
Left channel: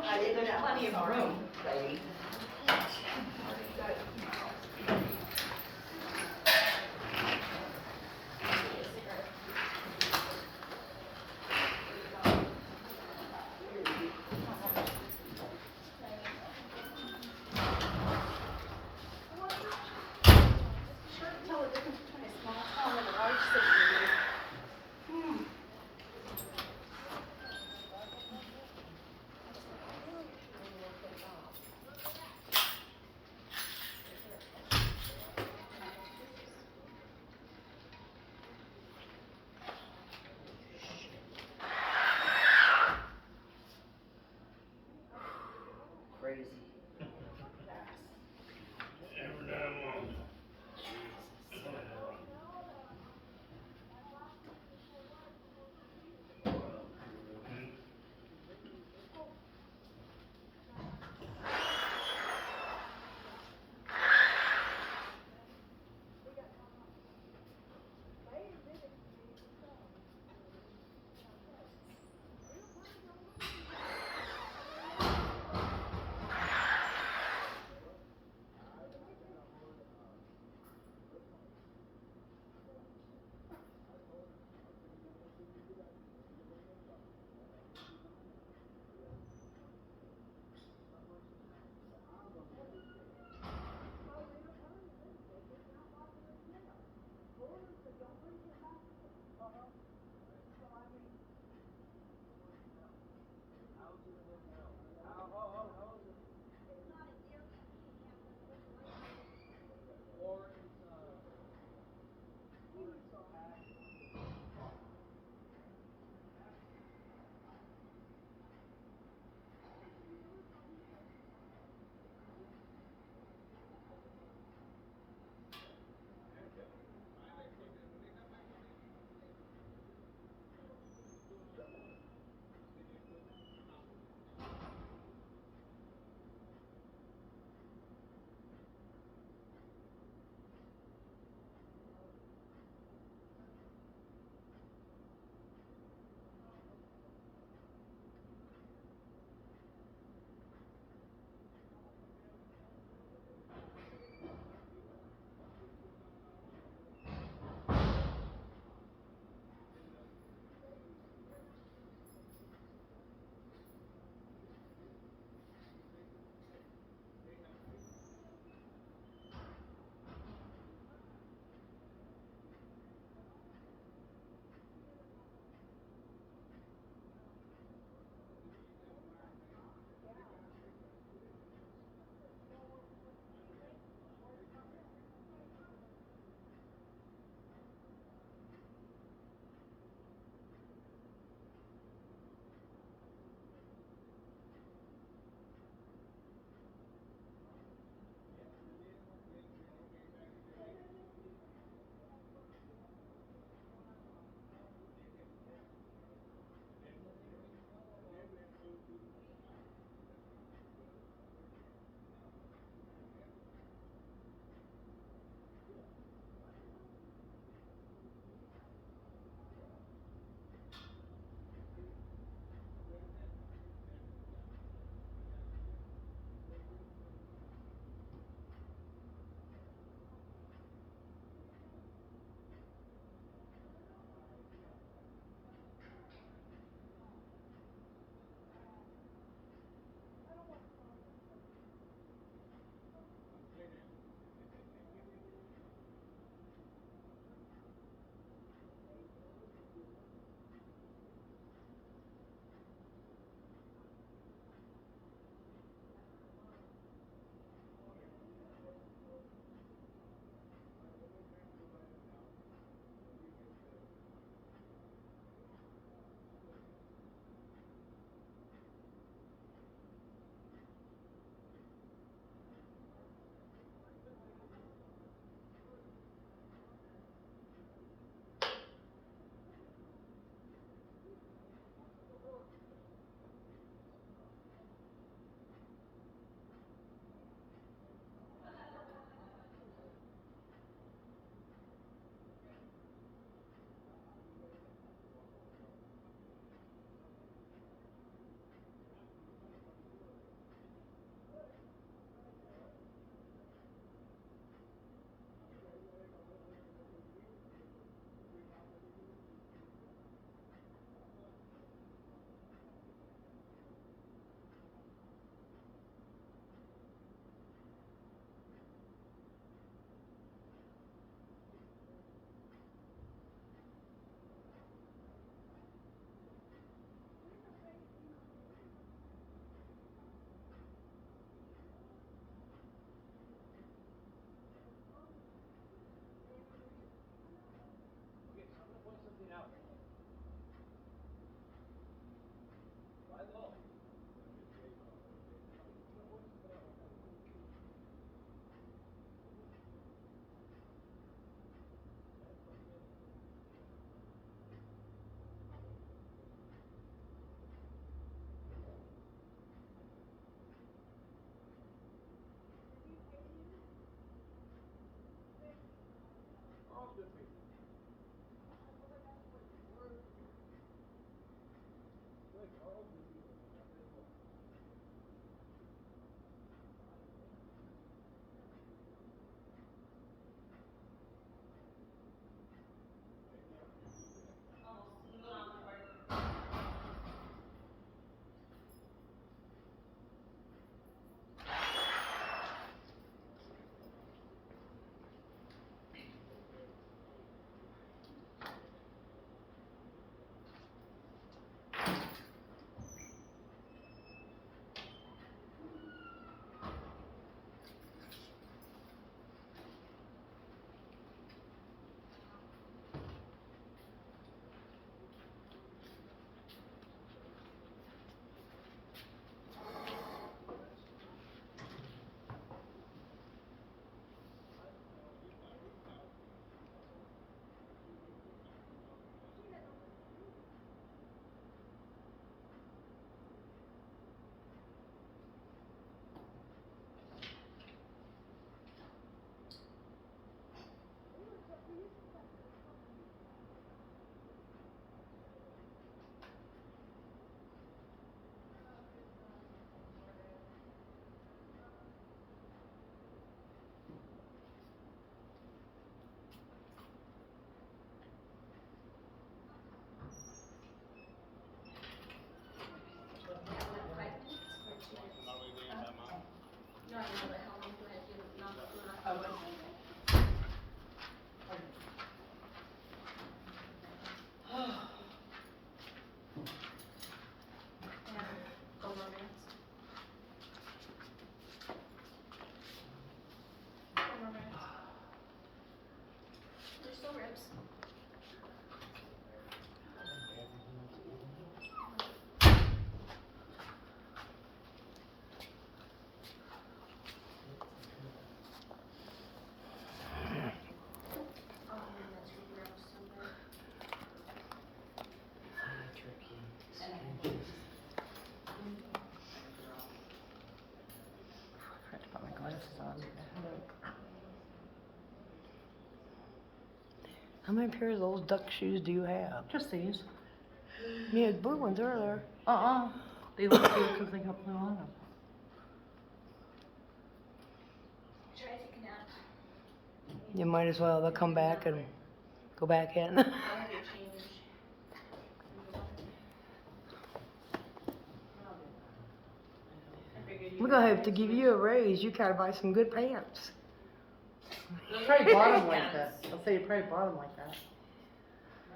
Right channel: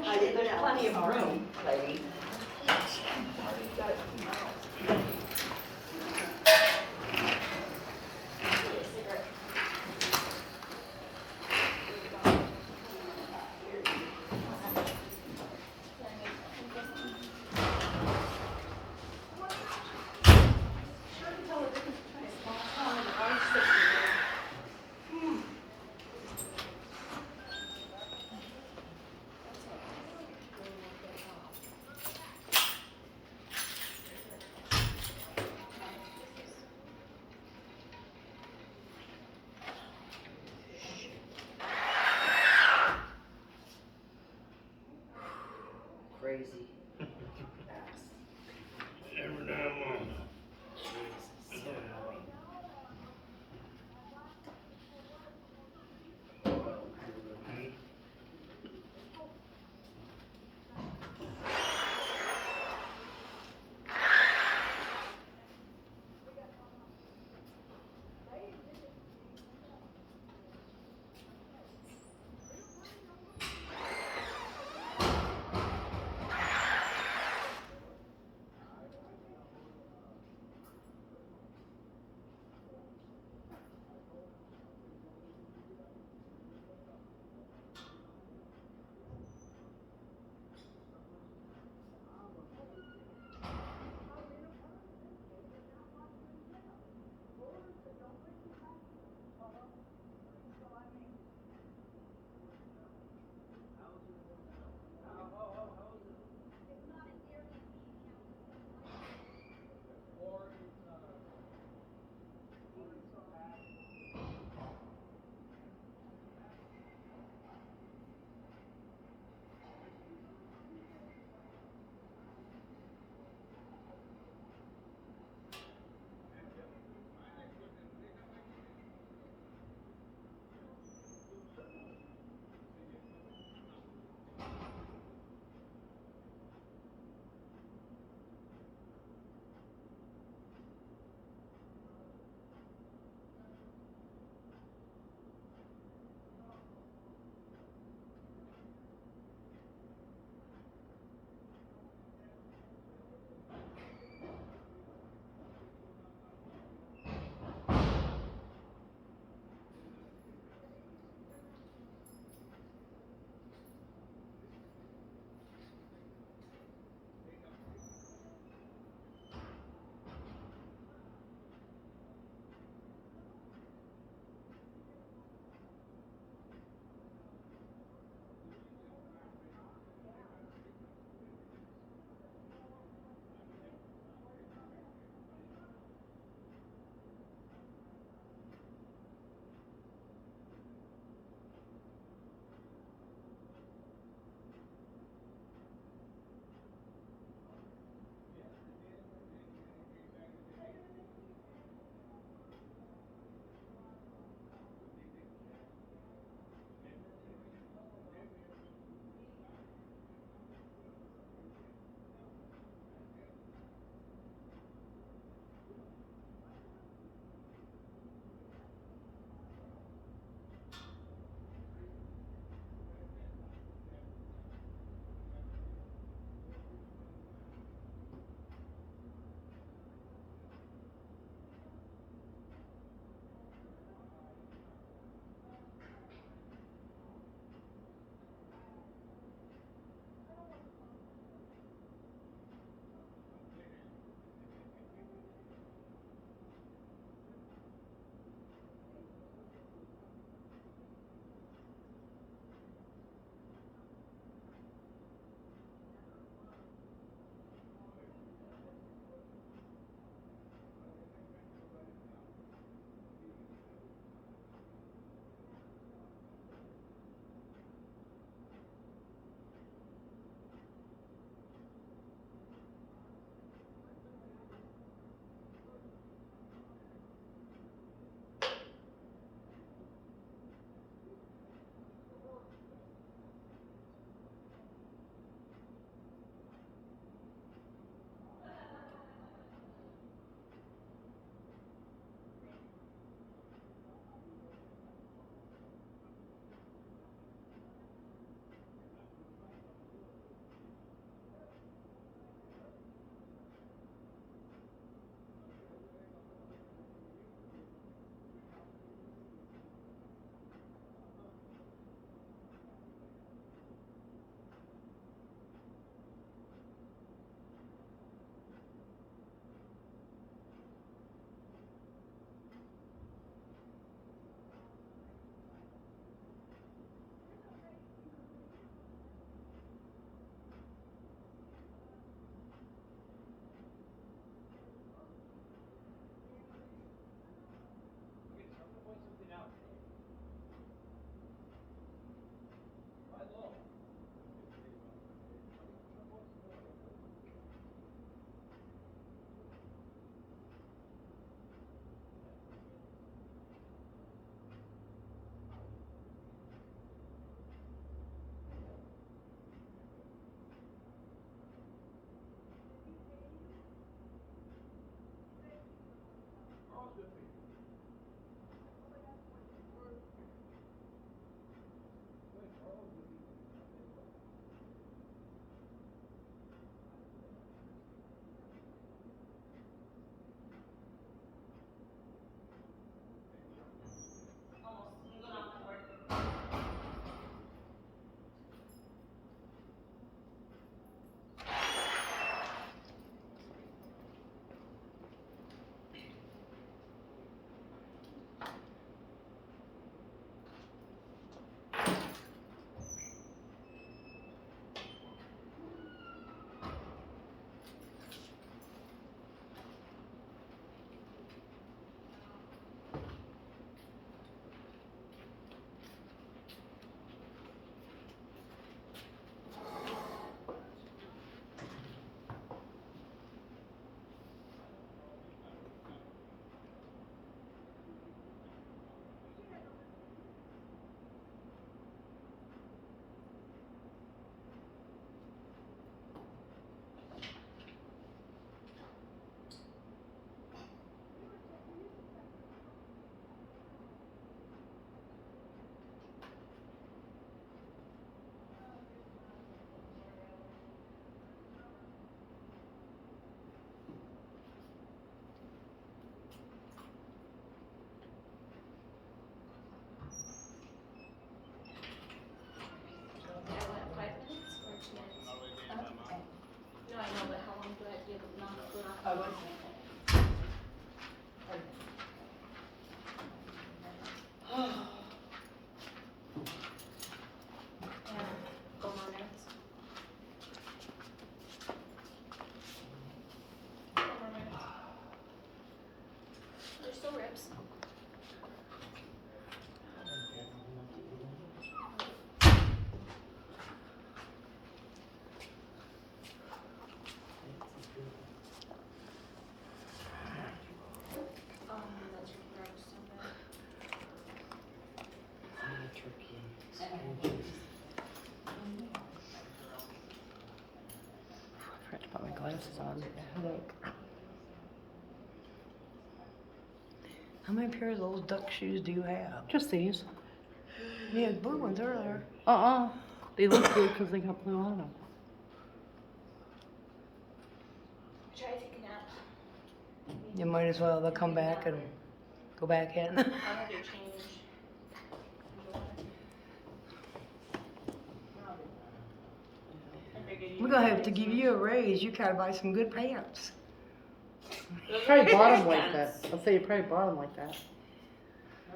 I didn't know. Plenty of room, lady. Sure can tell the difference between a small town and a large city. many pairs of those duck shoes do you have? Just these. Yeah, the blue ones are there. They look good because they got blue on them. Try to take a nap. You might as well, they'll come back and go back in. I'll have your change. I figured We're gonna have to give you a raise, you gotta buy some good pants. Probably bought them like that. I'll say you probably bought them like that.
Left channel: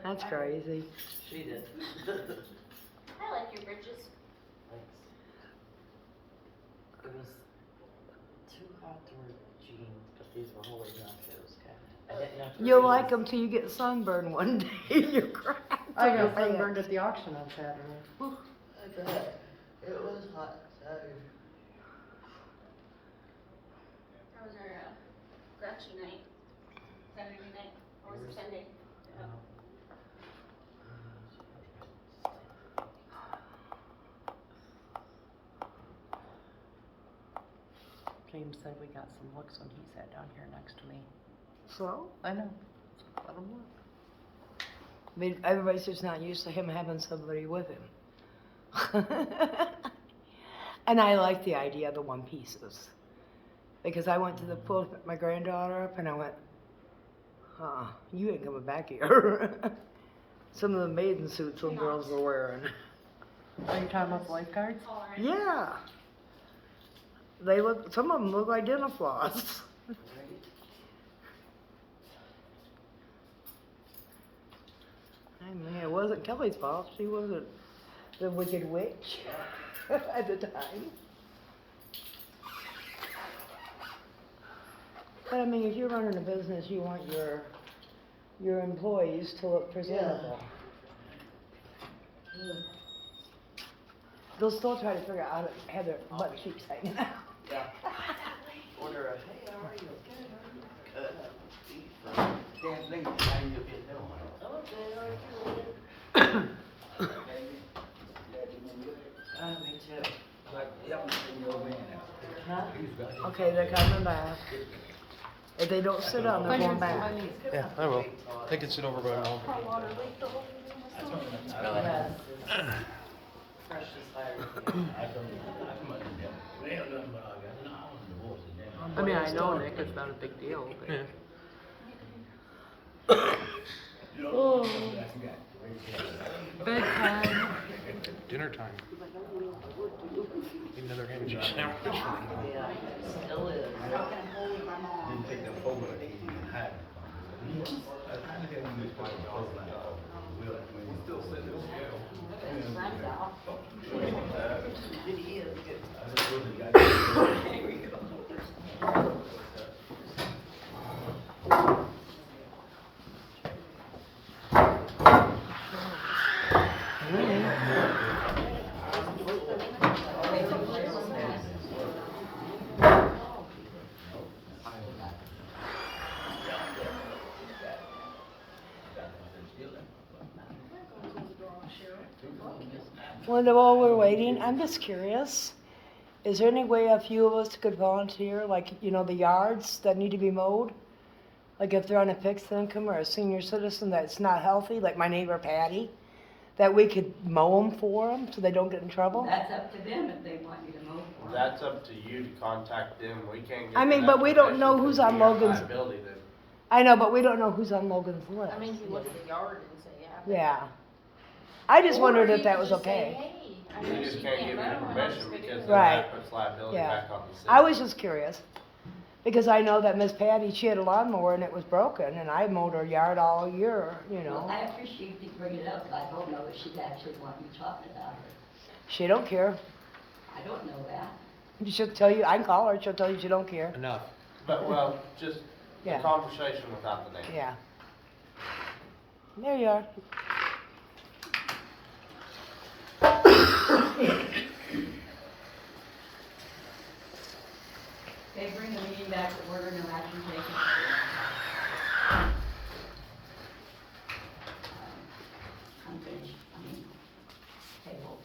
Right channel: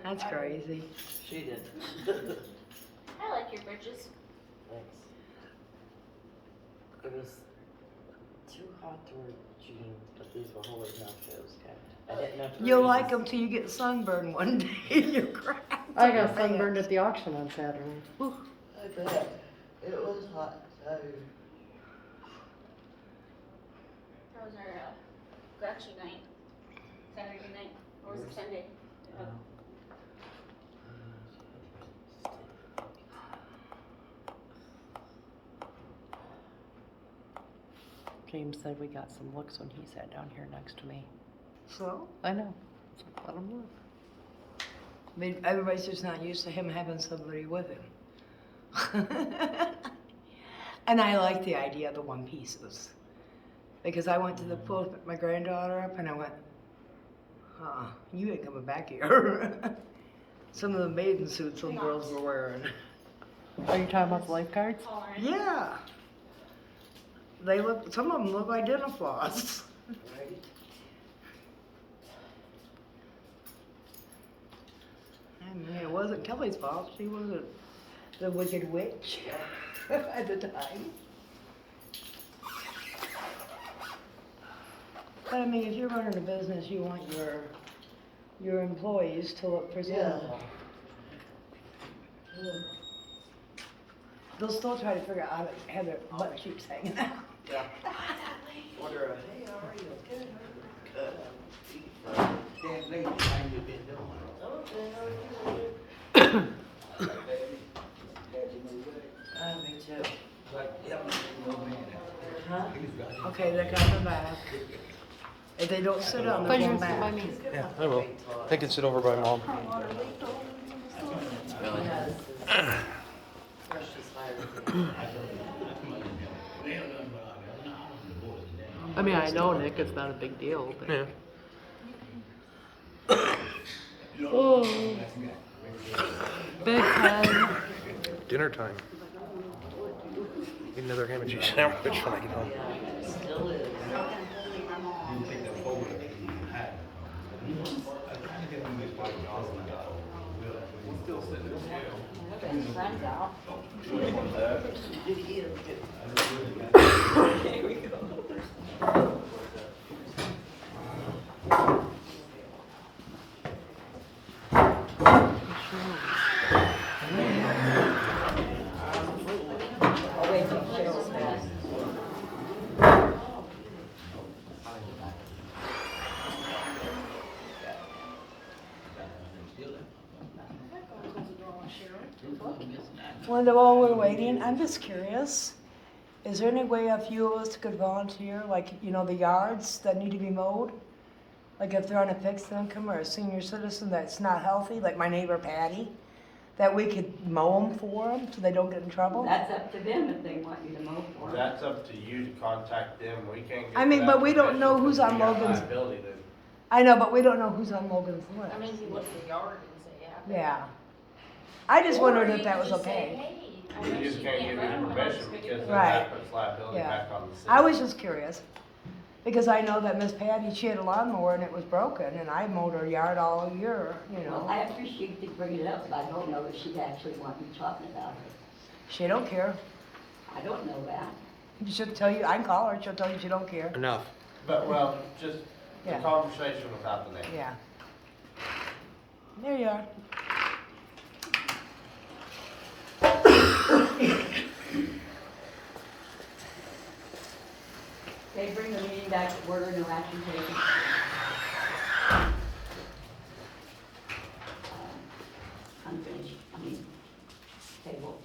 That's crazy. She did. I like your bridges. Thanks. It was too hot to wear jeans, but these were holding up, it was good. I didn't know. if it You'll was- like them till you get sunburned one day in your crap. I got sunburned at the auction on Saturday. I bet. It was hot, so. That was our, it was actually night. Saturday night, or was it Sunday? Oh. James said we got some looks when he sat down here next to me. Slow? I know. So let him look. I mean, everybody's just not used to him having somebody with him. And I like the idea of the one pieces. Because I went to the pool to pick my granddaughter up and I went, you ain't coming back here. Some of the maiden suits some girls were wearing. Are you talking about the lifeguards? Yeah. They look, some of them look like dental floss. I mean, it wasn't Kelly's fault. She wasn't the wicked witch at the time. But I mean, if you're running a business, you want your employees to look presentable. They'll still try to figure out how to have their butt cheeks hanging out. Yeah. Order a, hey, how are you? Okay, good. Can't believe how you been doing. Okay, me too. Huh? Okay, they're coming back. If they don't sit down, they're going back. Yeah, I will. They can sit over by mom. I mean, I know, Nick, it's not a big deal. But... Yeah. Oh. Bedtime. Dinner time. Need another ham and cheese sandwich when I get home. Yeah, still is. Linda, while we're waiting, I'm just curious. Is there any way a few of us could volunteer, like, you know, the yards that need to be mowed? Like if they're on a fixed income or a senior citizen that's not healthy, like my neighbor Patty, that we could mow them for them so they don't get in trouble? That's up to them if they want you to mow for them. That's up to you to contact them, we can't get. I mean, that but we don't permission know who's because on we have Logan's- liability then. I know, but we don't know who's on Logan's list. I mean, you look at the yard and say, yeah. Yeah. I just wondered if that was okay. You just can't give them permission because then Right. that puts liability Yeah. back on the city. I was just curious, because I know that Miss Patty, she had a lawnmower and it was broken, and I mowed her yard all year, you know. Well, after she did bring it up, I don't know if she'd actually want you talking about it. She don't care. I don't know that. She'll tell you, I can call her, she'll tell you she don't care. Enough. But, well, just a Yeah. conversation without the name. Yeah. There you are. Okay, bring the meeting back to order, no action taken. Unfinished, table.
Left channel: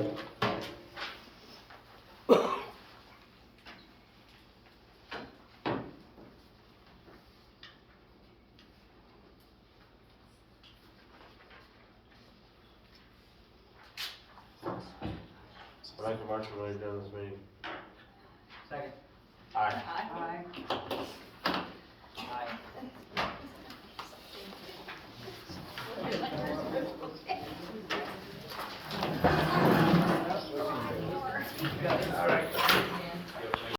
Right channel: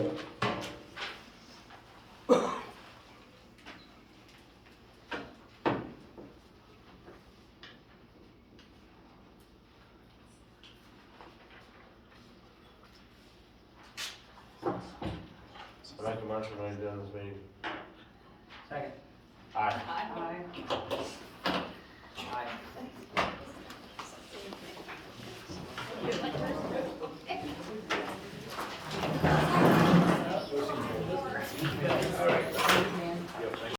So make a motion when we do this meeting.